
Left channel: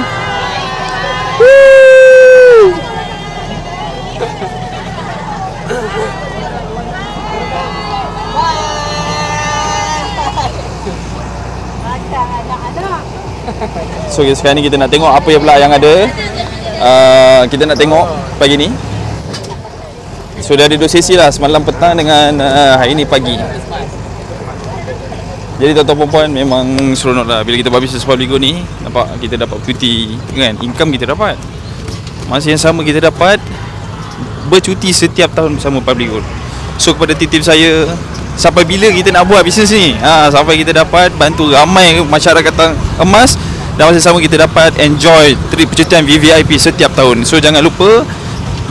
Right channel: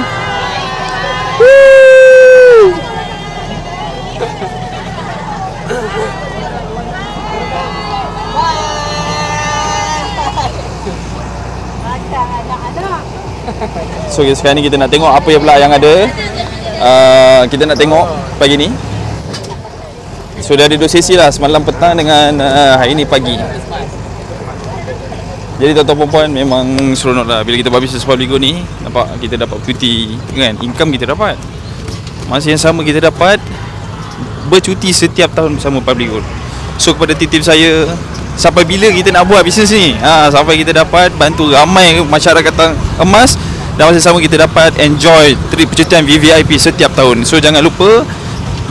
So sekarang ni kita nak tengok apa yang pula yang ada. Kita nak tengok pagi ni. So dah ada 2 sesi lah, semalam petang dengan hari ni pagi. Jadi tuan-tuan perempuan, memang seronok lah bila kita buat bisnes Public Gold ni. Nampak kita dapat cuti kan, income kita dapat. Masa yang sama kita dapat bercuti setiap tahun bersama Public Gold. So kepada tim-tim saya, sampai bila kita nak buat bisnes ni? Sampai kita dapat bantu ramai masyarakat emas, dan masa sama kita dapat enjoy trip percutian VVIP setiap tahun. So jangan lupa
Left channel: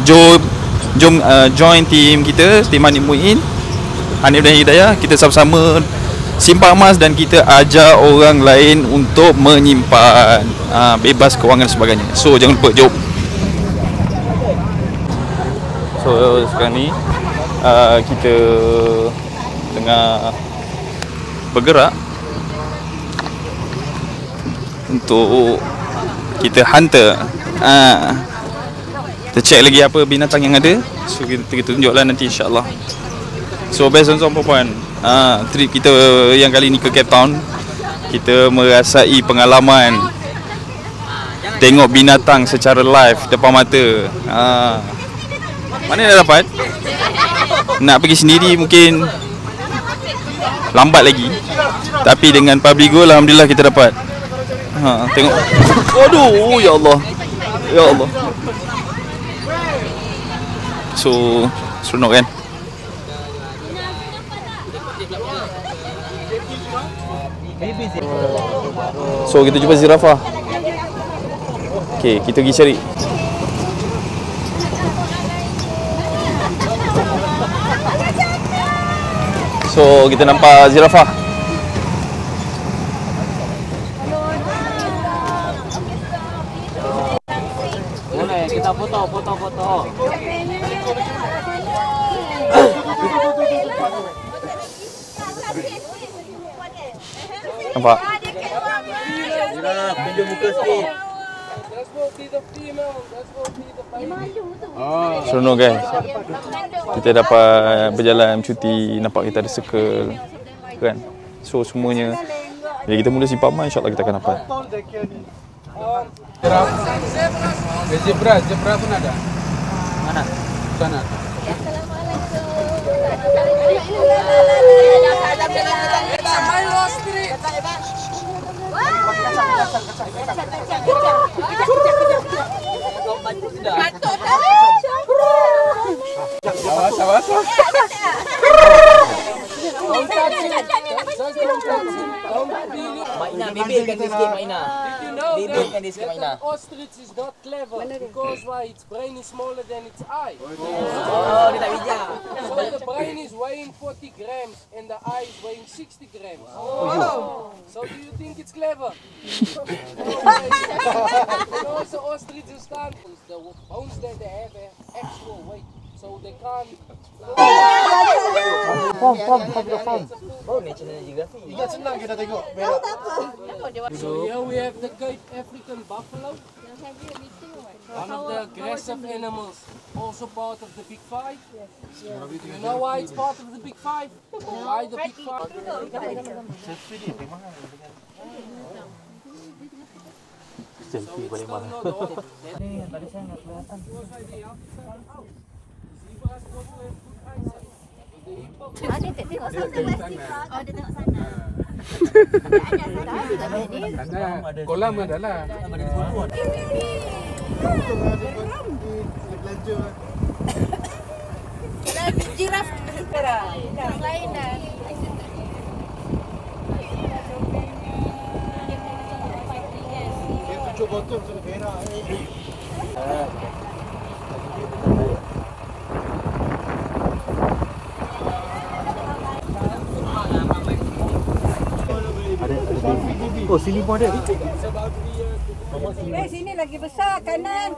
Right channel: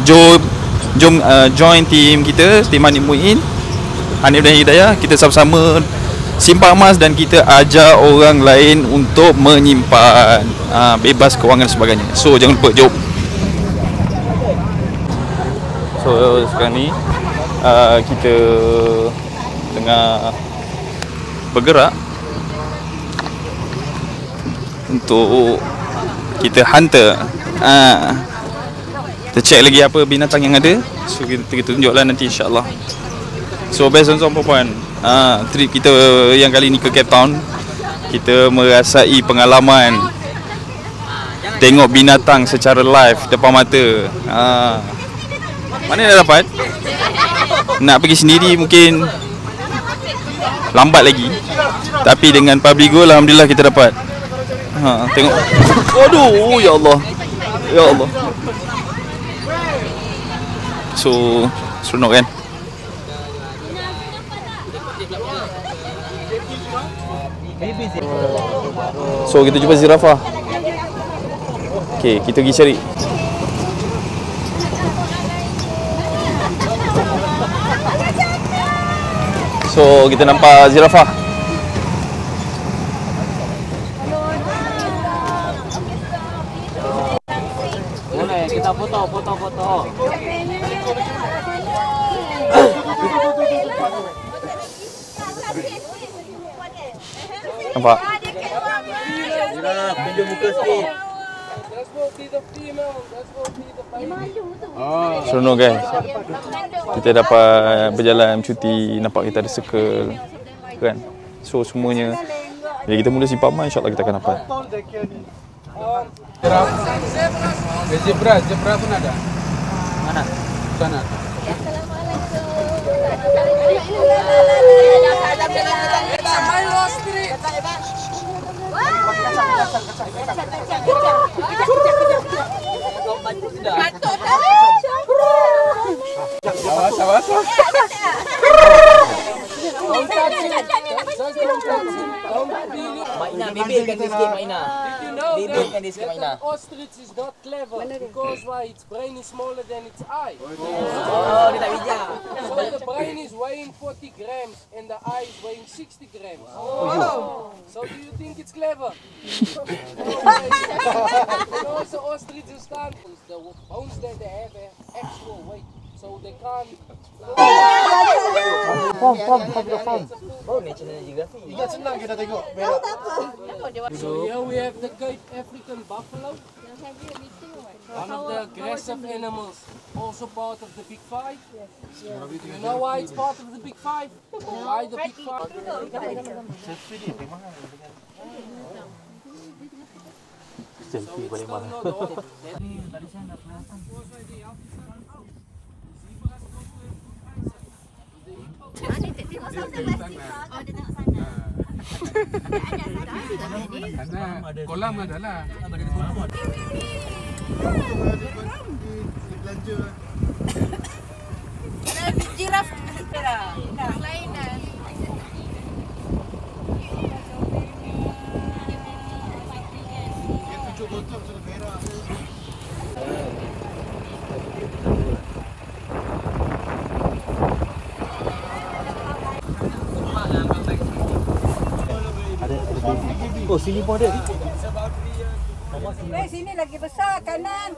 jom join team kita, tim Hanif Muin, Hanif dan Hidayah. Kita sama-sama simpan emas dan kita ajar orang lain untuk menyimpan, bebas kewangan dan sebagainya. So jangan lupa, jom. So sekarang ni kita tengah bergerak untuk kita hunter. Kita check lagi apa binatang yang ada. So kita tunjuklah nanti insya-Allah. So best tuan-tuan puan-puan, trip kita yang kali ni ke Cape Town, kita merasai pengalaman tengok binatang secara live depan mata. Mana dah dapat? Nak pergi sendiri mungkin lambat lagi. Tapi dengan Public-Gold alhamdulillah kita dapat. Tengok. Aduh, ya Allah. Ya Allah. So, seronok kan? So, kita jumpa zirafah. Okay, kita pergi cari. So, kita nampak zirafah. Boleh, kita foto. Nampak? Tunjuk muka sikit. Seronok guys. Kita dapat berjalan cuti, nampak kita ada circle kan. So semuanya bila kita mula Simpama insya-Allah kita akan dapat. Zebra pun ada. Mana? Sana. Awas. Maina, bebelkan dia sikit Maina. Bebelkan dia sikit Maina. Ostrich is not clever because why? Its brain is smaller than its eye. Oh, dia tak bijak. So the brain is weighing 40 grams and the eye is weighing 60 grams. So do you think it's clever? Because the ostrich is stand, the bones that they have actual weight. So they can't. Form. Oh, National Geographic. Ingat senang kita tengok. So here we have the Cape African buffalo. One of the aggressive animals, also part of the Big Five. You know why it's part of the Big Five? Why the Big Five? Selfie paling mahal. Dia tengok sana. Oh, dia tengok sana. Sana kolam adalah. Jiraf lain dah. Dia 7 botol sudah berak. Oh, sini pun ada. Sini lagi besar, kanan.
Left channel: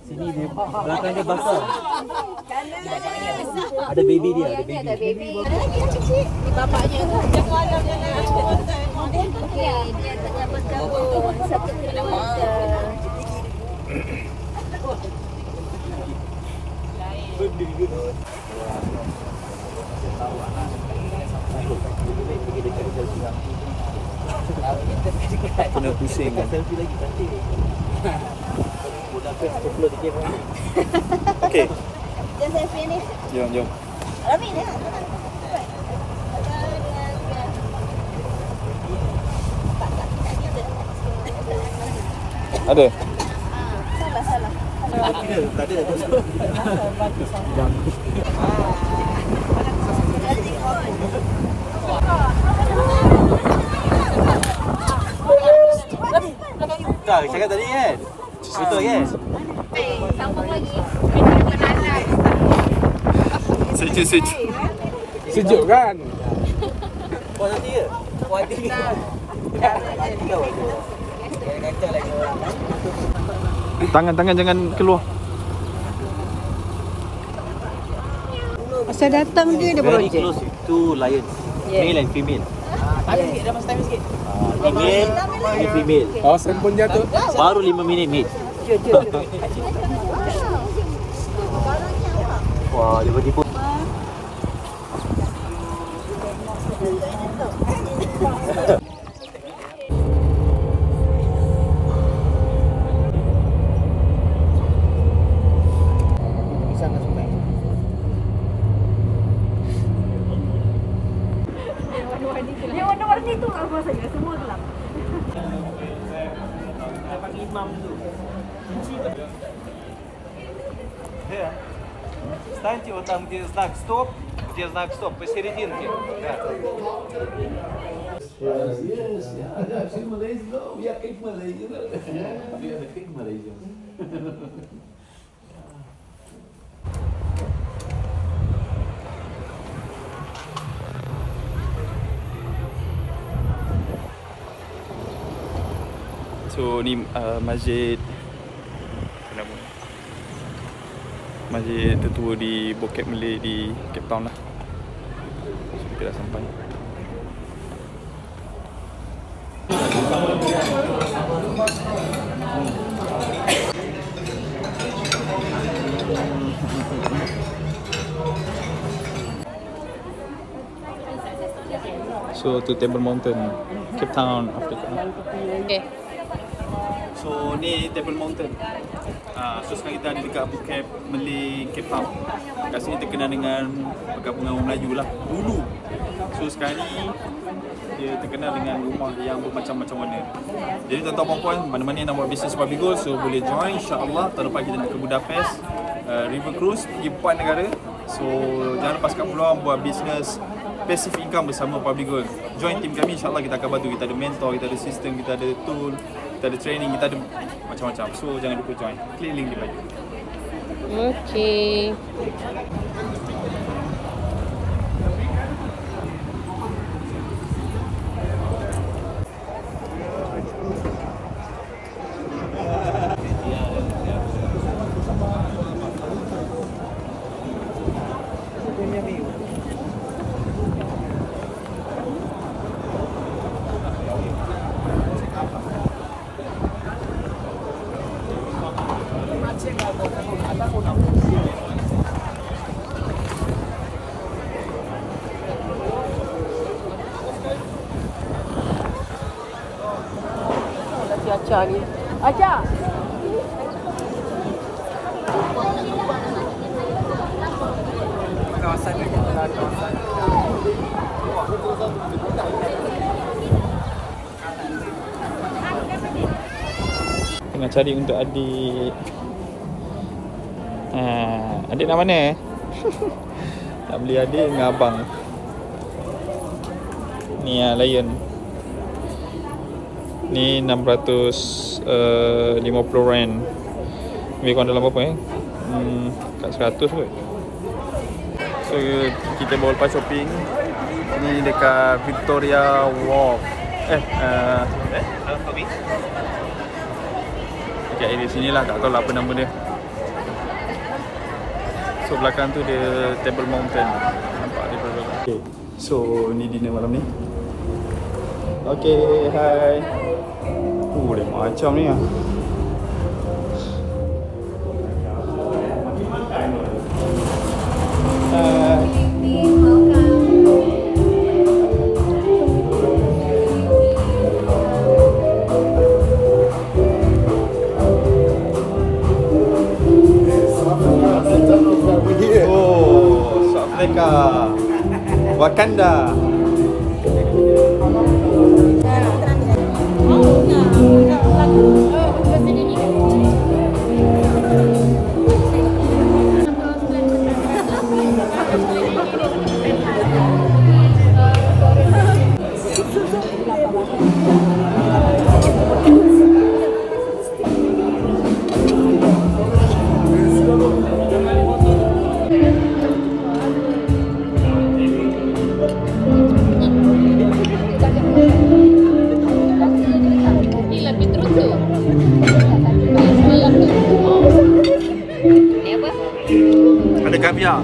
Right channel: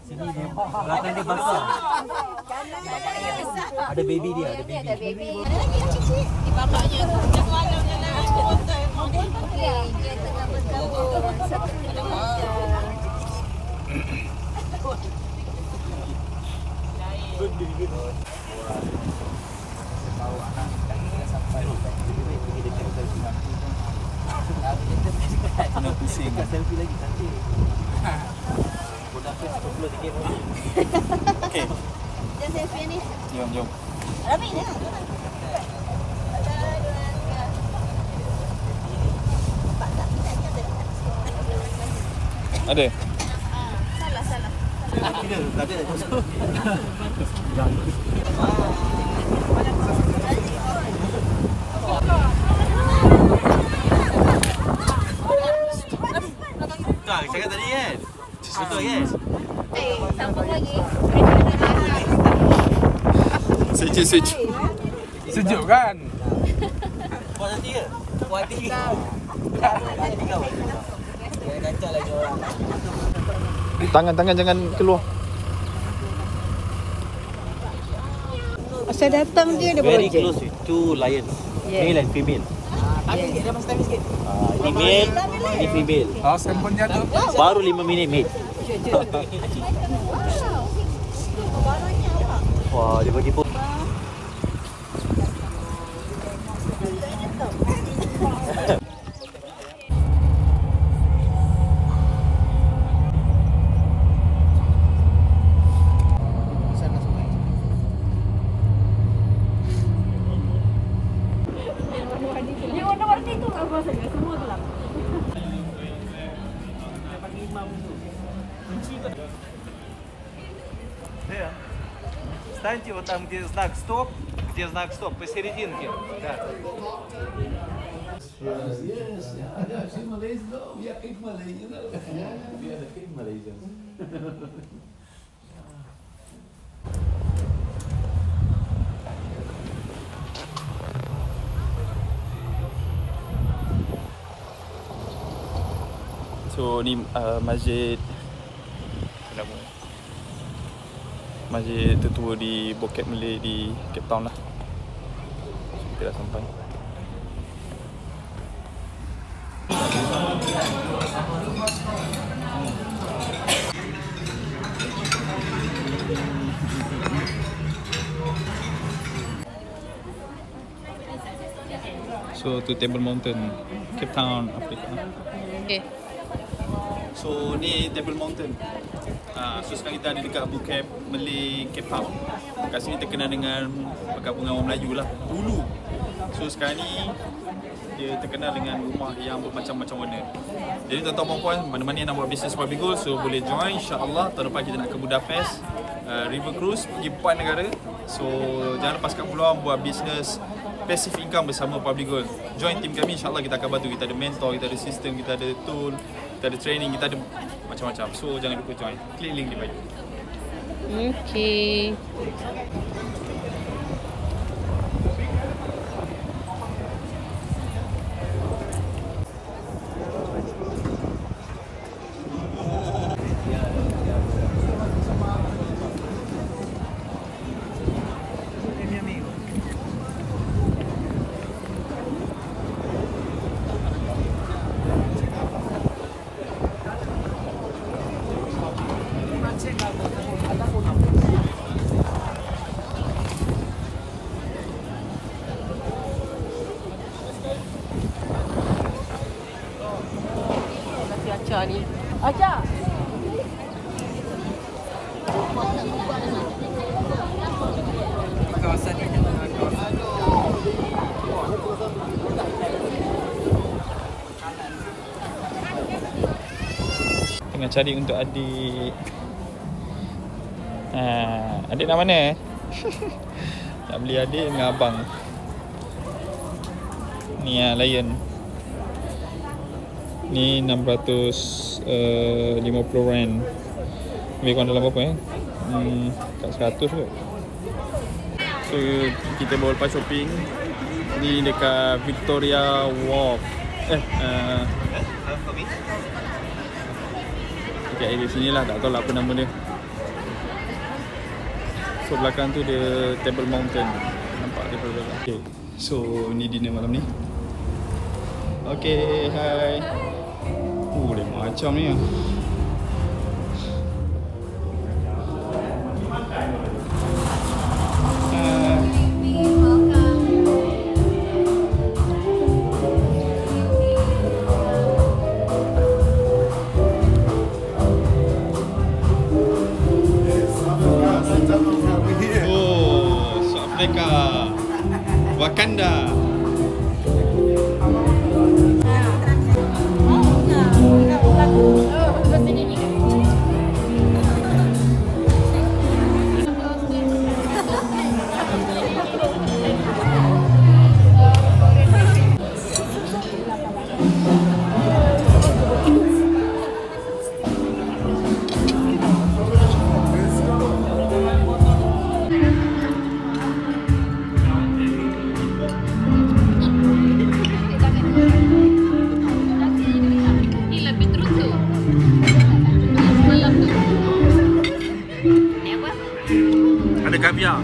Sini dia belakang dia basah. Kanan. Ada baby dia, ada baby. Ada lagi yang kecil. Ni bapaknya tu. Jangan. Okey, dia tengah bergabung satu keluarga. Kena pusing kan? Selfie lagi cantik. Okey. Dia selfie ni. Jom. Rabi dia. Ada? Salah. Tak ada kosong. Tak, cakap tadi kan? Betul kan? Sejuk. Sejuk kan? Puas hati ke? Puas hati ke? Tangan jangan keluar. Saya datang dia Very beronjek. close to lions. Male and female. Ada sikit, dah masa time sikit. Ni male, ni female. Oh, sampelnya tu. Baru 5 minit male. Wah, dia bagi pun. Yang warna-warni tu apa saja? Semua tu lah. Встаньте вот там, где знак стоп, посерединке. So ni masjid tertua di Bukit Malay di Cape Town lah. So, kita dah sampai. So tu Table Mountain, Cape Town, Afrika. Okay. So ni Table Mountain. So sekarang kita ada dekat Bukit Malay, Cape Town. Kat sini terkenal dengan perkampungan orang Melayu lah dulu. So sekarang ni dia terkenal dengan rumah yang bermacam-macam warna. Jadi tuan-tuan puan-puan, mana-mana yang nak buat bisnes Puppy Gold, so boleh join insya-Allah. Tahun depan kita nak ke Budapest, River Cruise, pergi 4 negara. So jangan lepaskan peluang buat bisnes passive income bersama Puppy Gold. Join team kami, insya-Allah kita akan bantu. Kita ada mentor, kita ada sistem, kita ada tool, kita ada training, kita ada macam-macam. So jangan lupa join. Klik link di bawah. Okay. Cari aja. Kawasan ni adalah kawasan tengah cari untuk adik. Adik nak mana? Nak beli adik dengan abang. Ni Lion. Ni 650 rand. Lebih kurang dalam berapa kat 100 kot. So kita bawa lepas shopping. Ni dekat Victoria Wharf. Dekat area sini lah, tak tahu lah apa nama dia. So belakang tu dia Table Mountain. Nampak dia belakang. Okay. So ni dinner malam ni. Okay, hai. Dia macam ni lah. Oh, South Africa, Wakanda. Ada kaviar.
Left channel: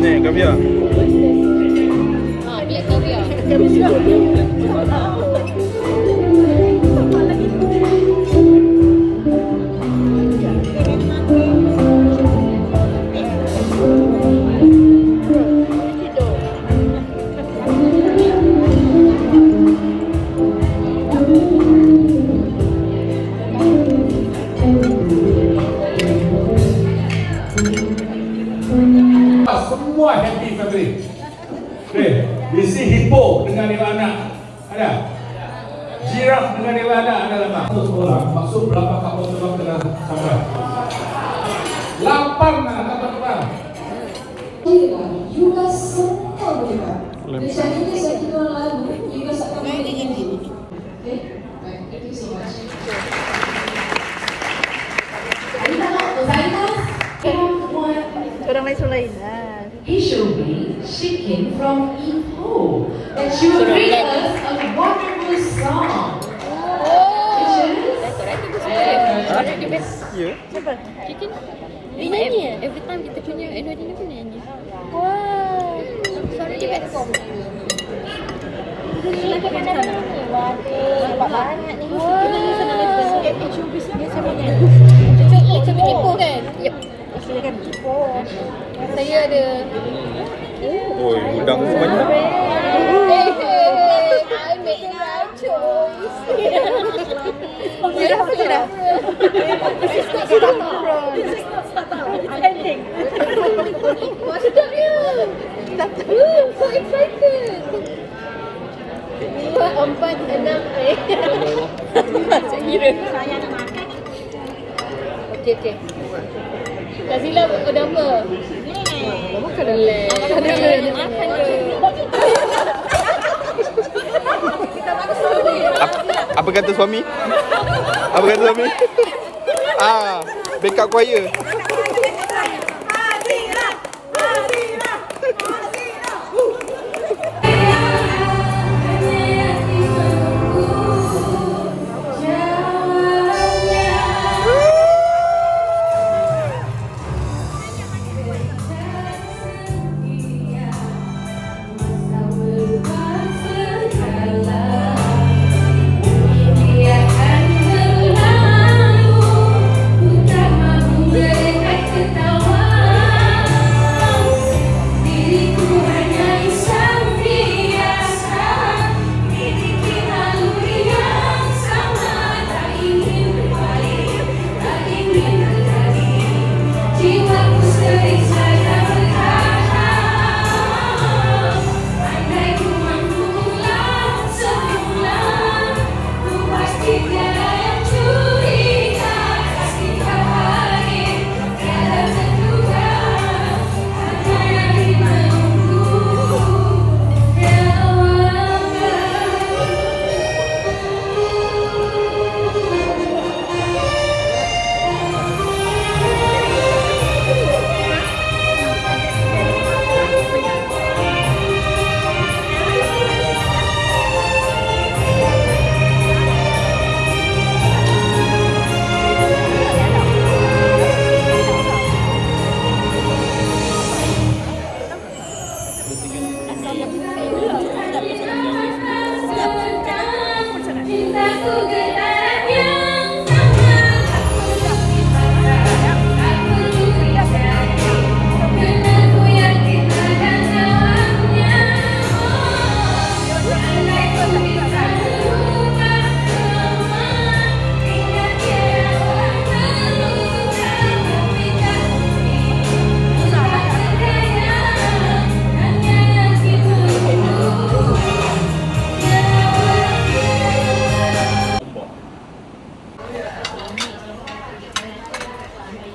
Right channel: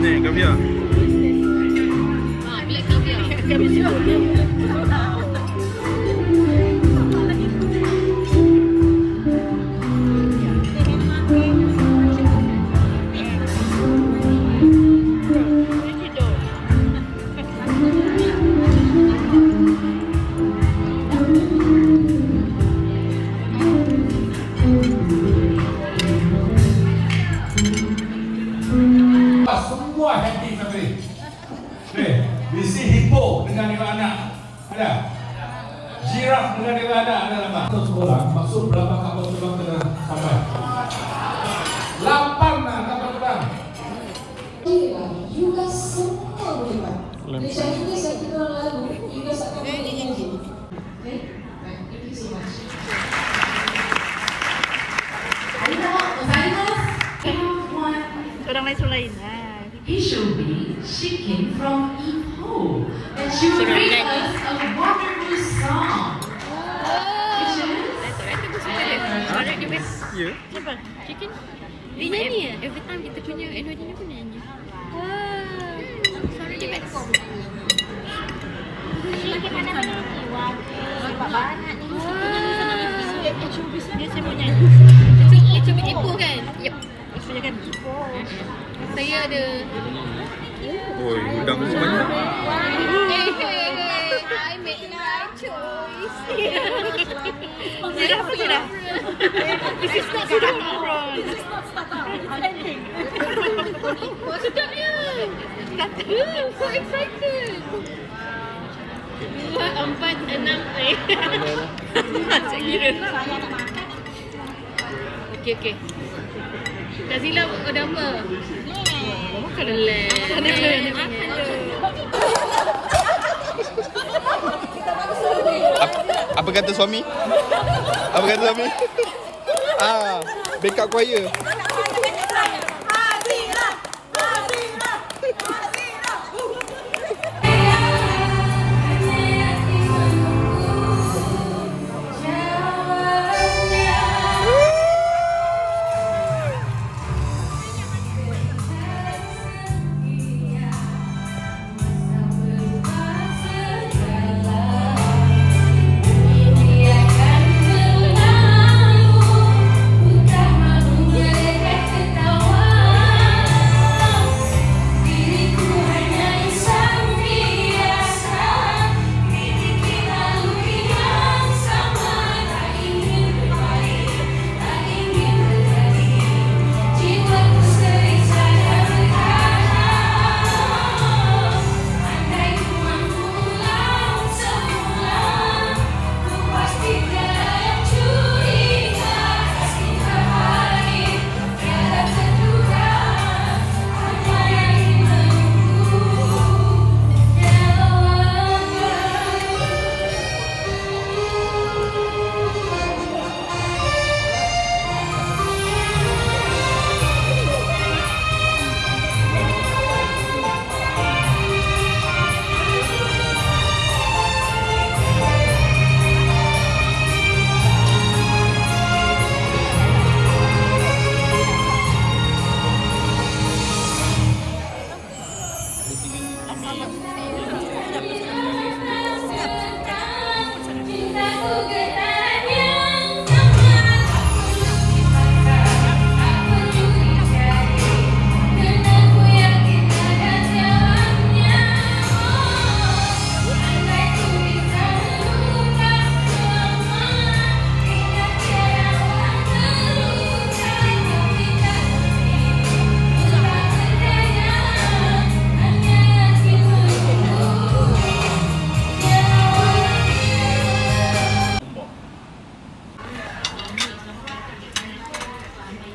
Ni kaviar. Black caviar. lengah. Orang maksud berapa kapal terbang kena sampai? 8 kapal terbang. Juga semua boleh buat. Macam ini saya kira lalu, juga sampai nanti ini. Okay? Baik, thank you so much. Orang lain lah. He should be. She came from Ipoh. And she will bring us a wonderful song. Ya. Siapa? Chicken? Dia nyanyi ya? Every time kita punya annual dinner pun nyanyi. Wow. Suara dia best. Lagi mana-mana ni? Banyak ni. Dia sama nyanyi. Macam Ipoh kan? Yep. Maksudnya kan? Saya ada. Oi, udang tu banyak. I made the right choice. Zero. This is not zero. This is not startup. It's ending. Sedap dia. So excited. 2, 4, 6. Macam kira. Okay. Tak silap nama. Apa kata suami? Backup choir.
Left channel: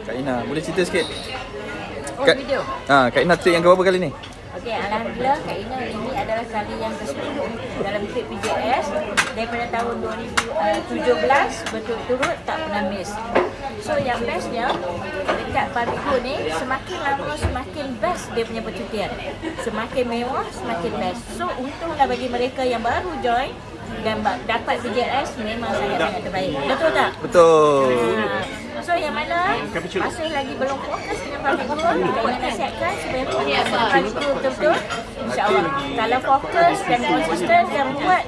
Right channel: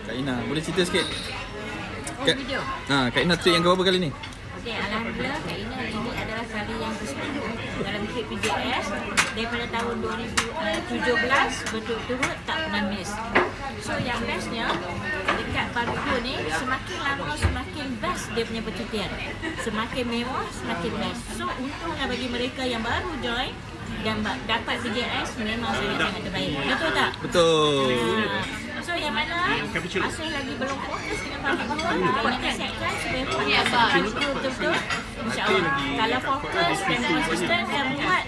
Kak Ina, boleh cerita sikit? Video. Kak Ina trip yang keberapa kali ni? Okey, alhamdulillah Kak Ina ini adalah kali yang ke-10 dalam trip PJS daripada tahun 2017 berturut-turut tak pernah miss. So yang bestnya dekat Barigo ni semakin lama semakin best dia punya percutian. Semakin mewah semakin best. So untunglah bagi mereka yang baru join dan dapat PJS memang sangat terbaik. Betul tak? Betul. So yang mana masih lagi belum fokus dengan Barigo, kita nasihatkan supaya fokus dengan Barigo betul-betul. InsyaAllah kalau fokus dan konsisten dan buat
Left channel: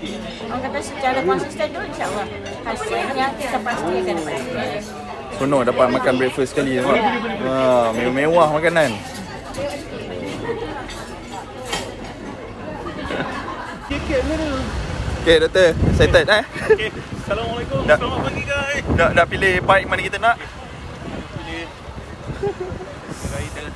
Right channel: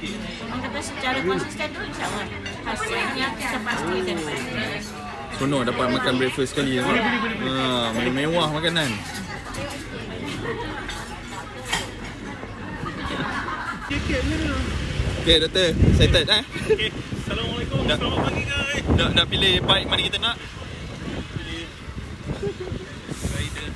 orang kata secara konsisten tu, insyaAllah hasilnya kita pasti akan dapat PJS. Sono dapat makan breakfast sekali. Mewah makanan. Okay, doktor. Excited Okay. Assalamualaikum. Selamat pagi guys. Dah pilih bike mana kita nak? Pilih rider